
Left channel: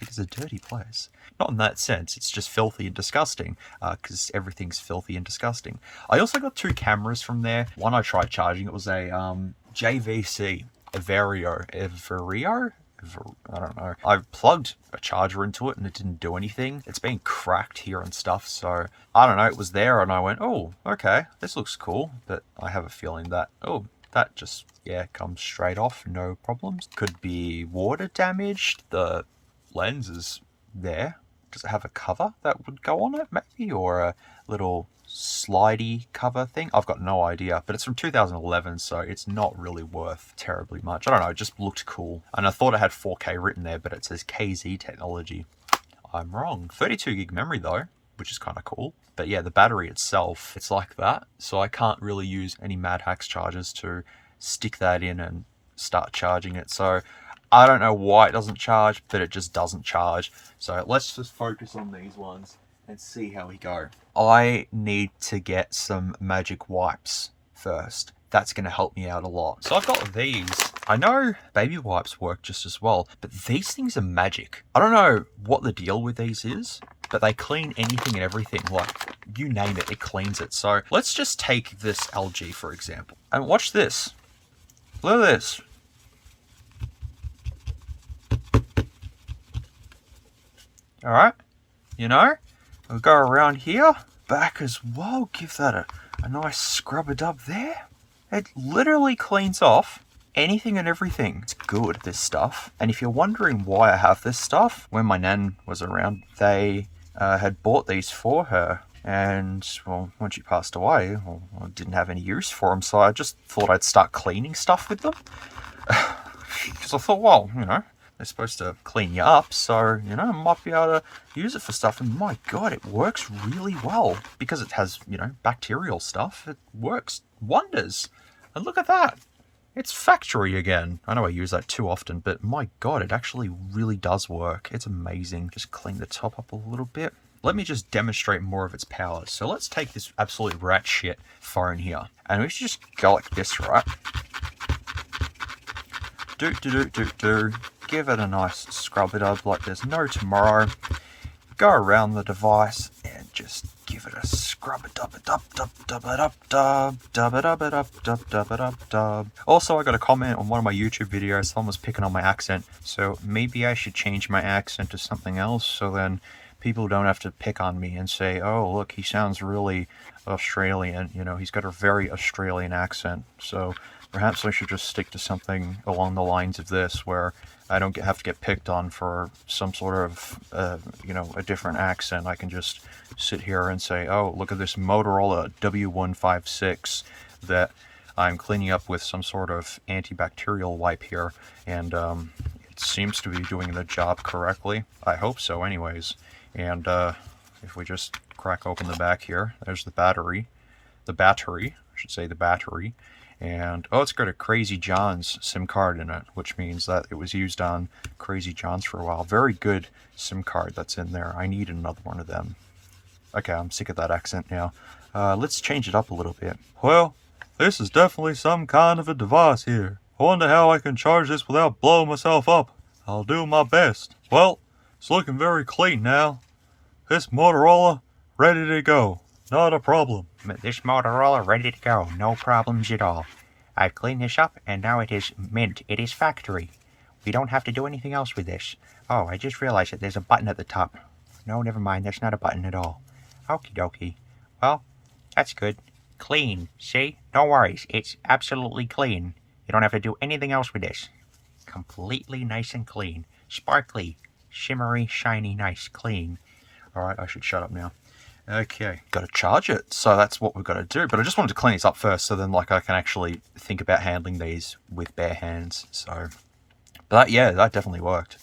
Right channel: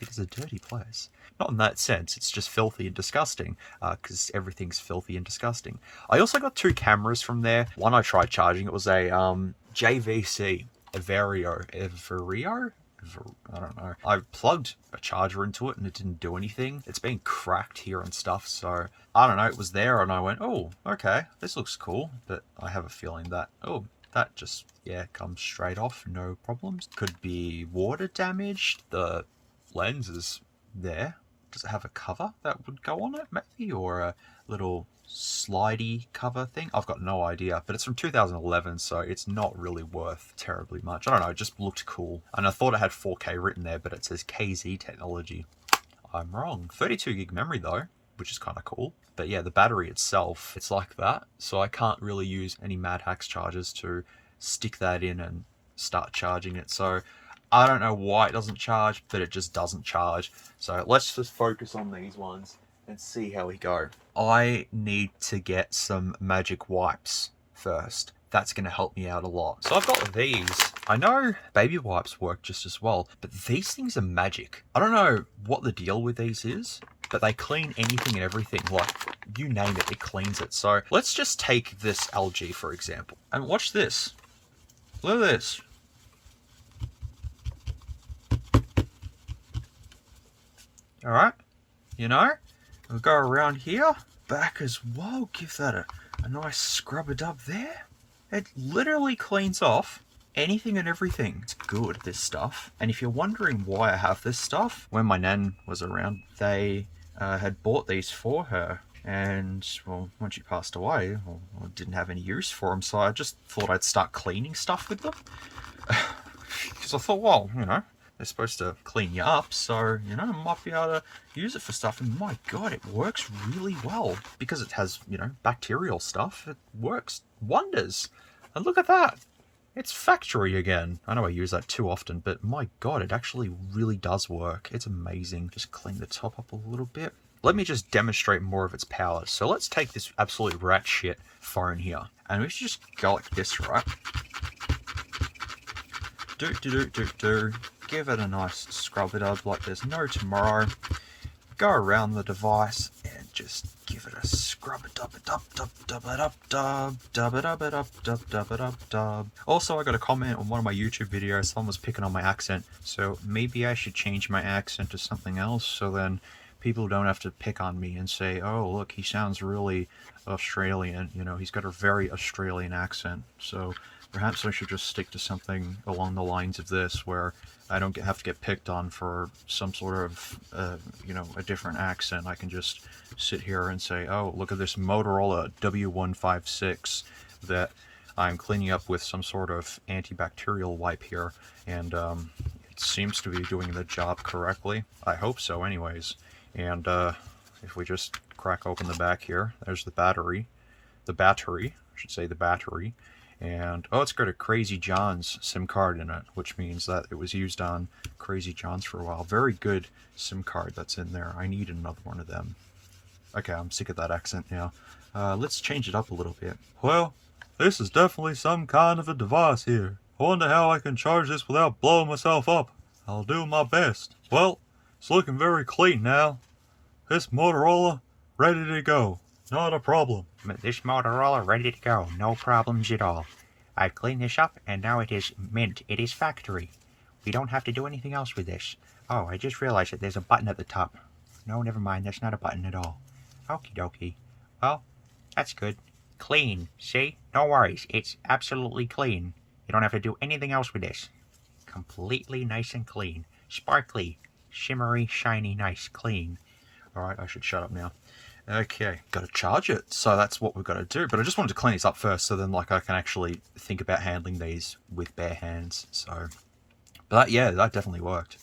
It is a dirty place. Not in that sense, it's just filthy and disgusting, because everything's filthy and disgusting. I also got 2 cameras from there. One I tried charging, it was a JVC, Everio? I don't know. I plugged a charger into it and it didn't do anything. It's been cracked here and stuff, so I don't know. It was there and I went, oh, okay, this looks cool. But I have a feeling that, oh, that just, yeah, comes straight off, no problems. Could be water damaged. The lens is there. Does it have a cover that would go on it, maybe? Or a little slidey cover thing? I've got no idea, but it's from 2011, so it's not really worth terribly much. I don't know, it just looked cool. And I thought it had 4K written there, but it says KZ technology. I'm wrong. 32 gig memory though, which is kind of cool. But yeah, the battery itself, it's like that. So I can't really use any Mad Hacks chargers to stick that in and start charging it. So I don't know why it doesn't charge, but it just doesn't charge. So let's just focus on these ones and see how we go. I need to get some magic wipes first. That's going to help me out a lot. So I've got these. I know baby wipes work just as well, but these things are magic. I don't know what the deal with these is, but they clean anything and everything. Like, you name it, it cleans it. So let's just take this LG, for example. And watch this. Look at this. All right. You know, we'll go around here. Back as well. Give that a nice scrub a dub there. It literally cleans off anything and everything. It's good, this stuff. And if you're wondering why I have this stuff, when my nan was around, they had bought these for her. And, well, when she passed away, well, I didn't have any use for them. So I just thought I'd start cleaning stuff with them. Because I thought, well, you know, they're supposed to clean you up, so, you know, I might be able to use it for stuff. And my God, it works really well. Because it has, you know, bacterial stuff, it works wonders. And look at that. It's factory again. I know I use that too often, but my God, it actually really does work. It's amazing. Just clean the top up a little bit. Let me just demonstrate more of its powers. So let's take this absolute rat shit phone here. And we should just go like this, right? Do. Give it a nice scrub it up like there's no tomorrow. Go around the device and just give it a scrub it up, dub. Also, I got a comment on one of my YouTube videos. Someone was picking on my accent, so maybe I should change my accent to something else, so then people don't have to pick on me and say, oh, look, he sounds really Australian. You know, he's got a very Australian accent. So perhaps I should just stick to something along the lines of this, where I don't have to get picked on for some sort of, you know, a different accent. I can just sit here and say, oh, look at this Motorola W156 that I'm cleaning up with some sort of antibacterial wipe here. And it seems to be doing the job correctly. I hope so anyways. And if we just crack open the back here, there's the battery. I should say the battery. And, oh, it's got a Crazy John's SIM card in it, which means that it was used on Crazy John's for a while. Very good SIM card that's in there. I need another one of them. Okay, I'm sick of that accent now. Let's change it up a little bit. Well, this is definitely some kind of a device here. I wonder how I can charge this without blowing myself up. I'll do my best. Well, it's looking very clean now. This Motorola, ready to go. Not a problem. This Motorola ready to go. No problems at all. I've cleaned this up and now it is mint. It is factory. We don't have to do anything else with this. Oh, I just realized that there's a button at the top. No, never mind. There's not a button at all. Okie dokie. Well, that's good. Clean. See? No worries. It's absolutely clean. You don't have to do anything else with this. Completely nice and clean. Sparkly. Shimmery, shiny, nice, clean. Alright, I should shut up now. Okay, got to charge it. So that's what we've got to do. But I just wanted to clean these up first, so then like I can actually think about handling these with bare hands. So, but yeah, that definitely worked.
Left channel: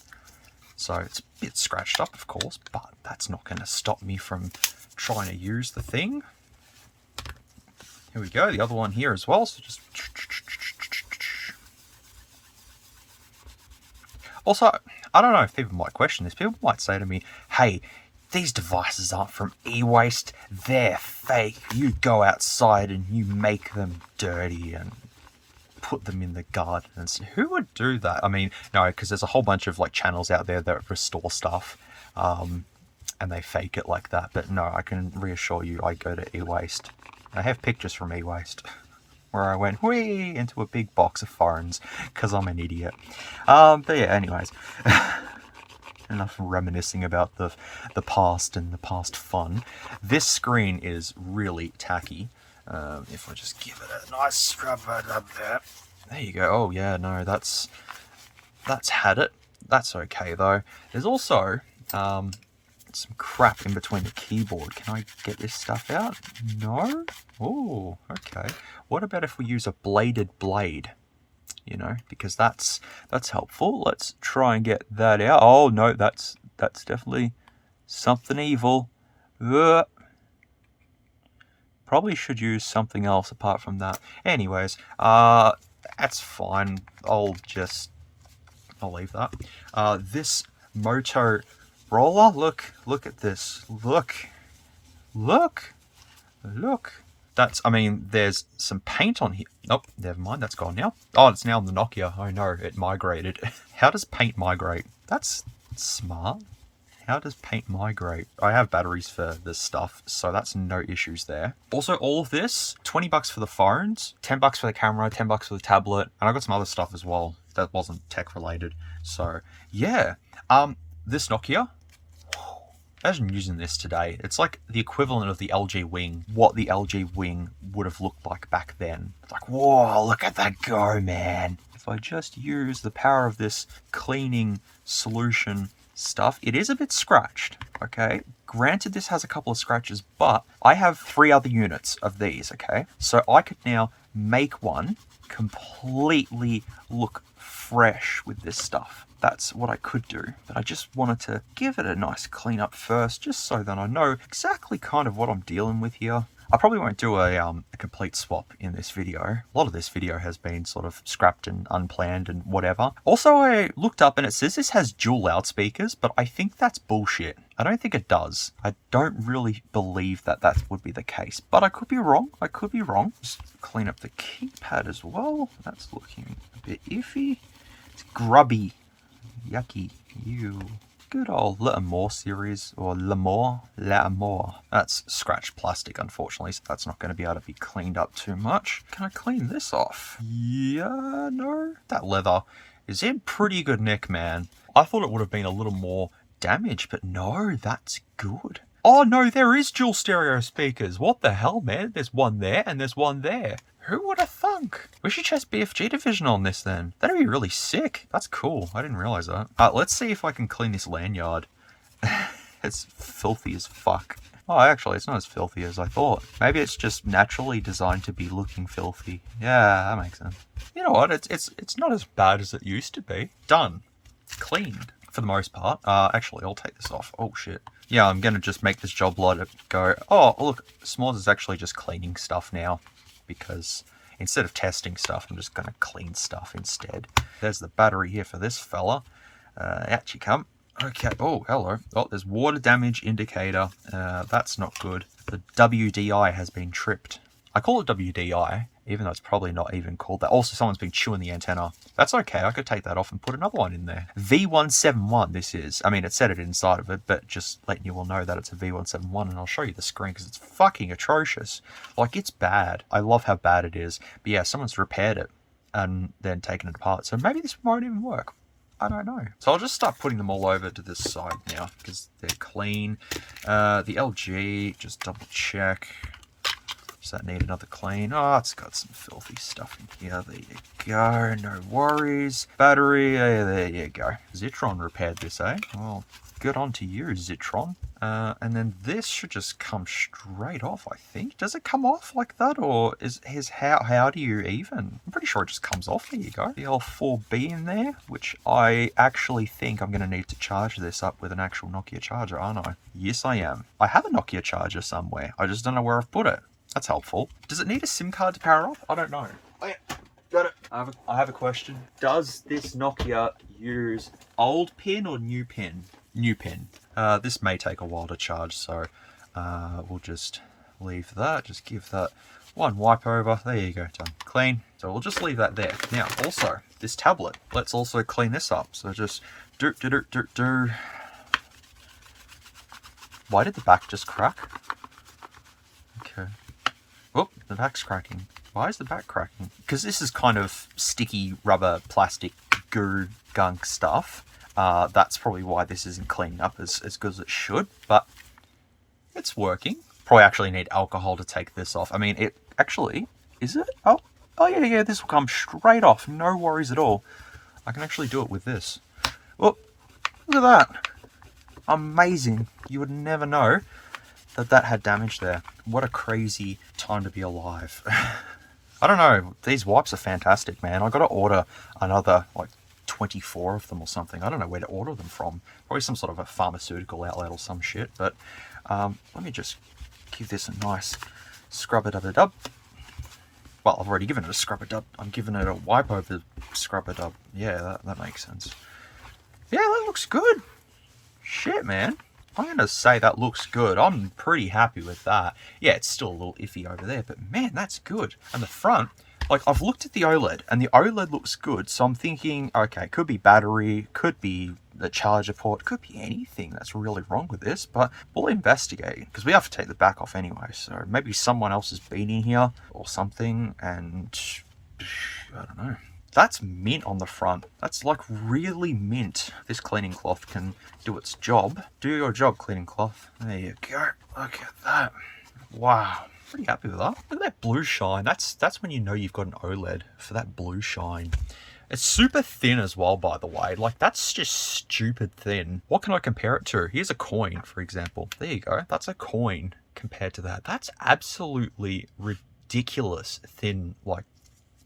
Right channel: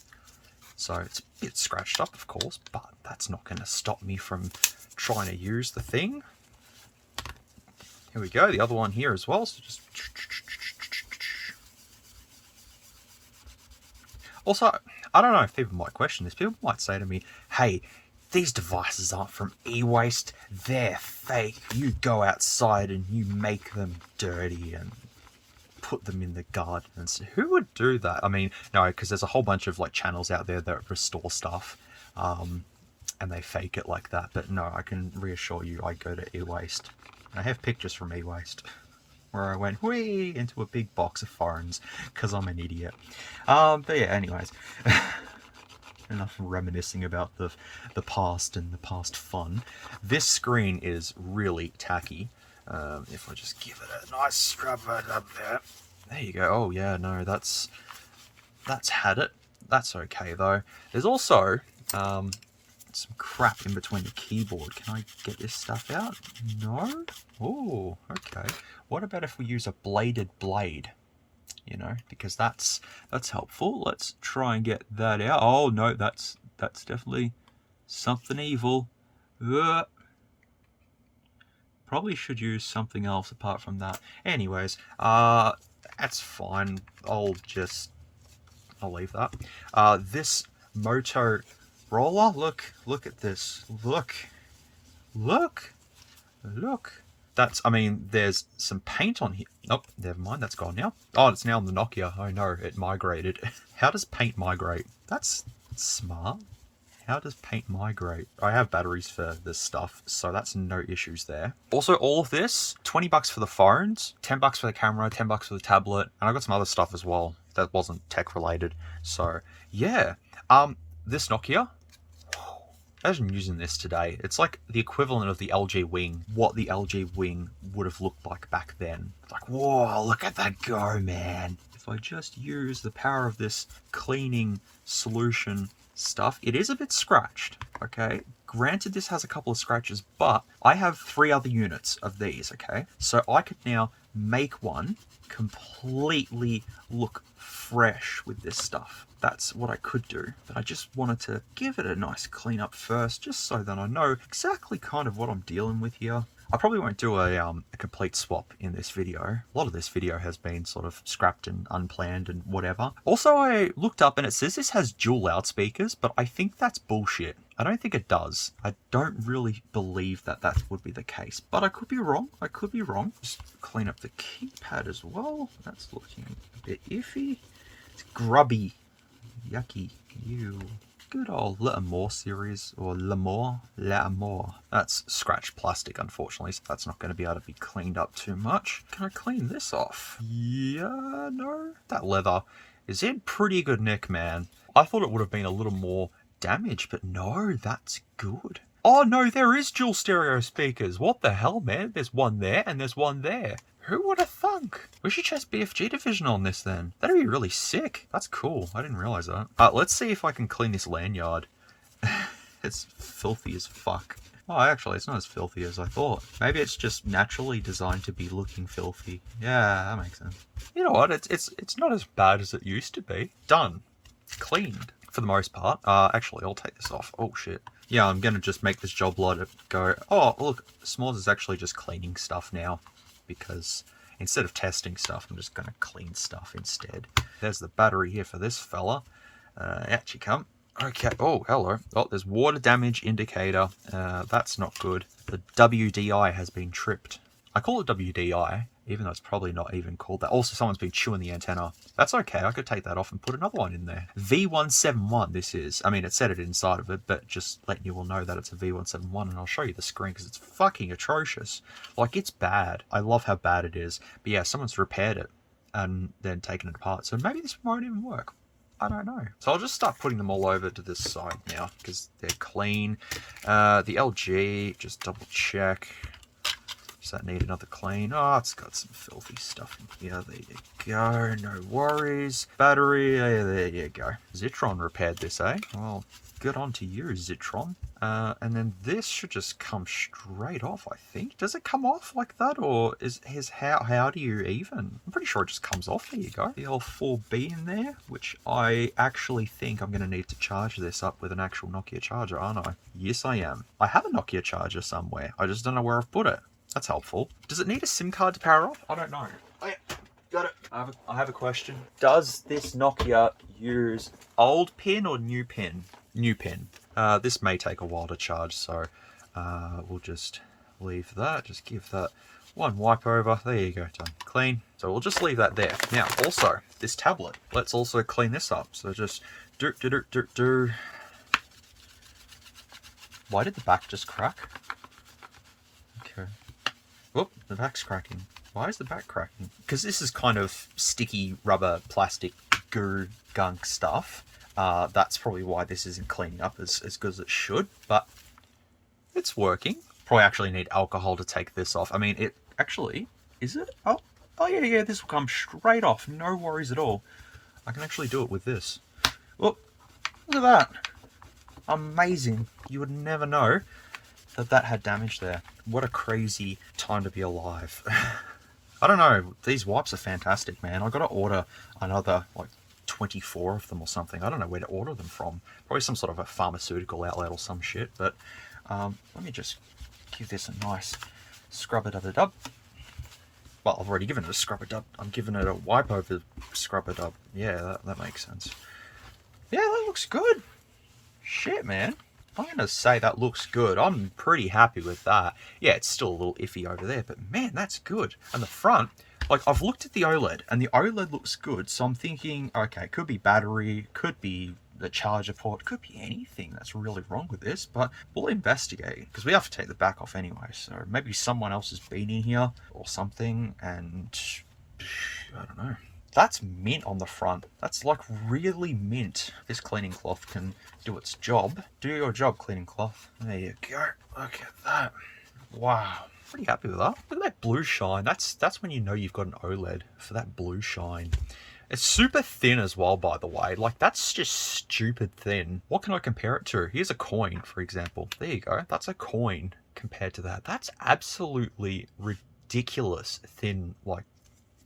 So it's a bit scratched up, of course, but that's not going to stop me from trying to use the thing. Here we go, the other one here as well. So just... Also, I don't know if people might question this. People might say to me, hey, these devices aren't from e-waste, they're fake. You go outside and you make them dirty and put them in the garden. And so who would do that? I mean, no, because there's a whole bunch of like channels out there that restore stuff and they fake it like that. But no, I can reassure you, I go to e-waste. I have pictures from e-waste where I went whee into a big box of foreigns because I'm an idiot. But yeah, anyways. Enough reminiscing about the past and the past fun. This screen is really tacky. If I just give it a nice scrub right up there. There you go. Oh yeah, no, that's had it. That's okay though. There's also some crap in between the keyboard. Can I get this stuff out? No? Oh, okay. What about if we use a bladed blade? You know, because that's helpful. Let's try and get that out. Oh no, that's definitely something evil. Ugh. Probably should use something else apart from that. Anyways, that's fine. I'll leave that. This Motorola, look at this. Look. That's, I mean, there's some paint on here. Oh, never mind, that's gone now. Oh, it's now on the Nokia. Oh no, it migrated. How does paint migrate? That's smart. How does paint migrate? I have batteries for this stuff, so that's no issues there. Also, all of this, 20 bucks for the phones, 10 bucks for the camera, 10 bucks for the tablet, and I got some other stuff as well that wasn't tech related. So, yeah. This Nokia, imagine using this today. It's like the equivalent of the LG Wing, what the LG Wing would have looked like back then. It's like, whoa, look at that go, man. If I just use the power of this cleaning solution stuff, it is a bit scratched, okay? Granted, this has a couple of scratches, but I have 3 other units of these, okay? So I could now make one completely look fresh with this stuff. That's what I could do, but I just wanted to give it a nice clean up first, just so that I know exactly kind of what I'm dealing with here. I probably won't do a complete swap in this video. A lot of this video has been sort of scrapped and unplanned and whatever. Also, I looked up and it says this has dual loudspeakers, but I think that's bullshit. I don't think it does. I don't really believe that would be the case, but I could be wrong. Just clean up the keypad as well. That's looking a bit iffy. It's grubby. Yucky. Ew. Good old L'Amour series, or L'Amour. That's scratched plastic, unfortunately, so that's not going to be able to be cleaned up too much. Can I clean this off? Yeah, no. That leather is in pretty good nick, man. I thought it would have been a little more damaged, but no, that's good. Oh no, there is dual stereo speakers. What the hell, man? There's one there and there's one there. Who would have thunk? We should test BFG division on this then. That'd be really sick. That's cool. I didn't realize that. Let's see if I can clean this lanyard. It's filthy as fuck. Oh, actually, it's not as filthy as I thought. Maybe it's just naturally designed to be looking filthy. Yeah, that makes sense. You know what? It's not as bad as it used to be. Done. Cleaned. For the most part. Actually, I'll take this off. Oh, shit. Yeah, I'm going to just make this job lighter go. Oh, look. SMOOREZ is actually just cleaning stuff now. Because instead of testing stuff, I'm just going to clean stuff instead. There's the battery here for this fella. Out you come. Okay. Oh, hello. Oh, there's water damage indicator. That's not good. The WDI has been tripped. I call it WDI, even though it's probably not even called that. Also, someone's been chewing the antenna. That's okay. I could take that off and put another one in there. V171 this is. I mean, it said it inside of it, but just letting you all know that it's a V171, and I'll show you the screen because it's fucking atrocious. Like, it's bad. I love how bad it is. But yeah, someone's repaired it and then taken it apart. So maybe this won't even work. I don't know. So I'll just start putting them all over to this side now because they're clean. The LG, just double check. Does that need another clean? Oh, it's got some filthy stuff in here. There you go. No worries. Battery. There you go. Zitron repaired this, eh? Well, good on to you, Zitron. And then this should just come straight off, I think. Does it come off like that, or how do you even? I'm pretty sure it just comes off. There you go. The old 4B in there, which I actually think I'm going to need to charge this up with an actual Nokia charger, aren't I? Yes, I am. I have a Nokia charger somewhere. I just don't know where I've put it. That's helpful. Does it need a SIM card to power off? I don't know. Oh yeah, got it. I have a question. Does this Nokia use old pin or new pin? New pin. This may take a while to charge, so we'll just leave that. Just give that one wipe over. There you go, done. Clean. So we'll just leave that there. Now, also, this tablet. Let's also clean this up. So just do. Why did the back just crack? Okay. Oh, the back's cracking. Why is the back cracking? Because this is kind of sticky rubber, plastic, goo, gunk stuff. That's probably why this isn't cleaning up as good as it should. But it's working. Probably actually need alcohol to take this off. I mean, Actually, is it? Oh, yeah, this will come straight off. No worries at all. I can actually do it with this. Oh, look at that. Amazing. You would never know that had damage there. What a crazy time to be alive. I don't know. These wipes are fantastic, man. I got to order another, like, 24 of them or something. I don't know where to order them from. Probably some sort of a pharmaceutical outlet or some shit. But let me just give this a nice scrub-a-dub-a-dub. Well, I've already given it a scrub-a-dub. I'm giving it a wipe over scrub-a-dub. Yeah, that makes sense. Yeah, that looks good. Shit, man. I'm going to say that looks good. I'm pretty happy with that. Yeah, it's still a little iffy over there, but man, that's good. And the front, like, I've looked at the OLED, and the OLED looks good, so I'm thinking, okay, could be battery, could be the charger port, could be anything that's really wrong with this, but we'll investigate, because we have to take the back off anyway, so maybe someone else has been in here or something, and I don't know. That's mint on the front. That's like really mint. This cleaning cloth can do its job. Do your job, cleaning cloth. There you go. Look at that. Wow. Pretty happy with that. Look at that blue shine. That's when you know you've got an OLED, for that blue shine. It's super thin as well, by the way. Like, that's just stupid thin. What can I compare it to? Here's a coin, for example. There you go. That's a coin compared to that. That's absolutely ridiculous thin, like,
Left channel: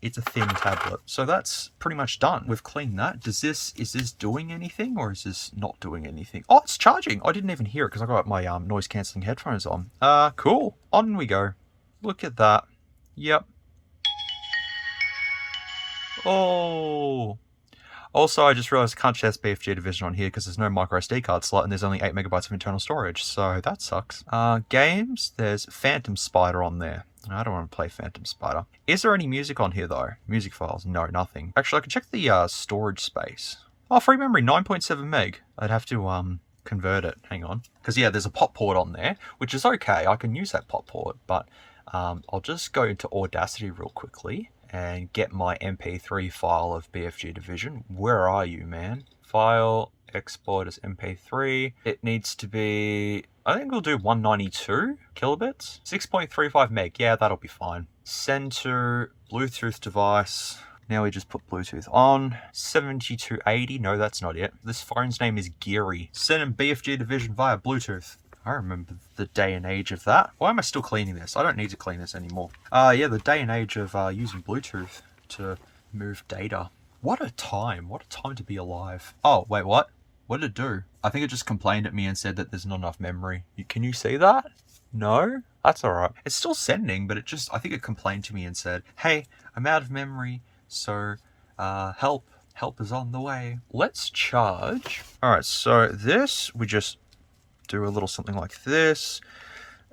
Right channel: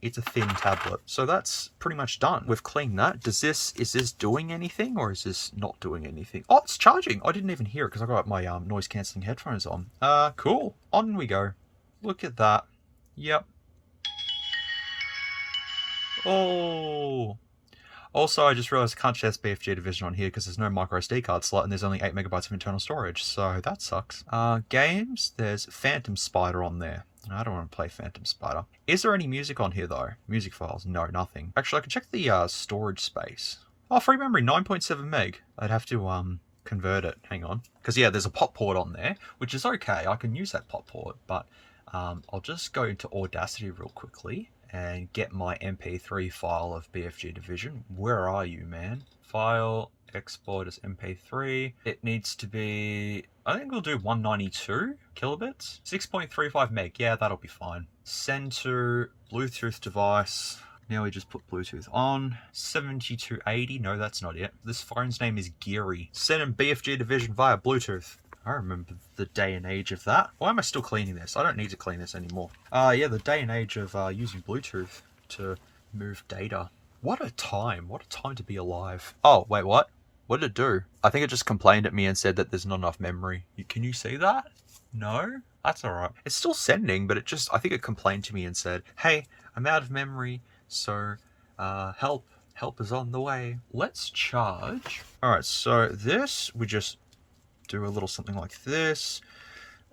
it's a thin tablet. So that's pretty much done. We've cleaned that. Is this doing anything, or is this not doing anything? Oh, it's charging. I didn't even hear it because I got my noise cancelling headphones on. Cool. On we go. Look at that. Yep. Oh. Also, I just realized I can't share BFG division on here because there's no micro SD card slot and there's only 8 megabytes of internal storage. So that sucks. Games, there's Phantom Spider on there. I don't want to play Phantom Spider. Is there any music on here though? Music files? No, nothing. Actually, I can check the storage space. Oh, free memory, 9.7 meg. I'd have to convert it. Hang on. Because yeah, there's a pop port on there, which is okay. I can use that pop port, but I'll just go into Audacity real quickly and get my MP3 file of BFG Division. Where are you, man? File, export as MP3. It needs to be, I think we'll do 192 kilobits. 6.35 meg, yeah, that'll be fine. Send to Bluetooth device. Now we just put Bluetooth on. 7280, no, that's not it. This phone's name is Geary. Send in BFG Division via Bluetooth. I remember the day and age of that. Why am I still cleaning this? I don't need to clean this anymore. Yeah, the day and age of using Bluetooth to move data. What a time to be alive. Oh, wait, what? What did it do? I think it just complained at me and said that there's not enough memory. Can you see that? No? That's alright. It's still sending, but I think it complained to me and said, hey, I'm out of memory, so help is on the way. Let's charge. Alright, so this, we just do a little something like this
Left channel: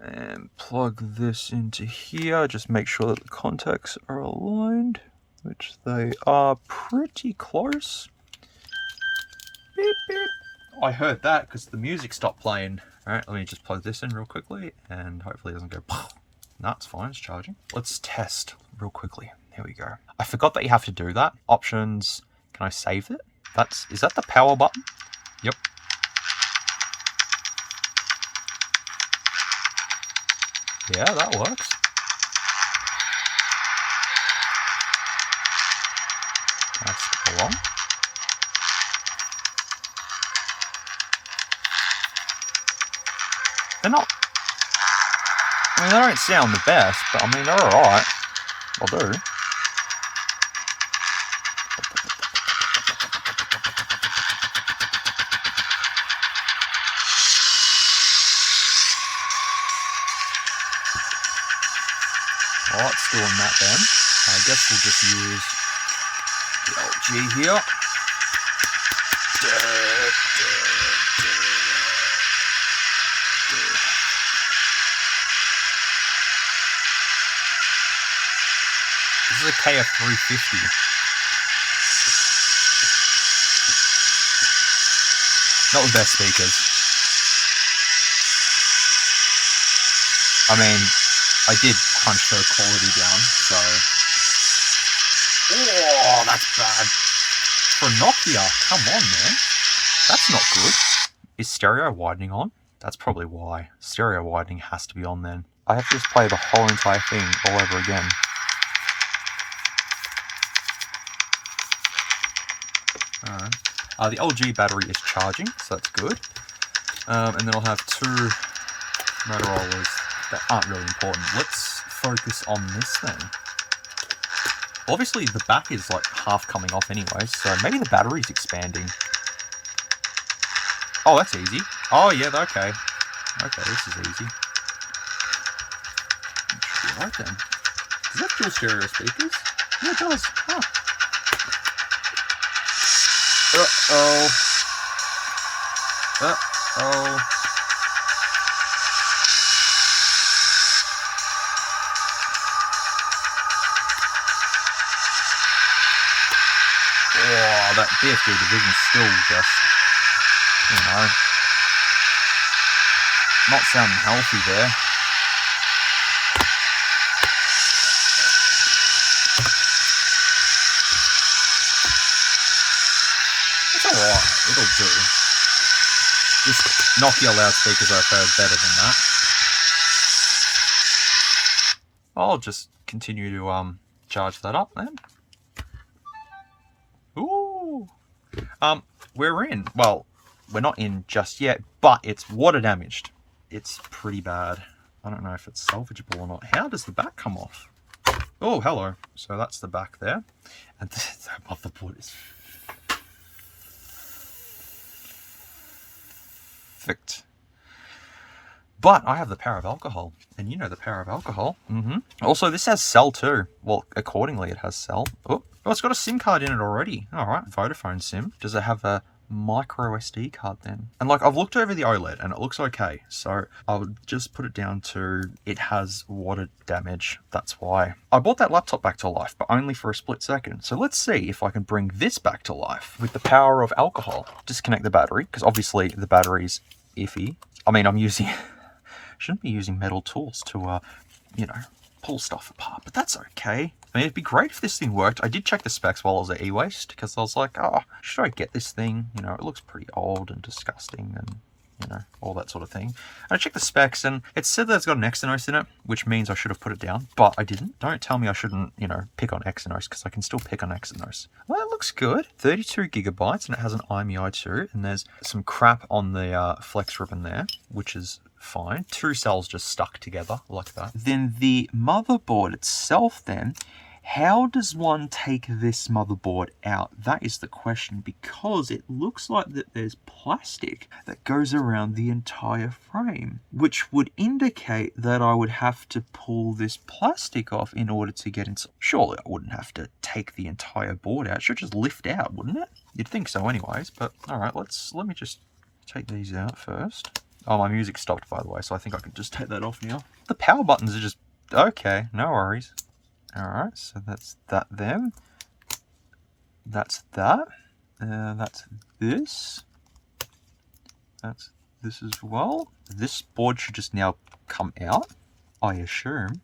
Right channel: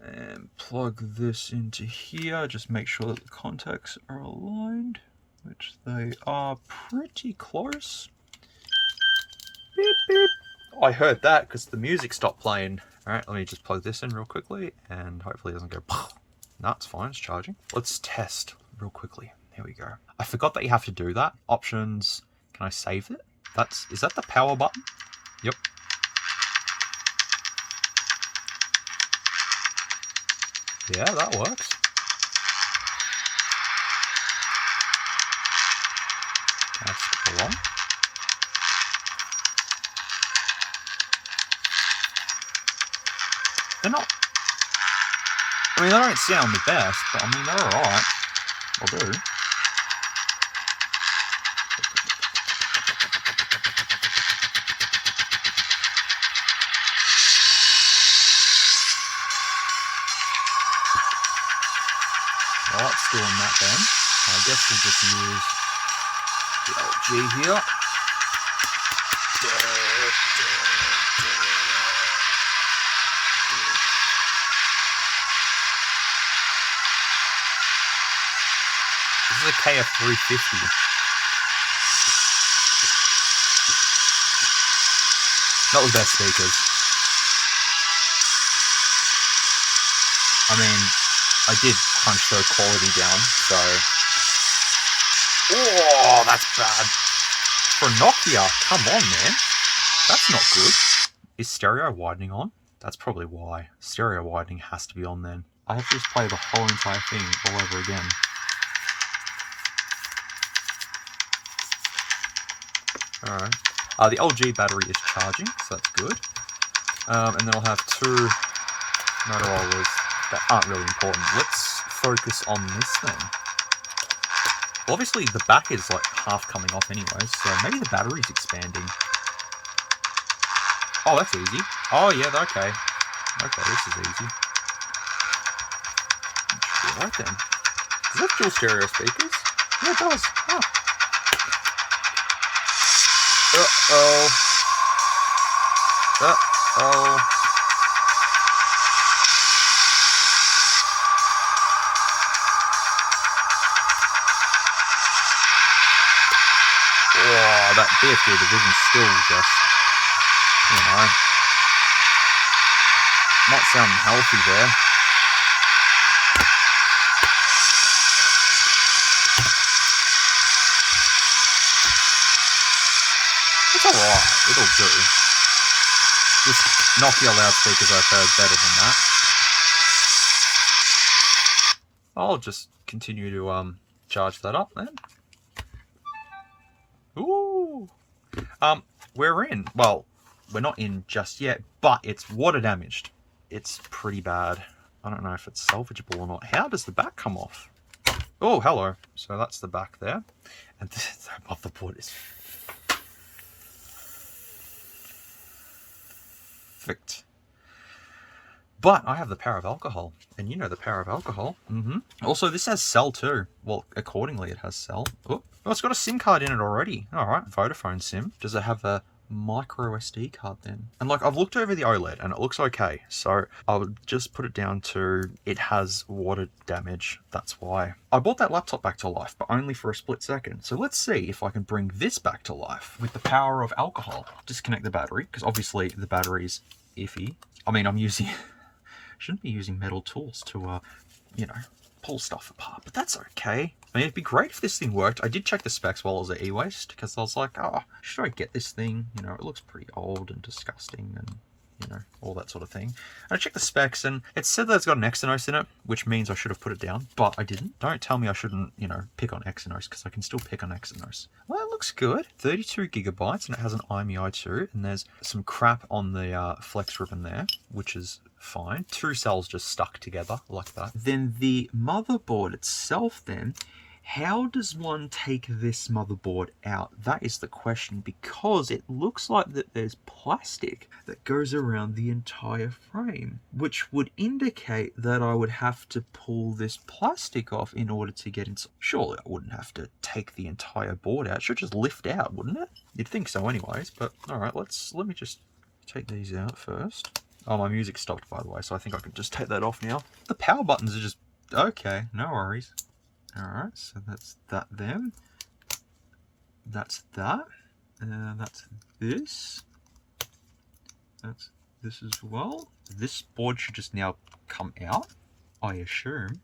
and plug this into here. Just make sure that the contacts are aligned, which they are pretty close. Beep, beep. I heard that because the music stopped playing. All right, let me just plug this in real quickly and hopefully it doesn't go. No, it's fine, it's charging. Let's test real quickly. Here we go. I forgot that you have to do that. Options, can I save it? Is that the power button? Yep. Yeah, that works. Can I skip along? They're not... I mean, they don't sound the best, but I mean, they're alright. I'll do. Well, it's doing that then. I guess we'll just use the LG here. This is a KF350. Not the best speakers. I mean, I did crunch the quality down, so... Oh, that's bad. For Nokia, come on, man. That's not good. Is stereo widening on? That's probably why. Stereo widening has to be on then. I have to just play the whole entire thing all over again. Alright. The LG battery is charging, so that's good. And then I'll have 2 Motorola's that aren't really important. Let's focus on this thing. Obviously, the back is like half coming off anyway, so maybe the battery's expanding. Oh, that's easy. Oh, yeah, okay. Okay, this is easy. Right then. Does that dual stereo speakers? Yeah, it does. Oh. Uh-oh. Uh-oh. Oh, that BFG division's still just, you know, not sounding healthy there. It's alright, it'll do. Just Nokia loudspeakers I've heard better than that. I'll just continue to charge that up then. Ooh. We're in. Well, we're not in just yet, but it's water damaged. It's pretty bad. I don't know if it's salvageable or not. How does the back come off? Oh, hello. So that's the back there. And the motherboard is perfect. But I have the power of alcohol, and you know the power of alcohol. Also, this has cell too. Well, accordingly, it has cell. Oh, it's got a SIM card in it already. All right, Vodafone SIM. Does it have a micro SD card then? And like, I've looked over the OLED, and it looks okay. So I would just put it down to it has water damage. That's why I brought that laptop back to life, but only for a split second. So let's see if I can bring this back to life with the power of alcohol. Disconnect the battery, because obviously the battery's iffy. I mean, I'm using. Shouldn't be using metal tools to, you know, pull stuff apart, but that's okay. I mean, it'd be great if this thing worked. I did check the specs while I was at e-waste, because I was like, oh, should I get this thing? You know, it looks pretty old and disgusting and, you know, all that sort of thing. And I checked the specs, and it said that it's got an Exynos in it, which means I should have put it down, but I didn't. Don't tell me I shouldn't, you know, pick on Exynos, because I can still pick on Exynos. Well, it looks good. 32 gigabytes, and it has an IMEI2, and there's some crap on the flex ribbon there, which is fine. 2 cells just stuck together like that. Then the motherboard itself then, how does one take this motherboard out? That is the question, because it looks like that there's plastic that goes around the entire frame, which would indicate that I would have to pull this plastic off in order to get inside. Surely I wouldn't have to take the entire board out. It should just lift out, wouldn't it? You'd think so anyways, but all right, let me just take these out first. Oh, my music stopped, by the way, so I think I can just take that off now. The power buttons are just... okay, no worries. Alright, so that's that then. That's that. That's this. That's this as well. This board should just now come out, I assume.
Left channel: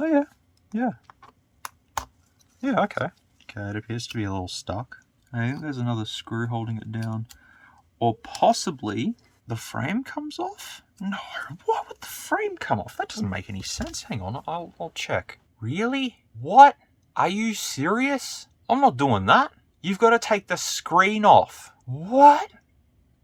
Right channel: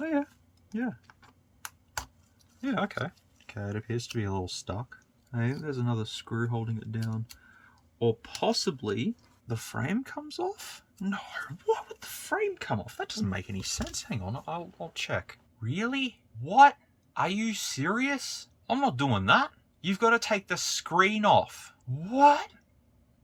Oh, yeah. Yeah. Yeah, okay. Okay, it appears to be a little stuck. I think there's another screw holding it down. Or possibly the frame comes off? No, why would the frame come off? That doesn't make any sense. Hang on, I'll check. Really? What? Are you serious? I'm not doing that. You've got to take the screen off. What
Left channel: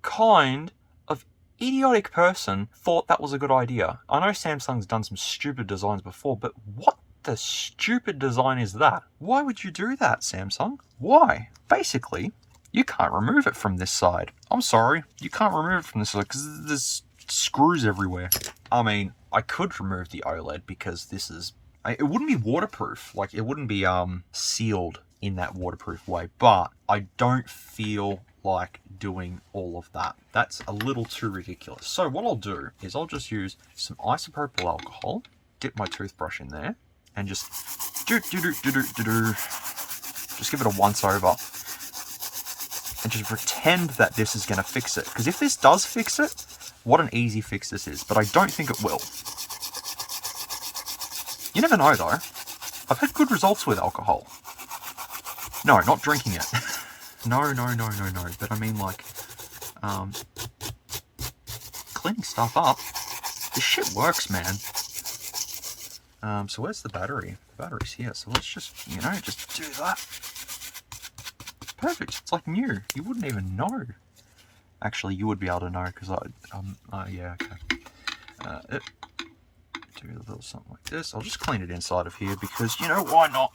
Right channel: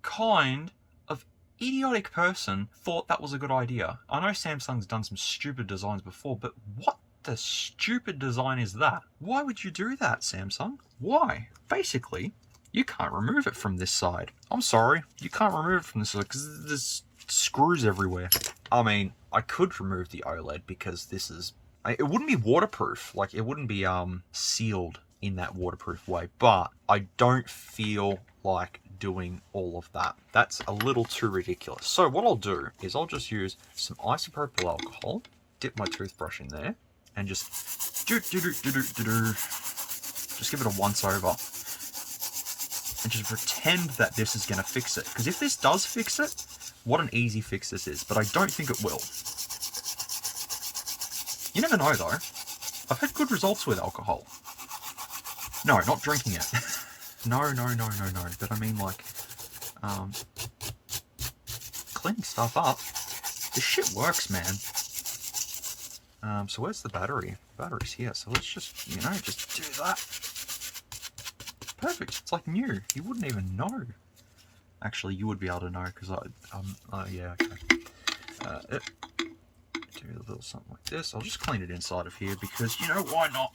kind of idiotic person thought that was a good idea? I know Samsung's done some stupid designs before, but what the stupid design is that? Why would you do that, Samsung? Why? Basically, you can't remove it from this side. I'm sorry, you can't remove it from this side because there's screws everywhere. I mean, I could remove the OLED because this is... it wouldn't be waterproof. Like, it wouldn't be sealed in that waterproof way, but I don't feel like doing all of that. That's a little too ridiculous. So what I'll do is I'll just use some isopropyl alcohol, dip my toothbrush in there, and just just give it a once over. And just pretend that this is going to fix it. Because if this does fix it, what an easy fix this is. But I don't think it will. You never know, though. I've had good results with alcohol. No, not drinking it. No. But I mean, like, cleaning stuff up. This shit works, man. So where's the battery? The battery's here, so let's just, you know, just do that. Perfect, it's like new. You wouldn't even know. Actually, you would be able to know, because yeah, okay. Do a little something like this. I'll just clean it inside of here, because, you know, why not?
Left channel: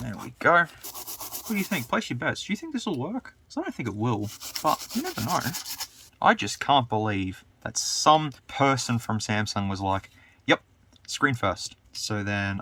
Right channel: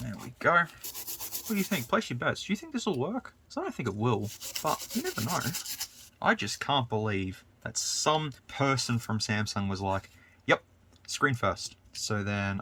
There we go. What do you think? Place your bets. Do you think this will work? Because I don't think it will, but you never know. I just can't believe that some person from Samsung was like, yep, screen first. So then,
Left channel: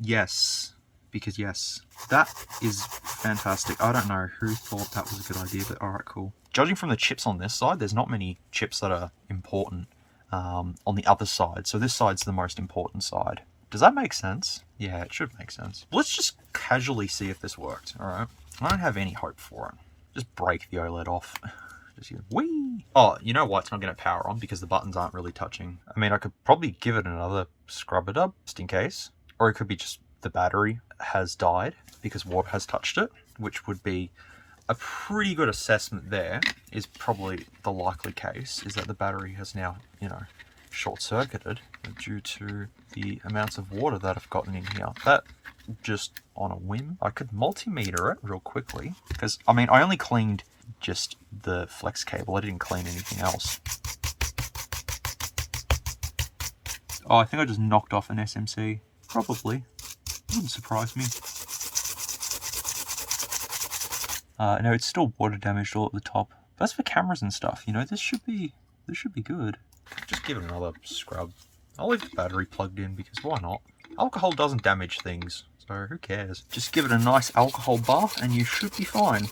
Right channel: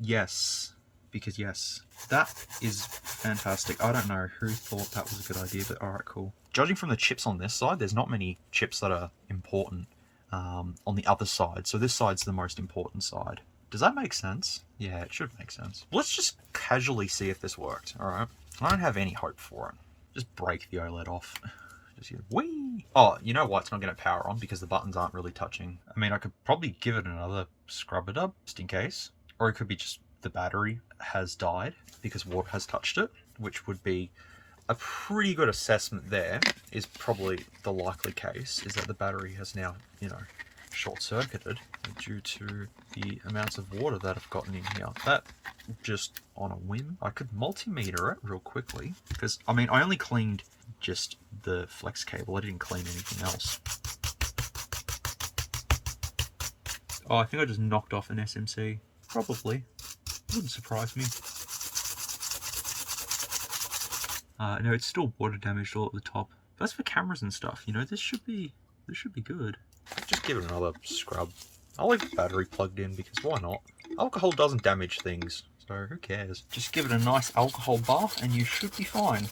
yes, because yes, that is fantastic. I don't know who thought that was a good idea, but alright, cool. Judging from the chips on this side, there's not many chips that are important on the other side. So this side's the most important side. Does that make sense? Yeah, it should make sense. Let's just casually see if this worked, alright? I don't have any hope for it. Just break the OLED off. Whee! Oh, you know why it's not going to power on? Because the buttons aren't really touching. I mean, I could probably give it another scrub it up, just in case. Or it could be just the battery has died because water has touched it, which would be a pretty good assessment there, is probably the likely case, is that the battery has now, you know, short-circuited due to the amounts of water that I've gotten in here. But just on a whim, I could multimeter it real quickly, because, I mean, I only cleaned just the flex cable. I didn't clean anything else. Oh, I think I just knocked off an SMC. Probably. Wouldn't surprise me. No, it's still water damaged all at the top. That's for cameras and stuff, you know. This should be good. Just give it another scrub. I'll leave the battery plugged in because why not? Alcohol doesn't damage things, so who cares? Just give it a nice alcohol bath and you should be fine.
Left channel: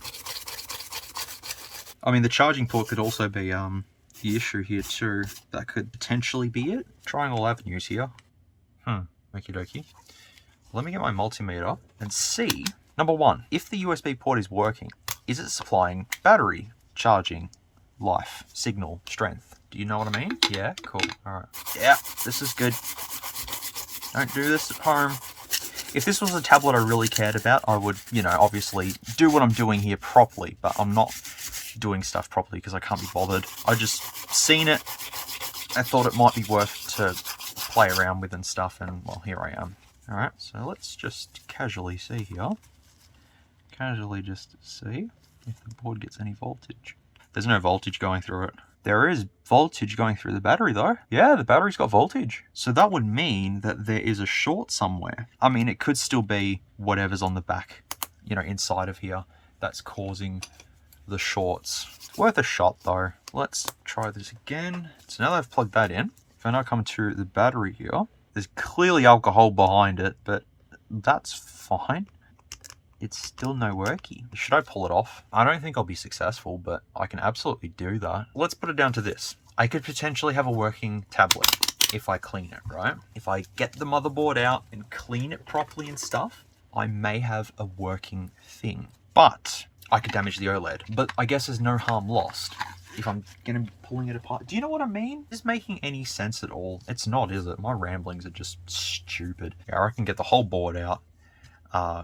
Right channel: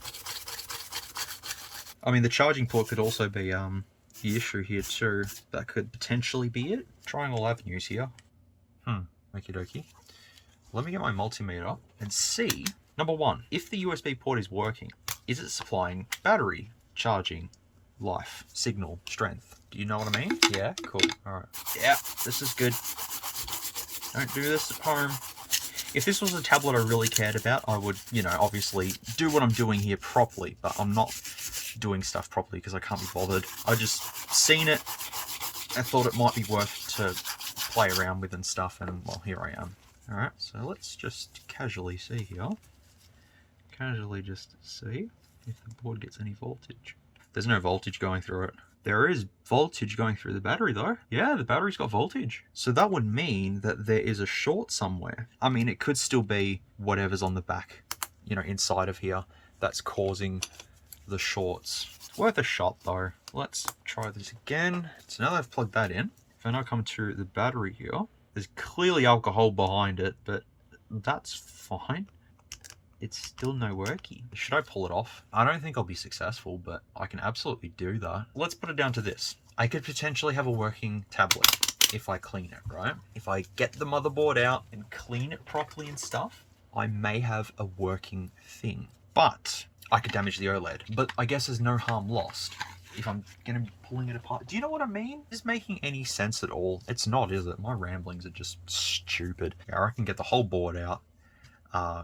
I mean, the charging port could also be the issue here too. That could potentially be it. Trying all avenues here. Okie dokie. Let me get my multimeter and see, number one, if the USB port is working, is it supplying battery, charging, life, signal, strength? Do you know what I mean? Yeah, cool. Alright. Yeah, this is good. Don't do this at home. If this was a tablet I really cared about, I would, you know, obviously do what I'm doing here properly, but I'm not doing stuff properly because I can't be bothered. I just seen it. I thought it might be worth to play around with and stuff, and well, here I am. Alright, so let's just casually see here. Casually just see if the board gets any voltage. There's no voltage going through it. There is voltage going through the battery though. Yeah, the battery's got voltage. So that would mean that there is a short somewhere. I mean, it could still be whatever's on the back, you know, inside of here that's causing the shorts. It's worth a shot though. Let's try this again. So now that I've plugged that in, if I now come to the battery here, there's clearly alcohol behind it, but that's fine. It's still no worky. Should I pull it off? I don't think I'll be successful, but I can absolutely do that. Let's put it down to this. I could potentially have a working tablet if I clean it, right? If I get the motherboard out and clean it properly and stuff, I may have a working thing. But I could damage the OLED. But I guess there's no harm lost if I'm gonna be pulling it apart. Do you know what I mean? Is this making any sense at all? It's not, is it? My ramblings are just stupid. Yeah, I can get the whole board out,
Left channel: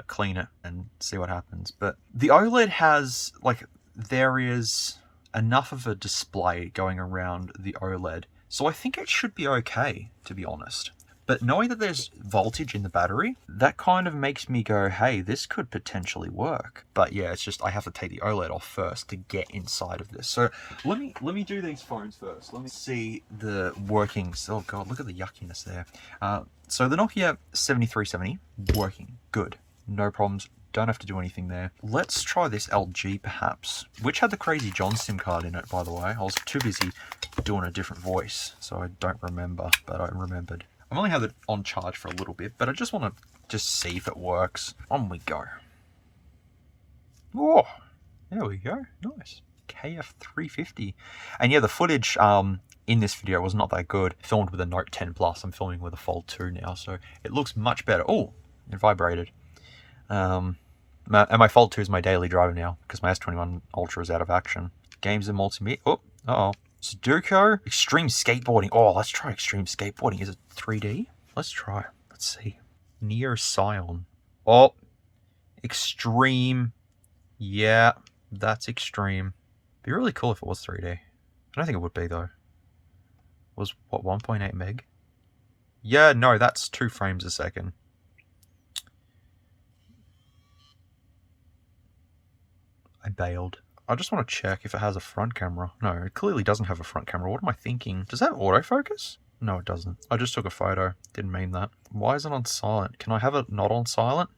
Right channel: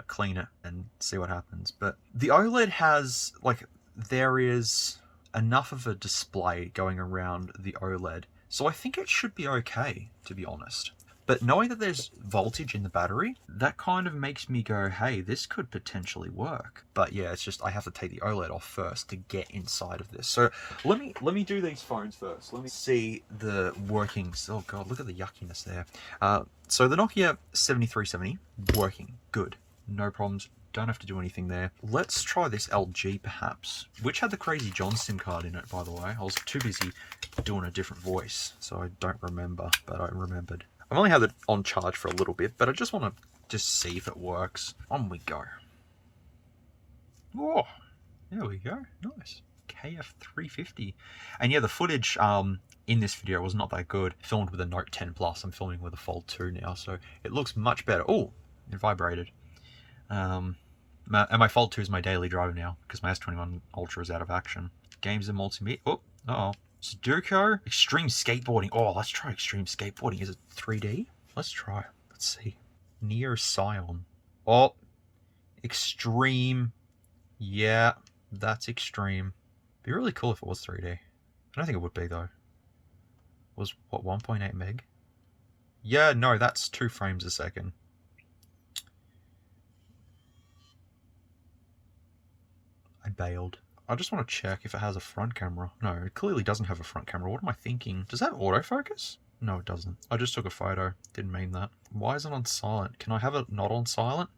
clean it and see what happens. But the OLED has, like, there is enough of a display going around the OLED, so I think it should be okay, to be honest. But knowing that there's voltage in the battery, that kind of makes me go, hey, this could potentially work. But yeah, it's just I have to take the OLED off first to get inside of this. So let me do these phones first. Let me see the workings. Oh god, look at the yuckiness there. So the Nokia 7370, working, good, no problems. Don't have to do anything there. Let's try this LG perhaps, which had the Crazy John SIM card in it, by the way. I was too busy doing a different voice, so I don't remember, but I remembered. I've only had it on charge for a little bit, but I just want to just see if it works. On we go. Oh, there we go. Nice. KF350. And yeah, the footage in this video was not that good. Filmed with a Note 10 Plus. I'm filming with a Fold 2 now, so it looks much better. Oh, it vibrated. And my Fold 2 is my daily driver now because my S21 Ultra is out of action. Games and multimedia. Oh, uh-oh. Sudoku, extreme skateboarding. Oh, let's try extreme skateboarding. Is it 3D? Let's try. Let's see. Neo Scion. Oh, extreme. Yeah, that's extreme. Be really cool if it was 3D. I don't think it would be though. It was what, 1.8 meg? Yeah, no, that's 2 frames a second. I bailed. I just want to check if it has a front camera. No, it clearly doesn't have a front camera. What am I thinking? Does that have autofocus? No, it doesn't. I just took a photo. Didn't mean that. Why is it on silent? Can I have it not on silent?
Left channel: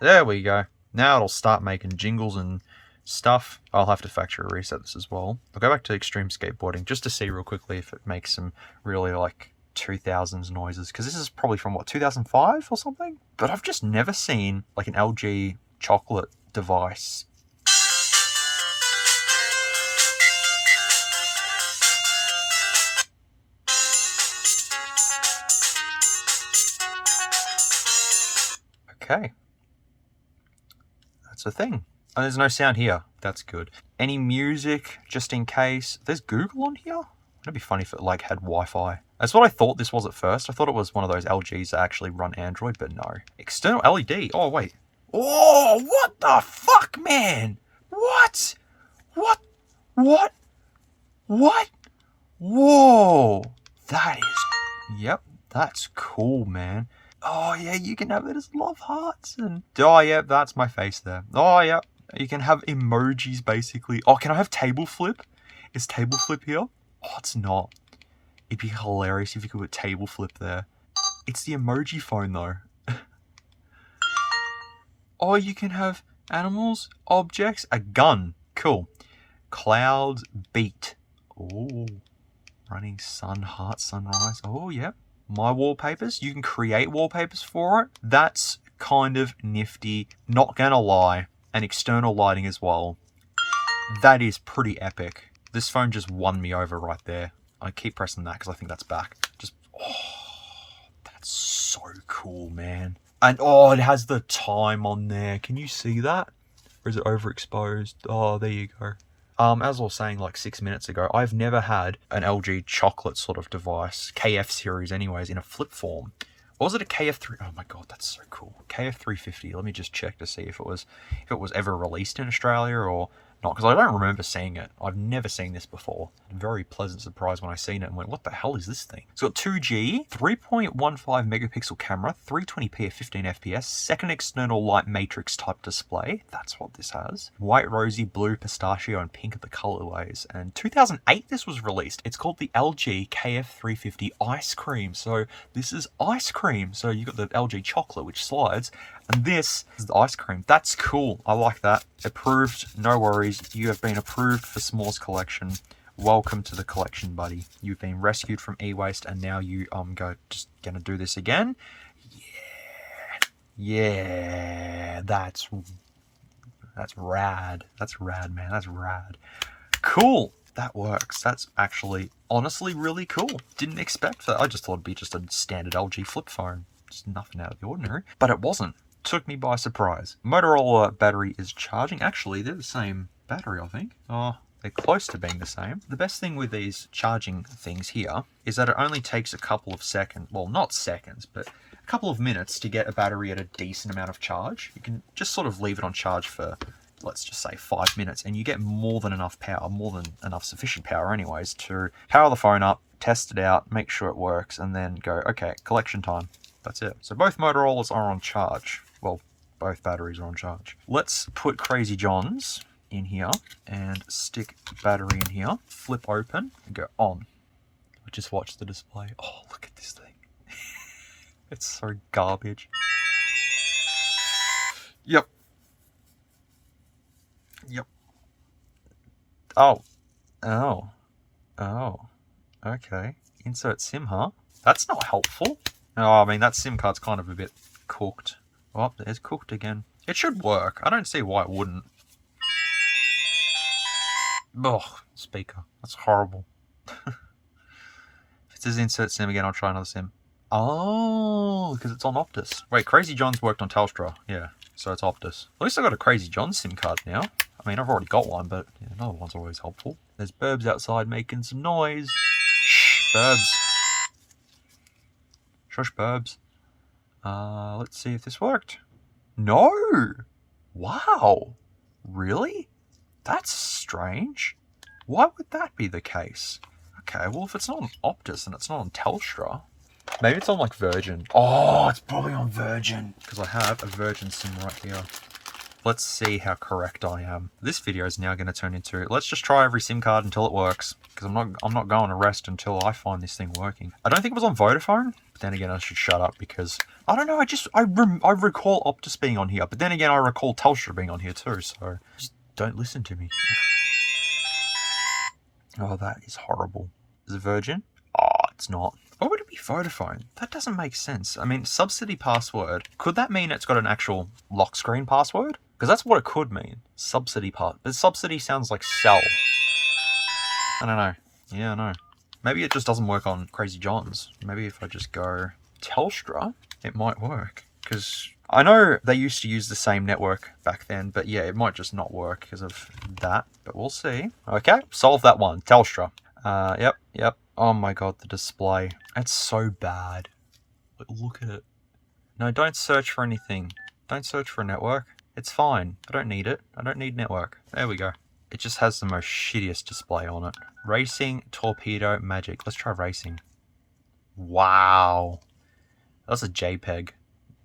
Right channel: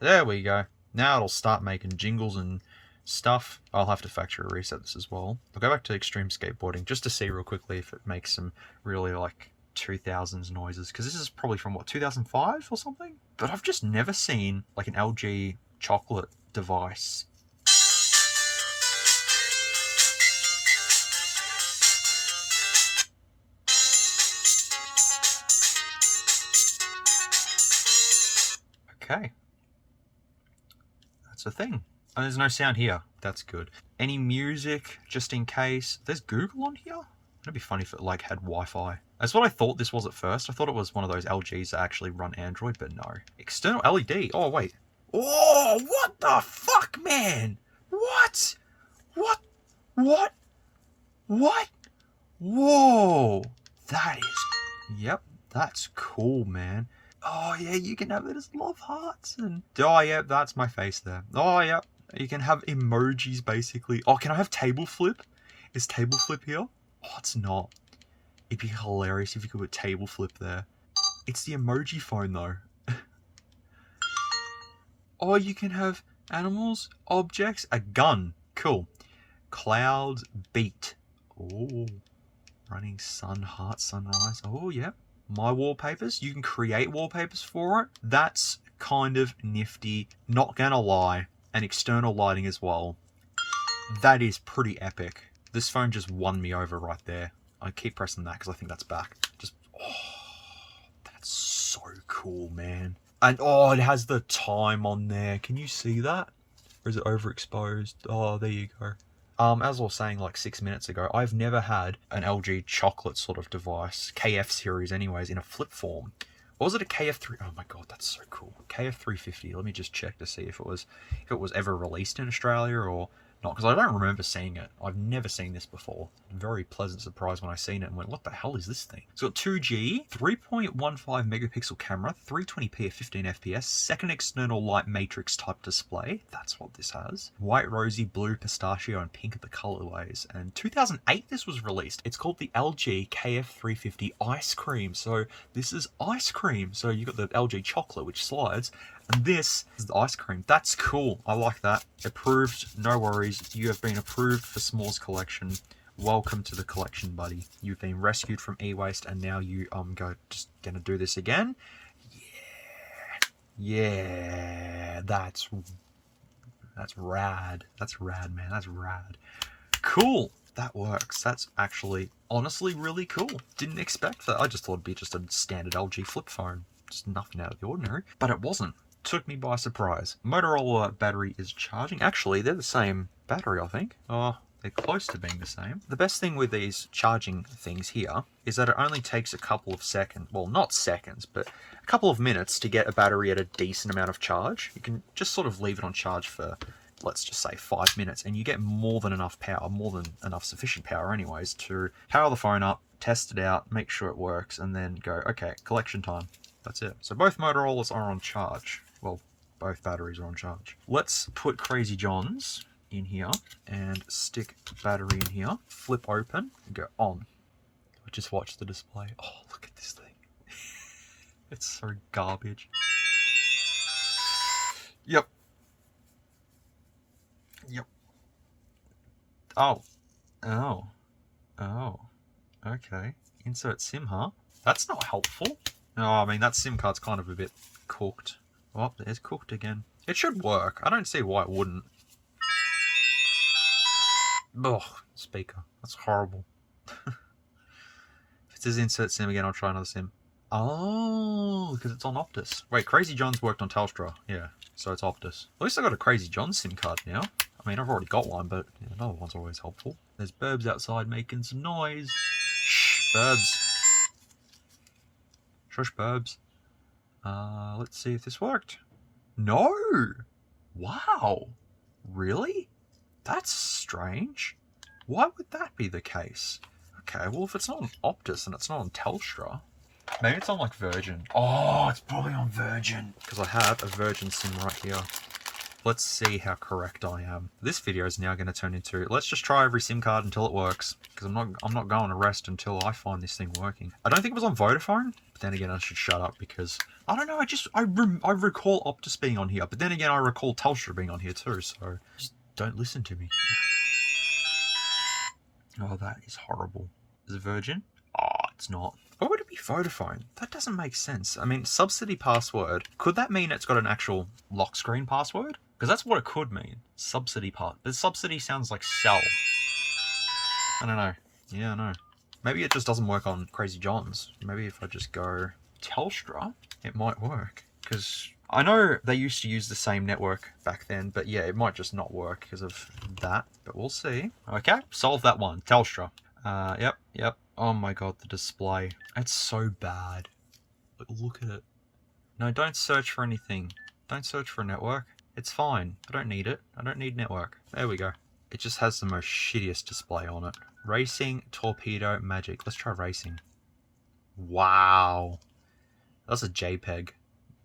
There we go. Now it'll start making jingles and stuff. I'll have to factory reset this as well. I'll go back to extreme skateboarding just to see real quickly if it makes some really like 2000s noises. Because this is probably from what, 2005 or something? But I've just never seen like an LG chocolate device. Okay. That's a thing. And there's no sound here. That's good. Any music, just in case. There's Google on here? It'd be funny if it like had Wi-Fi. That's what I thought this was at first. I thought it was one of those LGs that actually run Android, but no. External LED. Oh, wait. Oh, what the fuck, man? What? What? What? What? Whoa. That is... Yep. That's cool, man. Oh, yeah, you can have it as love hearts. And oh, yeah, that's my face there. Oh, yeah. You can have emojis, basically. Oh, can I have table flip? Is table flip here? Oh, it's not. It'd be hilarious if you could put table flip there. It's the emoji phone, though. Oh, you can have animals, objects, a gun. Cool. Clouds, beat. Oh, running sun, heart, sunrise. Oh, yep. My wallpapers. You can create wallpapers for it. That's kind of nifty. Not gonna lie. And external lighting as well. That is pretty epic. This phone just won me over right there. I keep pressing that because I think that's back. Just, oh, that's so cool, man. And oh, it has the time on there. Can you see that? Or is it overexposed? Oh, there you go. As I was saying like 6 minutes ago, I've never had an LG chocolate sort of device, KF series anyways, in a flip form. Or was it a KF3? Oh my god, that's so cool. KF350. Let me just check to see if it was ever released in Australia or not, because I don't remember seeing it. I've never seen this before. Very pleasant surprise when I seen it and went, what the hell is this thing? It's got 2G, 3.15 megapixel camera, 320p at 15 FPS, second external light matrix type display. That's what this has. White, rosy, blue, pistachio, and pink are the colorways. And 2008 this was released. It's called the LG KF350 Ice Cream. So this is ice cream. So you've got the LG chocolate, which slides. And this is the ice cream. That's cool. I like that. Approved. No worries. You have been approved for s'mores collection. Welcome to the collection, buddy. You've been rescued from e-waste, and now you just gonna do this again. Yeah. That's rad. That's rad, man. That's rad. Cool. That works. That's actually honestly really cool. Didn't expect that. I just thought it'd be just a standard LG flip phone. Just nothing out of the ordinary. But it wasn't. Took me by surprise. Motorola battery is charging. Actually, they're the same battery, I think. Oh, they're close to being the same. The best thing with these charging things here is that it only takes a couple of seconds, well, not seconds, but a couple of minutes to get a battery at a decent amount of charge. You can just sort of leave it on charge for, let's just say 5 minutes, and you get more than enough power, more than enough sufficient power anyways, to power the phone up, test it out, make sure it works, and then go, okay, collection time. That's it. So both Motorola's are on charge. Well, both batteries are on charge. Let's put Crazy John's in here and stick battery in here. Flip open and go on. Just watch the display. Oh, look at this thing. It's so garbage. Yep. Yep. Oh. Oh. Oh. Okay. Insert SIM, huh? That's not helpful. No, I mean, that SIM card's kind of a bit cooked. Oh, there's cooked again. It should work. I don't see why it wouldn't. Ugh, speaker. That's horrible. If it says insert SIM again, I'll try another SIM. Oh, because it's on Optus. Wait, Crazy John's worked on Telstra. Yeah, so it's Optus. At least I got a Crazy John SIM card now. I mean, I've already got one, but yeah, another one's always helpful. There's Burbs outside making some noise. Shh, Burbs. Shush, Burbs. Let's see if this worked. No! Wow! Really? That's strange. Why would that be the case? Okay, well, if it's not on Optus and it's not on Telstra, maybe it's on like Virgin. Oh, it's probably on Virgin. Because I have a Virgin SIM right here. Let's see how correct I am. This video is now going to turn into, let's just try every SIM card until it works. Because I'm not going to rest until I find this thing working. I don't think it was on Vodafone. But then again, I should shut up because, I don't know, I recall Optus being on here. But then again, I recall Telstra being on here too. So, just don't listen to me. Oh, that is horrible. Is it Virgin? Oh, it's not. Why would it be Vodafone? That doesn't make sense. I mean, subsidy password. Could that mean it's got an actual lock screen password? Because that's what it could mean. Subsidy part. But subsidy sounds like sell. I don't know. Yeah, I know. Maybe it just doesn't work on Crazy John's. Maybe if I just go Telstra, it might work. Because I know they used to use the same network back then, but yeah, it might just not work because of that. But we'll see. Okay, solve that one. Telstra. Yep. Oh my god, the display. It's so bad. Look at it. No, don't search for anything. Don't search for a network. It's fine. I don't need it. I don't need network. There we go. It just has the most shittiest display on it. Racing, torpedo, magic. Let's try racing. Wow. That's a JPEG.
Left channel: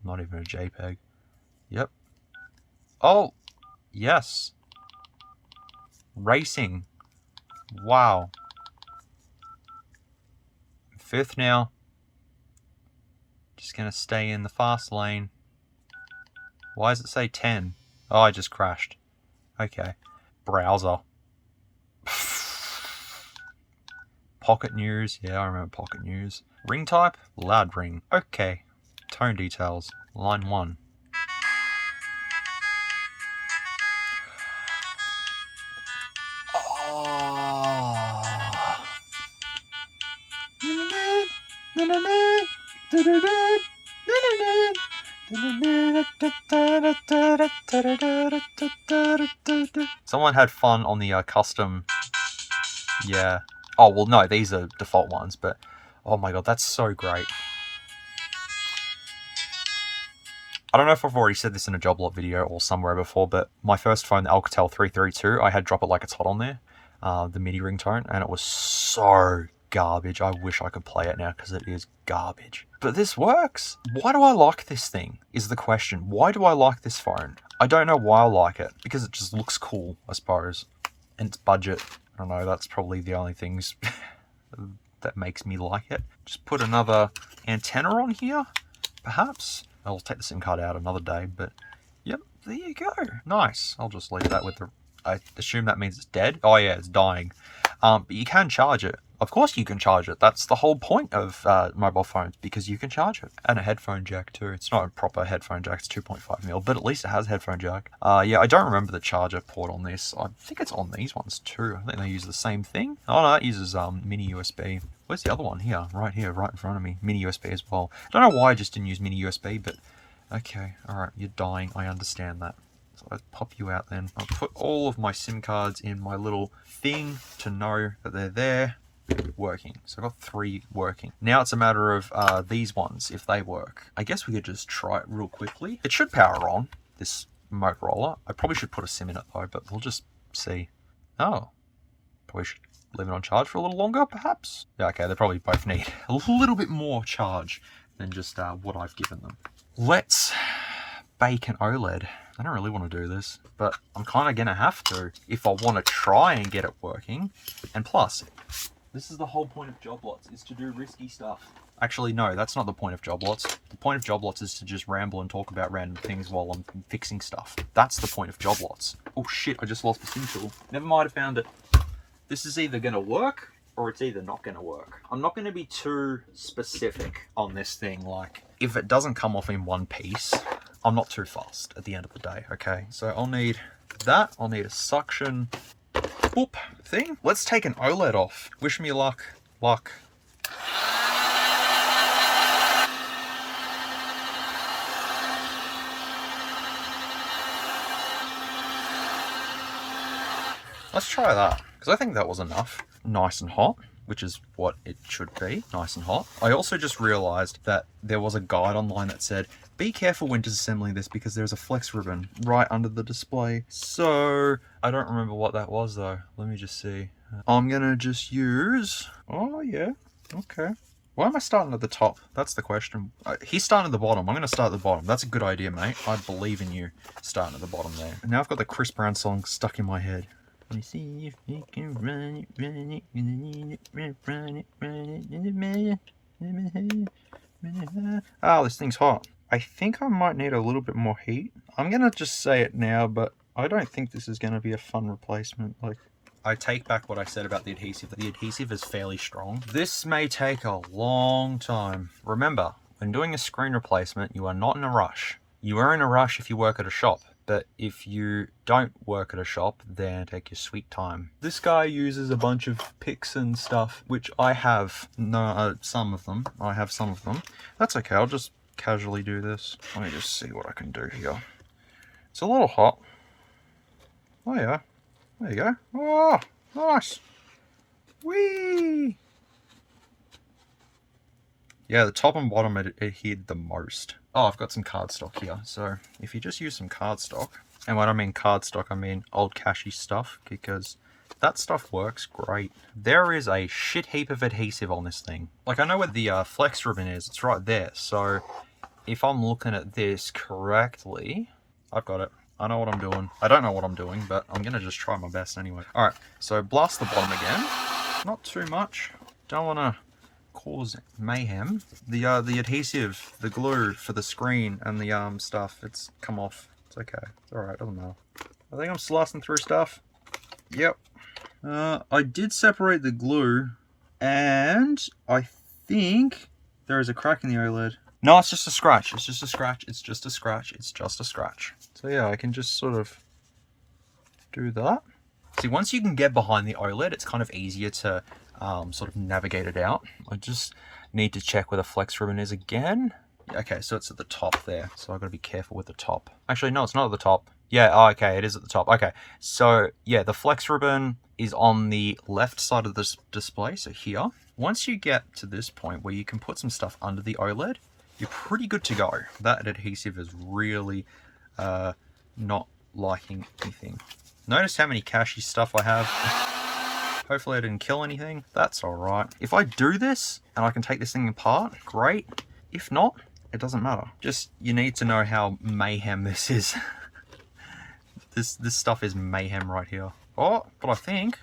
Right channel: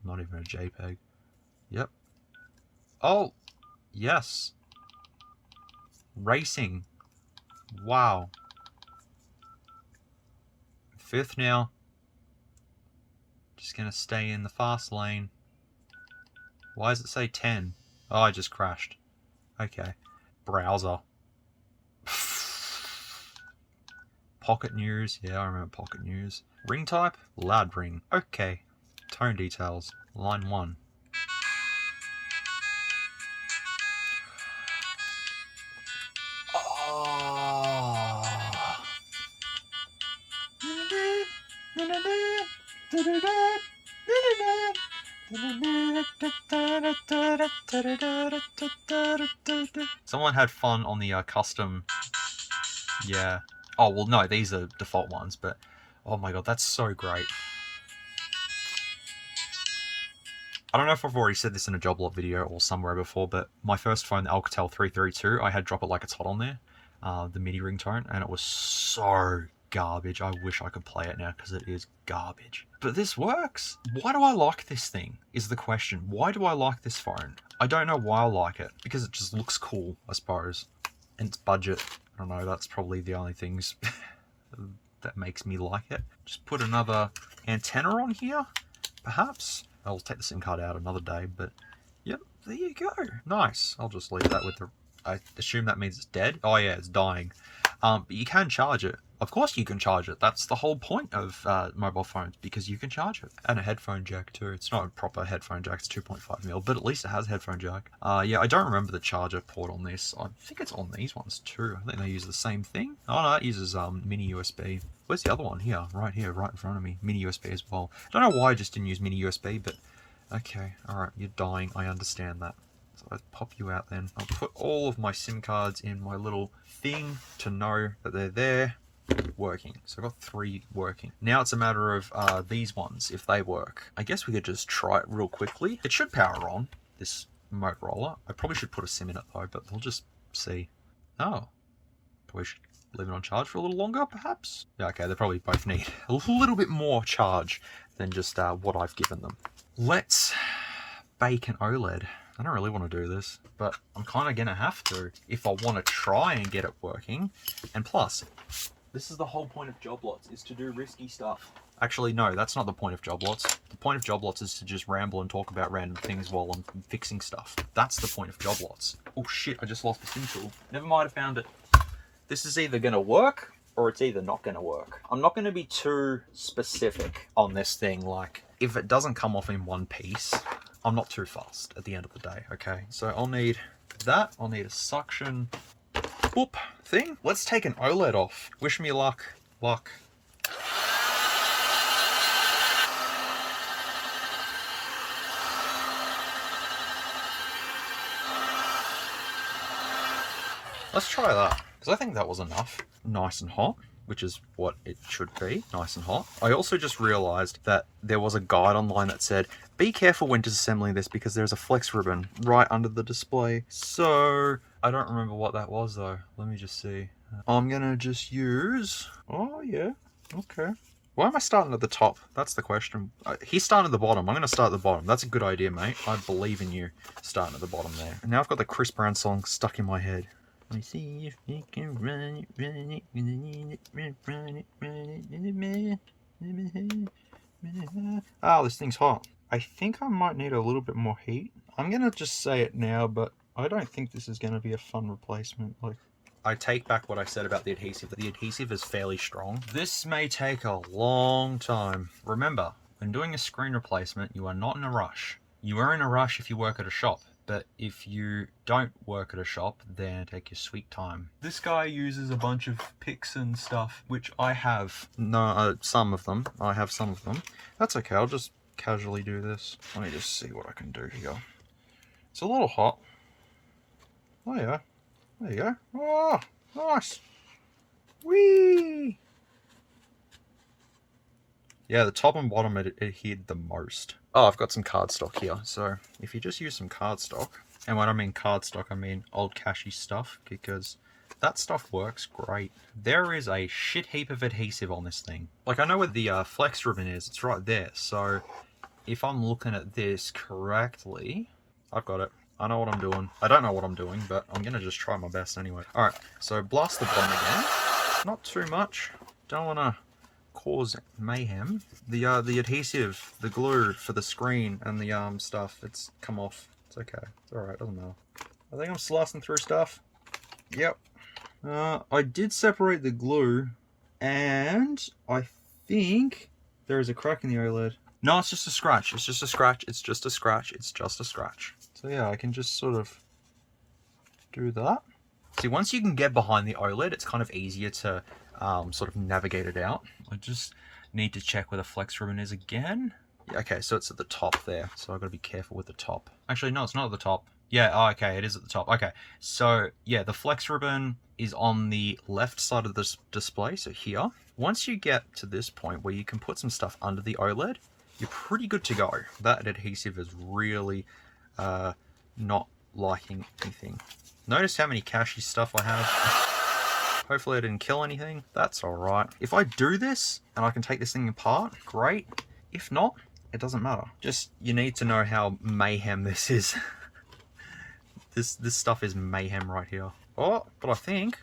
Not even a JPEG. Yep. Oh, yes. Racing. Wow. 5th now. Just gonna stay in the fast lane. Why does it say 10? Oh, I just crashed. Okay. Browser. Pocket news. Yeah, I remember pocket news. Ring type? Loud ring. Okay. Tone details. Line 1. Someone had fun on the custom. Yeah. Oh, well, no, these are default ones, but oh my god, that's so great. I don't know if I've already said this in a job lot video or somewhere before, but my first phone, the Alcatel 332, I had Drop It Like It's Hot on there, the MIDI ringtone, and it was so garbage. I wish I could play it now because it is garbage. But this works. Why do I like this thing is the question. Why do I like this phone? I don't know why I like it. Because it just looks cool, I suppose. And it's budget. I don't know, that's probably the only things that makes me like it. Just put another antenna on here, perhaps. I'll take the SIM card out another day, but yep, there you go. Nice. I'll just leave that with the... I assume that means it's dead. Oh yeah, it's dying. But you can charge it. Of course you can charge it. That's the whole point of mobile phones, because you can charge it. And a headphone jack too. It's not a proper headphone jack, it's 2.5mm, but at least it has a headphone jack. Yeah, I don't remember the charger port on this. I think it's on these ones too. I think they use the same thing. Oh no, it uses mini USB. Where's the other one? Here, right in front of me. Mini USB as well. Don't know why I just didn't use mini USB, but okay, alright, you're dying. I understand that. So I'll pop you out then. I'll put all of my SIM cards in my little thing to know that they're there. Working. So I've got 3 working. Now it's a matter of these ones, if they work. I guess we could just try it real quickly. It should power on, this Motorola. I probably should put a SIM in it though, but we'll just see. Oh. Probably should leave it on charge for a little longer, perhaps? Yeah, okay, they probably both need a little bit more charge than just what I've given them. Let's bake an OLED. I don't really want to do this, but I'm kind of going to have to if I want to try and get it working. And plus, this is the whole point of job lots, is to do risky stuff. Actually, no, that's not the point of job lots. The point of job lots is to just ramble and talk about random things while I'm fixing stuff. That's the point of job lots. Oh shit, I just lost the SIM tool. Never mind, I found it. This is either going to work or it's either not going to work. I'm not going to be too specific on this thing. Like, if it doesn't come off in one piece, I'm not too fast at the end of the day, okay? So I'll need that. I'll need a suction boop thing. Let's take an OLED off. Wish me luck. Luck. Let's try that, because I think that was enough. Nice and hot, which is what it should be, nice and hot. I also just realized that there was a guide online that said, be careful when disassembling this because there's a flex ribbon right under the display. So I don't remember what that was though. Let me just see. I'm gonna just use, oh yeah, okay. Why am I starting at the top? That's the question. He's starting at the bottom. I'm going to start at the bottom. That's a good idea, mate. I believe in you starting at the bottom there. And now I've got the Chris Brown song stuck in my head. Let me see if you can run it, run it, run it, run it. Oh, this thing's hot. I think I might need a little bit more heat. I'm going to just say it now, but I don't think this is going to be a fun replacement. Like, I take back what I said about the adhesive. The adhesive is fairly strong. This may take a long time. Remember, when doing a screen replacement, you are not in a rush. You are in a rush if you work at a shop, but if you don't work at a shop, then take your sweet time. This guy uses a bunch of picks and stuff, which I have. No, some of them. I have some of them. That's okay, I'll just casually do this. Let me just see what I can do here. It's a little hot. Oh yeah. There you go. Oh, nice. Whee! Yeah, the top and bottom adhered the most. Oh, I've got some cardstock here. So if you just use some cardstock, and when I mean cardstock, I mean old cashy stuff, because that stuff works great. There is a shit heap of adhesive on this thing. Like, I know where the flex ribbon is. It's right there. So if I'm looking at this correctly, I've got it. I know what I'm doing. I don't know what I'm doing, but I'm going to just try my best anyway. Alright, so blast the bottom again. Not too much. Don't want to cause mayhem. The adhesive, the glue for the screen and the stuff, it's come off. It's okay. It's alright, doesn't matter. I think I'm slicing through stuff. Yep. I did separate the glue, and I think there is a crack in the OLED. No, it's just a scratch. It's just a scratch. It's just a scratch. It's just a scratch. So yeah, I can just sort of do that. See, once you can get behind the OLED, it's kind of easier to sort of navigate it out. I just need to check where the flex ribbon is again. Yeah, okay, so it's at the top there. So I've got to be careful with the top. Actually, no, it's not at the top. Yeah, oh, okay, it is at the top. Okay, so yeah, the flex ribbon is on the left side of this display, so here. Once you get to this point where you can put some stuff under the OLED, you're pretty good to go. That adhesive is really not liking anything. Notice how many cashy stuff I have. Hopefully I didn't kill anything. That's alright. If I do this and I can take this thing apart, great. If not, it doesn't matter. Just, you need to know how mayhem this is. This stuff is mayhem right here. Oh, but I think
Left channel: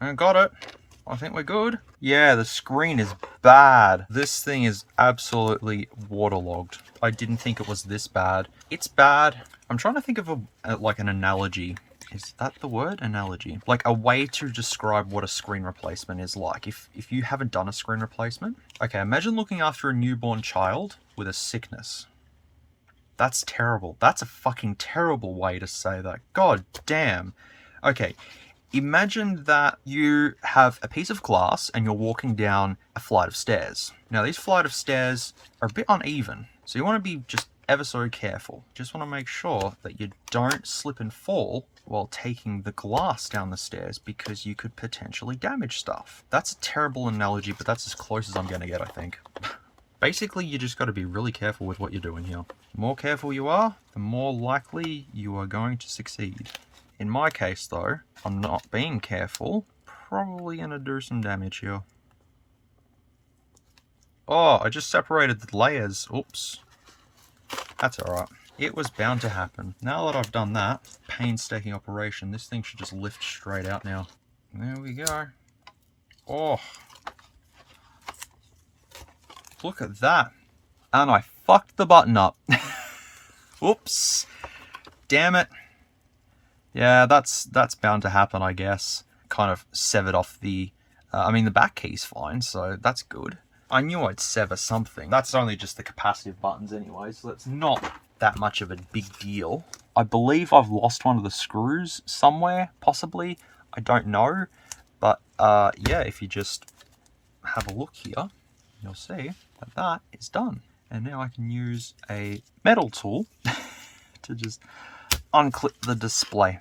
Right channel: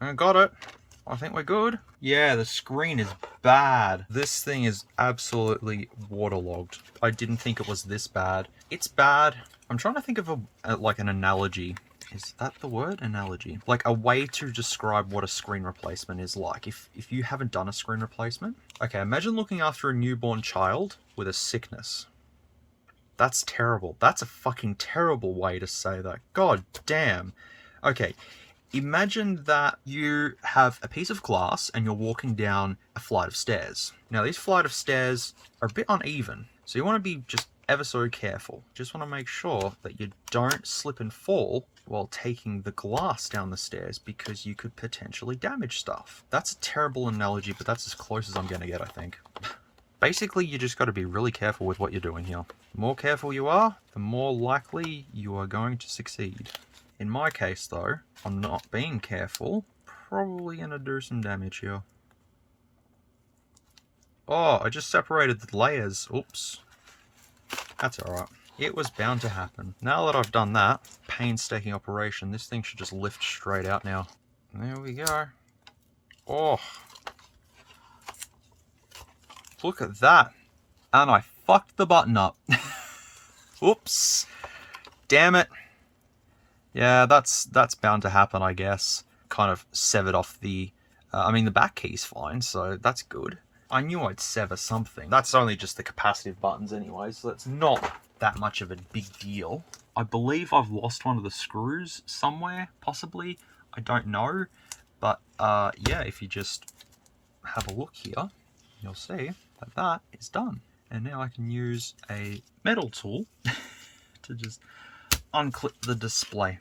I got it. I think we're good. Yeah, the screen is bad. This thing is absolutely waterlogged. I didn't think it was this bad. It's bad. I'm trying to think of like an analogy. Is that the word? Analogy. Like a way to describe what a screen replacement is like. If you haven't done a screen replacement. Okay, imagine looking after a newborn child with a sickness. That's terrible. That's a fucking terrible way to say that. God damn. Okay. Imagine that you have a piece of glass and you're walking down a flight of stairs. Now, these flight of stairs are a bit uneven, so you want to be just ever so careful. Just want to make sure that you don't slip and fall while taking the glass down the stairs, because you could potentially damage stuff. That's a terrible analogy, but that's as close as I'm going to get, I think. Basically, you just got to be really careful with what you're doing here. The more careful you are, the more likely you are going to succeed. In my case, though, I'm not being careful. Probably going to do some damage here. Oh, I just separated the layers. Oops. That's alright. It was bound to happen. Now that I've done that painstaking operation, this thing should just lift straight out now. There we go. Oh. Look at that. And I fucked the button up. Oops. Damn it. Yeah, that's bound to happen, I guess. Kind of severed off the... I mean, the back key's fine, so that's good. I knew I'd sever something. That's only just the capacitive buttons anyway, so that's not that much of a big deal. I believe I've lost one of the screws somewhere, possibly. I don't know. But, yeah, if you just have a look here, you'll see that that is done. And now I can use a metal tool to just unclip the display.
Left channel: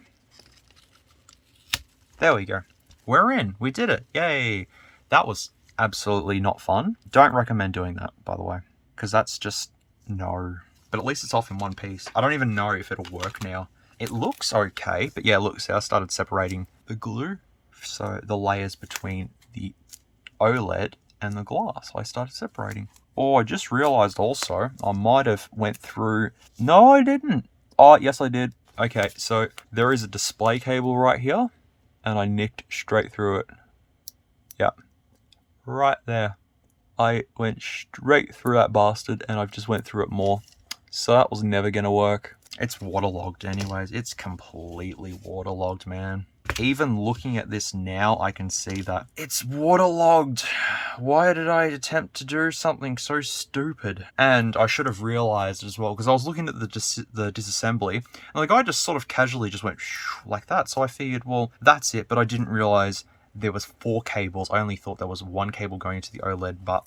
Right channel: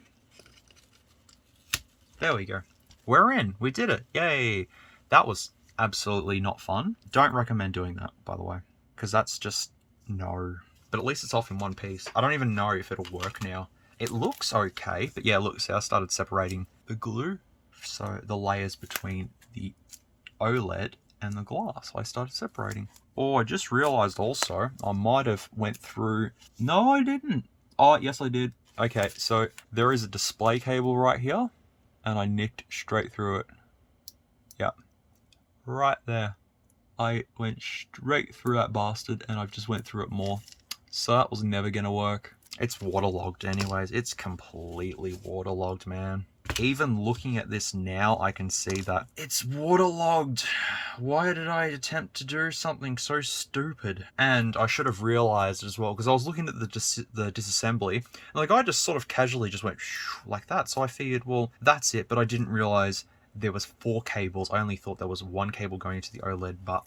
There we go. We're in. We did it. Yay. That was absolutely not fun. Don't recommend doing that, by the way, because that's just No. But at least it's off in one piece. I don't even know if it'll work now. It looks okay, but yeah, look, see, I started separating the glue. So the layers between the OLED and the glass, I started separating. Oh, I just realized also, I might have went through... No, I didn't. Oh, yes, I did. Okay, so there is a display cable right here, and I nicked straight through it. Yep. Right there. I went straight through that bastard, and I've just went through it more. So that was never going to work. It's waterlogged anyways. It's completely waterlogged, man. Even looking at this now, I can see that it's waterlogged. Why did I attempt to do something so stupid? And I should have realized as well, because I was looking at the disassembly, and the guy just sort of casually just went like that. So I figured, well, that's it. But I didn't realize there was 4 cables. I only thought there was 1 cable going into the OLED, but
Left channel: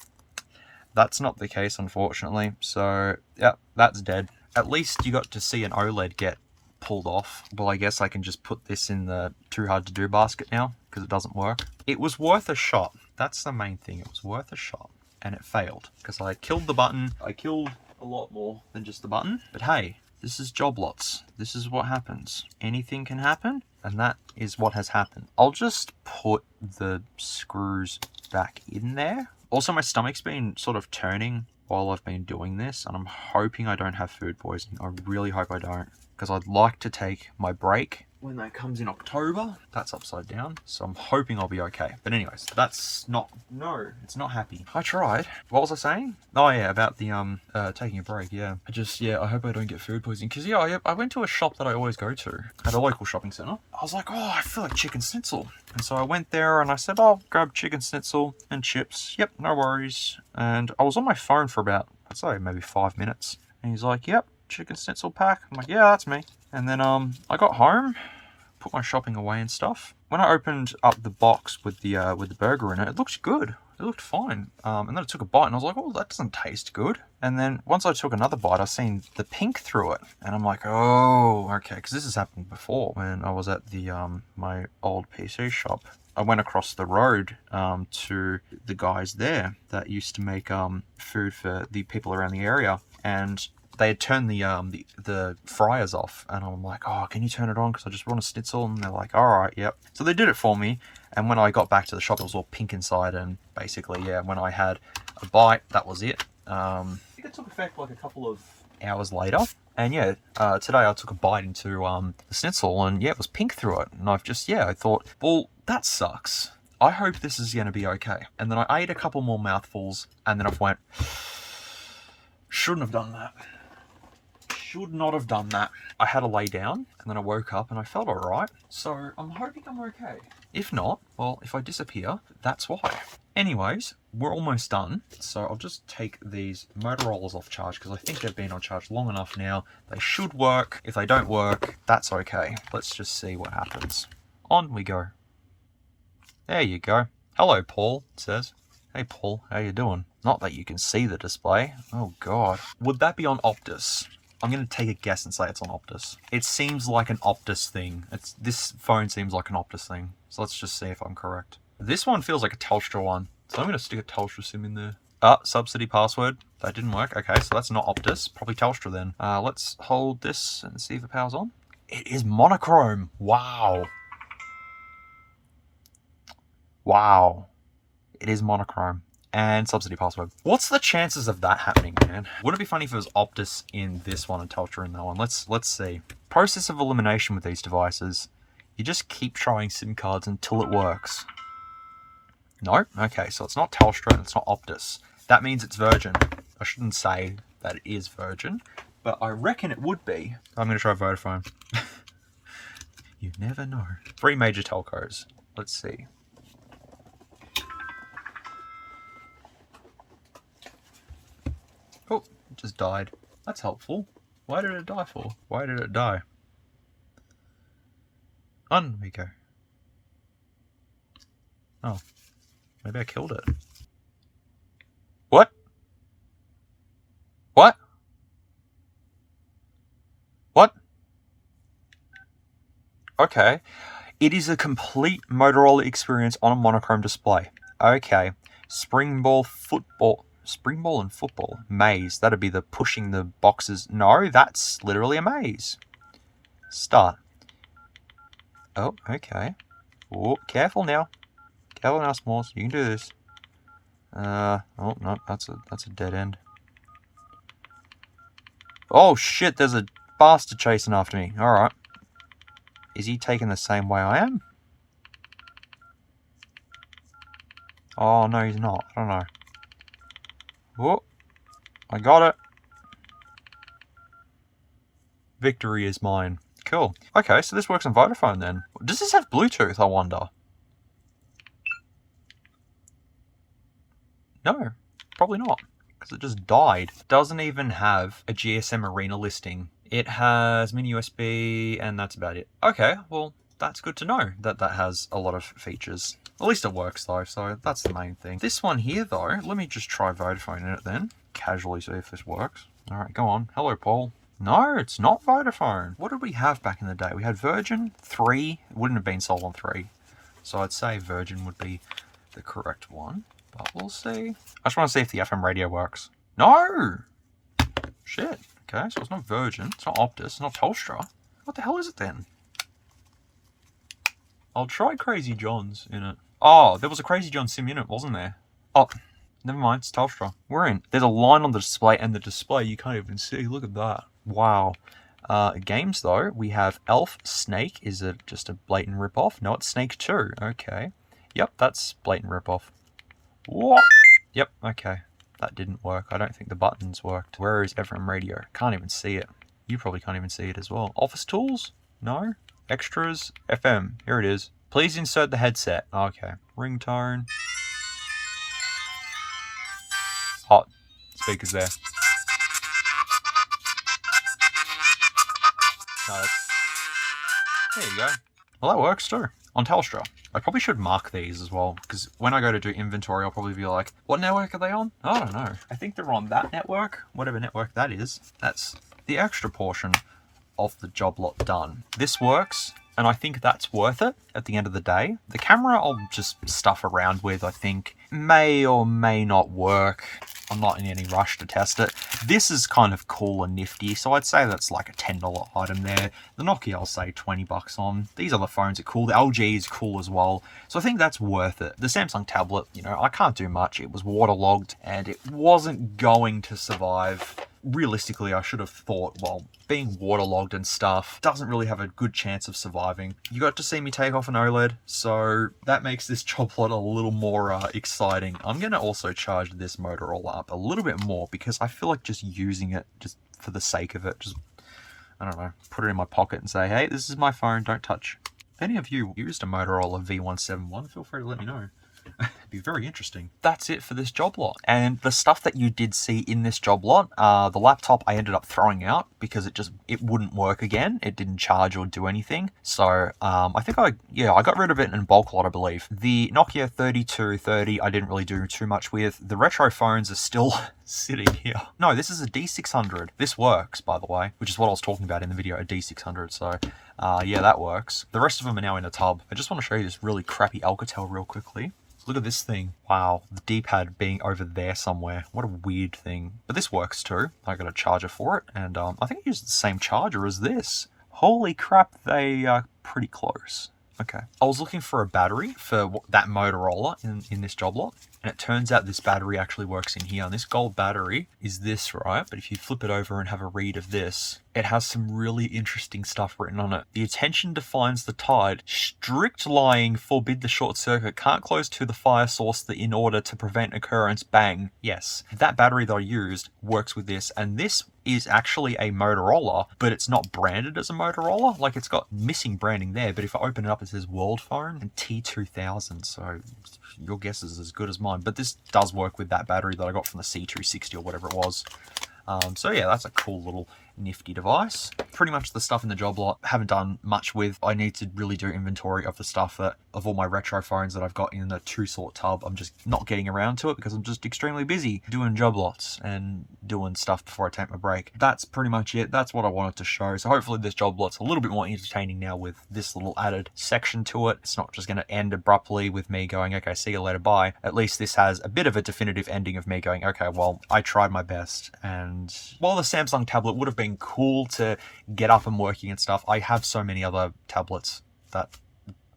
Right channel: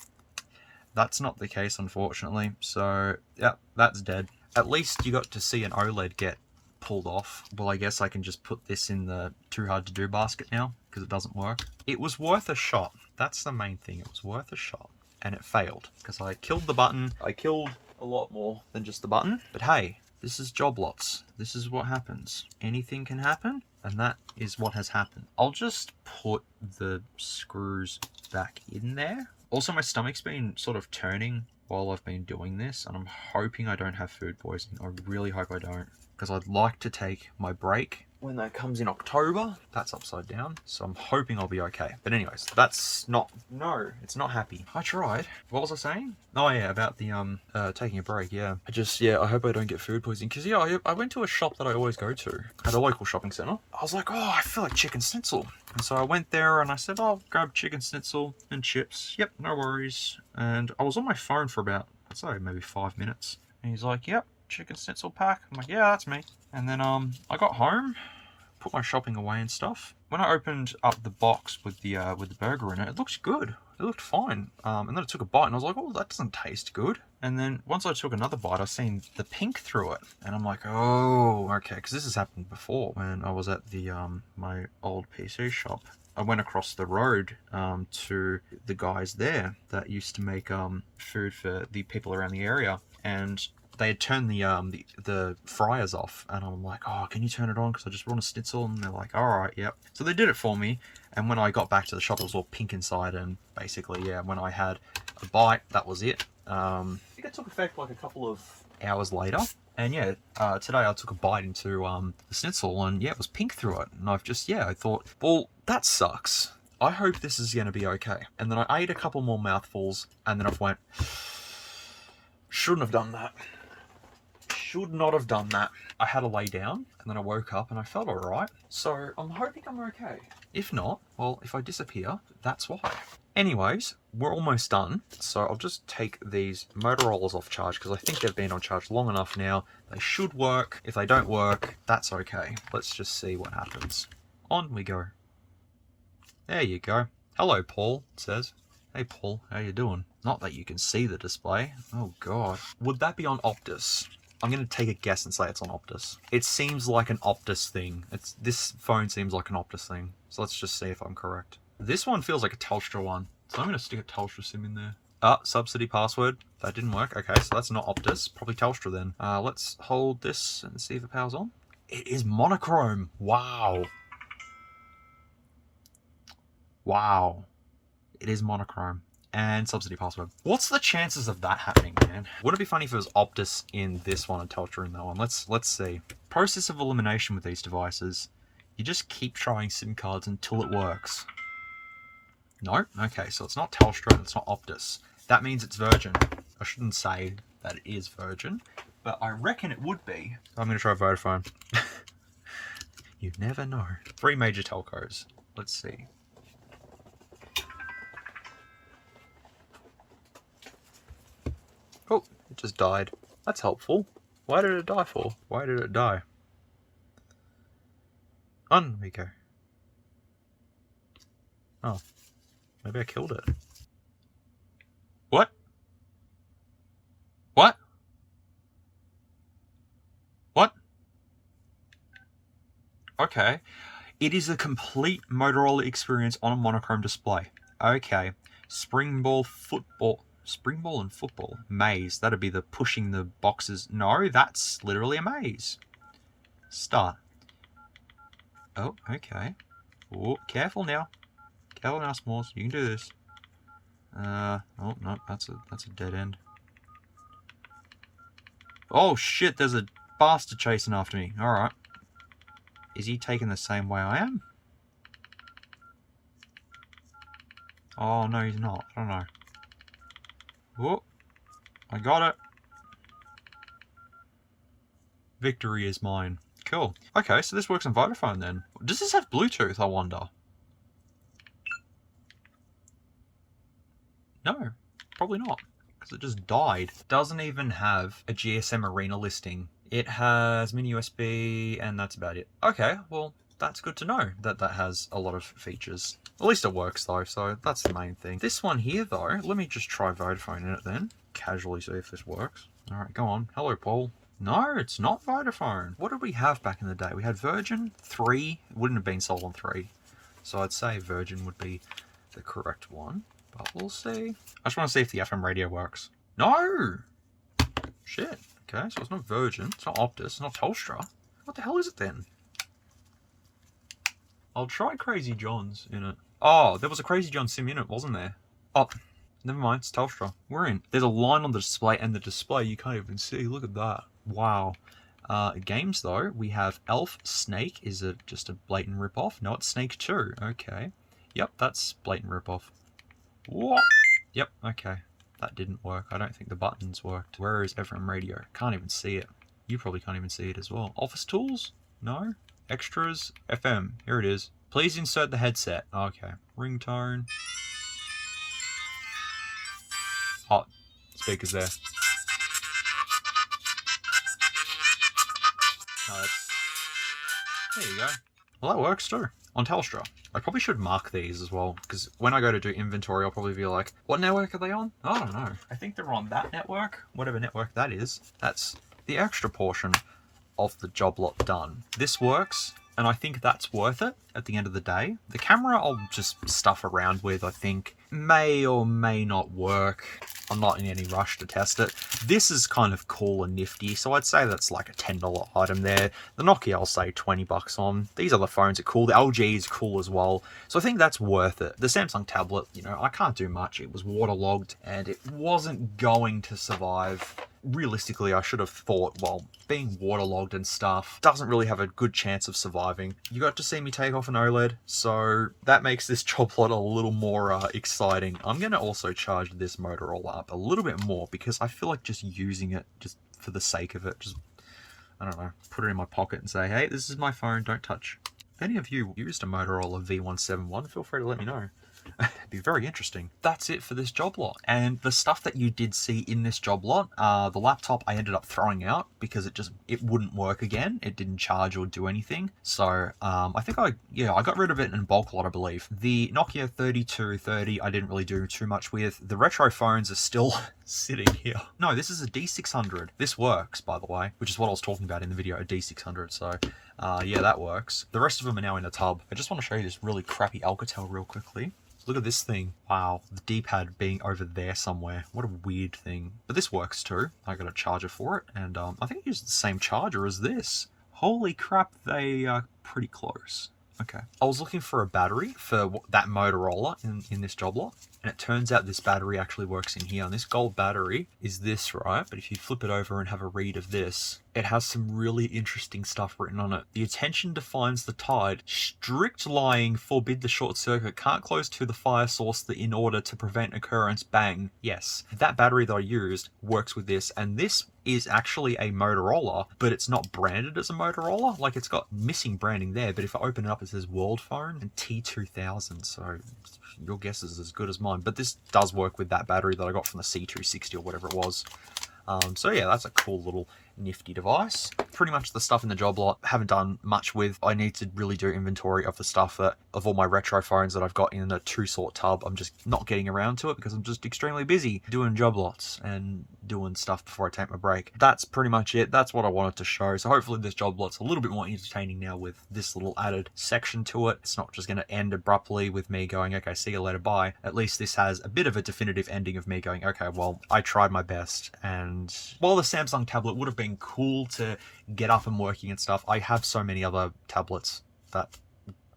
that's not the case, unfortunately. So, yeah, that's dead. At least you got to see an OLED get pulled off. Well, I guess I can just put this in the too hard to do basket now, because it doesn't work. It was worth a shot. That's the main thing. It was worth a shot. And it failed, because I killed the button. I killed a lot more than just the button. But hey, this is job lots. This is what happens. Anything can happen, and that is what has happened. I'll just put the screws back in there. Also, my stomach's been sort of turning while I've been doing this, and I'm hoping I don't have food poisoning. I really hope I don't, because I'd like to take my break when that comes in October. That's upside down, so I'm hoping I'll be okay. But anyways, that's not... No, it's not happy. I tried. What was I saying? Oh yeah, about the taking a break. Yeah, I hope I don't get food poisoning, because yeah, I went to a shop that I always go to at a local shopping center. I was like, oh, I feel like chicken schnitzel. And so I went there and I said, I'll grab chicken schnitzel and chips. Yep, no worries. And I was on my phone for about, I'd say maybe 5 minutes. And he's like, yep, chicken schnitzel pack. I'm like, yeah, that's me. And then I got home, put my shopping away and stuff. When I opened up the box with the burger in it, it looked good. It looked fine. And then I took a bite and I was like, oh, that doesn't taste good. And then once I took another bite, I seen the pink through it. And I'm like, oh, okay. Because this has happened before when I was at the my old PC shop. I went across the road to the guys there that used to make food for the people around the area. And they had turned the fryers off, and I'm like, oh, can you turn it on? Because I just want a schnitzel. And they're like, all right, yep. So they did it for me. And when I got back to the shop, it was all pink inside. And basically, yeah, when I had a bite, that was it. I think it took effect like a couple of hours later. And yeah, today I took a bite into the schnitzel, and yeah, it was pink through it. And I've just, yeah, I thought, well, that sucks. I hope this is going to be okay. And then I ate a couple more mouthfuls, and then I went, shouldn't have done that. Should not have done that. I had to lay down, and then I woke up and I felt alright. So I'm hoping I'm okay. If not, well, if I disappear, that's why. Anyways, we're almost done. So I'll just take these Motorola's off charge, because I think they've been on charge long enough now. They should work. If they don't work, that's okay. Let's just see what happens. On we go. There you go. Hello, Paul, it says. Hey, Paul, how you doing? Not that you can see the display. Oh, God. Would that be on Optus? I'm going to take a guess and say it's on Optus. It seems like an Optus thing. This phone seems like an Optus thing. So let's just see if I'm correct. This one feels like a Telstra one. So I'm going to stick a Telstra SIM in there. Subsidy password. That didn't work. Okay, so that's not Optus. Probably Telstra then. Let's hold this and see if it powers on. It is monochrome. Wow. Wow. It is monochrome. And subsidy password. What's the chances of that happening, man? Wouldn't it be funny if it was Optus in this one and Telstra in that one? Let's see. Process of elimination with these devices. You just keep trying SIM cards until it works. No? Okay, so it's not Telstra and it's not Optus. That means it's Virgin. I shouldn't say that it is Virgin, but I reckon it would be. I'm going to try Vodafone. You never know. 3 major telcos. Let's see. Oh, it just died. That's helpful. Why did it die for? Why did it die? On we go. Oh, maybe I killed it. What? What? What? Okay. It is a complete Motorola experience on a monochrome display. Okay. Spring ball football. Spring ball and football. Maze. That'd be the pushing the boxes. No, that's literally a maze. Start. Oh, okay. Oh, careful now. Careful now, S'mores. You can do this. Oh no, that's a dead end. Oh shit, there's a bastard chasing after me. Alright. Is he taking the same way I am? Oh no, he's not. I don't know. Oh, I got it. Victory is mine. Cool. Okay, so this works on Vodafone then. Does this have Bluetooth, I wonder? No, probably not, because it just died. Doesn't even have a GSM Arena listing. It has mini USB, and that's about it. Okay, well, that's good to know that that has a lot of features. At least it works though, so that's the main thing. This one here though, let me just try Vodafone in it then. Casually see if this works. All right, go on. Hello, Paul. No, it's not Vodafone. What did we have back in the day? We had Virgin 3. It wouldn't have been sold on 3. So I'd say Virgin would be the correct one. But we'll see. I just want to see if the FM radio works. No! Shit. Okay, so it's not Virgin. It's not Optus. It's not Telstra. What the hell is it then? I'll try Crazy John's in it. Oh, there was a Crazy John sim in it, wasn't there? Oh, never mind. It's Telstra. We're in. There's a line on the display, and the display you can't even see. Look at that. Wow. Games, though. We have Elf. Snake. Is it just a blatant ripoff? No, it's Snake 2. Okay. Yep, that's blatant ripoff. What? Yep, okay. That didn't work. I don't think the buttons worked. Where is FM radio? Can't even see it. You probably can't even see it as well. Office tools? No. Extras? FM. Here it is. Please insert the headset. Okay. Ringtone. Hot. Speakers there. No, there you go. Well, that works too. On Telstra. I probably should mark these as well, because when I go to do inventory, I'll probably be like, what network are they on? I don't know. I think they're on that network, whatever network that is. That's the extra portion of the job lot done. This works, and I think that's worth it at the end of the day. The camera I'll just stuff around with, I think. May or may not work. I'm not in any rush to test it. This is kind of cool and nifty, so I'd say that's like a $10 item there. The Nokia, I'll say 20 bucks on. These other phones are cool. The LG is cool as well. So I think that's worth it. The Samsung tablet, you know, I can't do much. It was waterlogged and it wasn't going to survive. Realistically, I should have thought, well, being waterlogged and stuff doesn't really have a good chance of surviving. You got to see me take off an OLED, so that makes this job lot a little more exciting. I'm going to also charge this Motorola up a little bit more because I feel like just using it just for the sake of it, just, I don't know, put it in my pocket and say, hey, this is my phone, don't touch. If any of you used a Motorola V171, feel free to let me know. It'd be very interesting. That's it for this job lot. And the stuff that you did see in this job lot, the laptop I ended up throwing out because it wouldn't work again. It didn't charge or do anything. So I think I got rid of it in bulk lot, I believe. The Nokia 3230 I didn't really do too much with. The retro phones are still sitting here. No, this is a D600. This works, by the way, which is what I was talking about in the video, a D600. So yeah, that works. The rest of them are now in a tub. I just want to show you this really crappy Alcatel real quickly. Look at this thing. Wow, the D-pad being over there somewhere. What a weird thing. But this works too. I got a charger for it, and I think I used the same charger as this. Holy crap, they are pretty close. Okay. I was looking for a battery for that Motorola in this job lot, and it turns out this battery actually works in here. And this gold battery is this, right? But if you flip it over and have a read of this, it has some really interesting stuff written on it. The attention defines the tide. Strict lying forbid the short circuit. Can't close to the fire source in order to prevent occurrence. Bang. Yes. That battery that I used works with this, and this is actually a Motorola, but it's not branded as a Motorola. Like, it's got missing branding there, but if I open it up, it says World Phone and T2000, so your guess is as good as mine. But this does work with that battery that I got from the C260 or whatever it was. So yeah, that's a cool little nifty device. Pretty much the stuff in the job lot, haven't done much with. I need to really do inventory of the stuff of all my retro phones that I've got in a 2-sort tub. I'm just not getting around to it because I'm just extremely busy doing job lots and doing stuff before I take my break. That's pretty much it. That's what I wanted to show. So hopefully this job lot's a little bit more entertaining now with this little added section to it. It's not just going to end abruptly with me going, okay, see you later, bye. At least this has a bit of a definitive ending of me going, okay, well, I tried my best. And while the Samsung tablet would have been cool to get up and working and stuff, I have so many other tablets that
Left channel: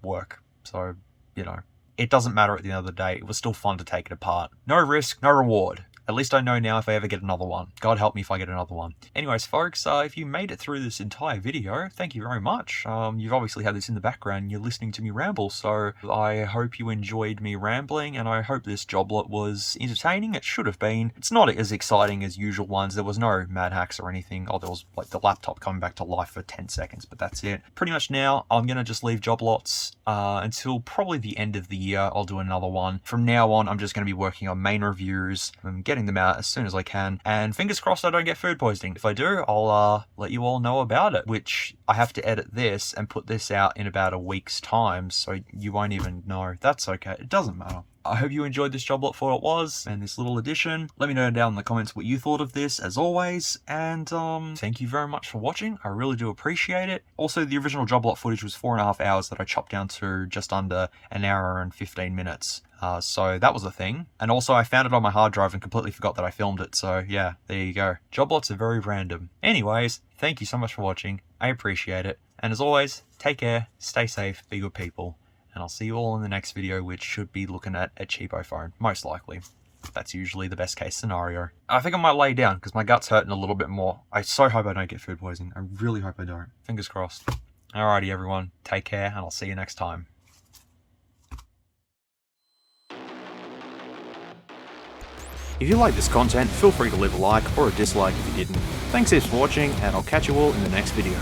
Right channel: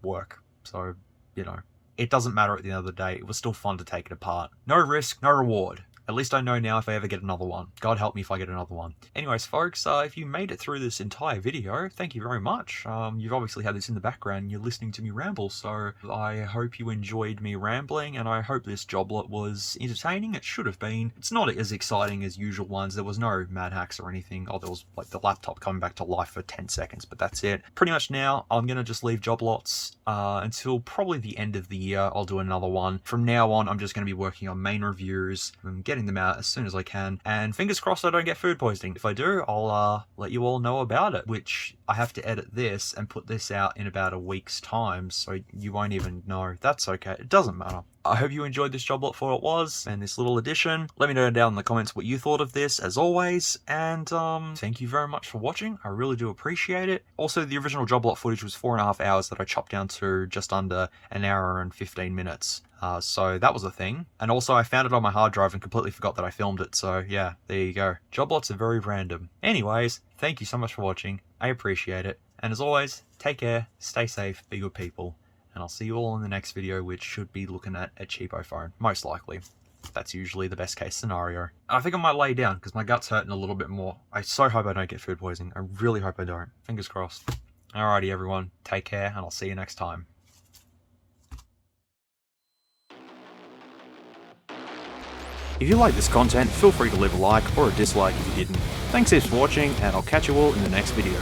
work. So, you know, it doesn't matter at the end of the day. It was still fun to take it apart. No risk, no reward. At least I know now if I ever get another one. God help me if I get another one. Anyways, folks, if you made it through this entire video, thank you very much. You've obviously had this in the background and you're listening to me ramble, so I hope you enjoyed me rambling, and I hope this job lot was entertaining. It should have been. It's not as exciting as usual ones. There was no mad hacks or anything. Oh, there was like the laptop coming back to life for 10 seconds, but that's it. Pretty much now, I'm going to just leave job lots until probably the end of the year. I'll do another one. From now on, I'm just going to be working on main reviews and getting them out as soon as I can, and fingers crossed I don't get food poisoning. If I do, I'll let you all know about it, which I have to edit this and put this out in about a week's time, so you won't even know. That's okay, it doesn't matter. I hope you enjoyed this job lot for what it was and this little addition. Let me know down in the comments what you thought of this, as always, and thank you very much for watching. I really do appreciate it. Also, the original job lot footage was 4.5 hours that I chopped down to just under an hour and 15 minutes. So that was a thing. And also I found it on my hard drive and completely forgot that I filmed it. So yeah, there you go. Job lots are very random. Anyways, thank you so much for watching. I appreciate it. And as always, take care, stay safe, be good people. And I'll see you all in the next video, which should be looking at a cheapo phone, most likely. That's usually the best case scenario. I think I might lay down because my gut's hurting a little bit more. I so hope I don't get food poisoning. I really hope I don't. Fingers crossed. Alrighty everyone, take care and I'll see you next time. If you like this content, feel free to leave a like or a dislike if you didn't. Thanks heaps for watching, and I'll catch you all in the next video.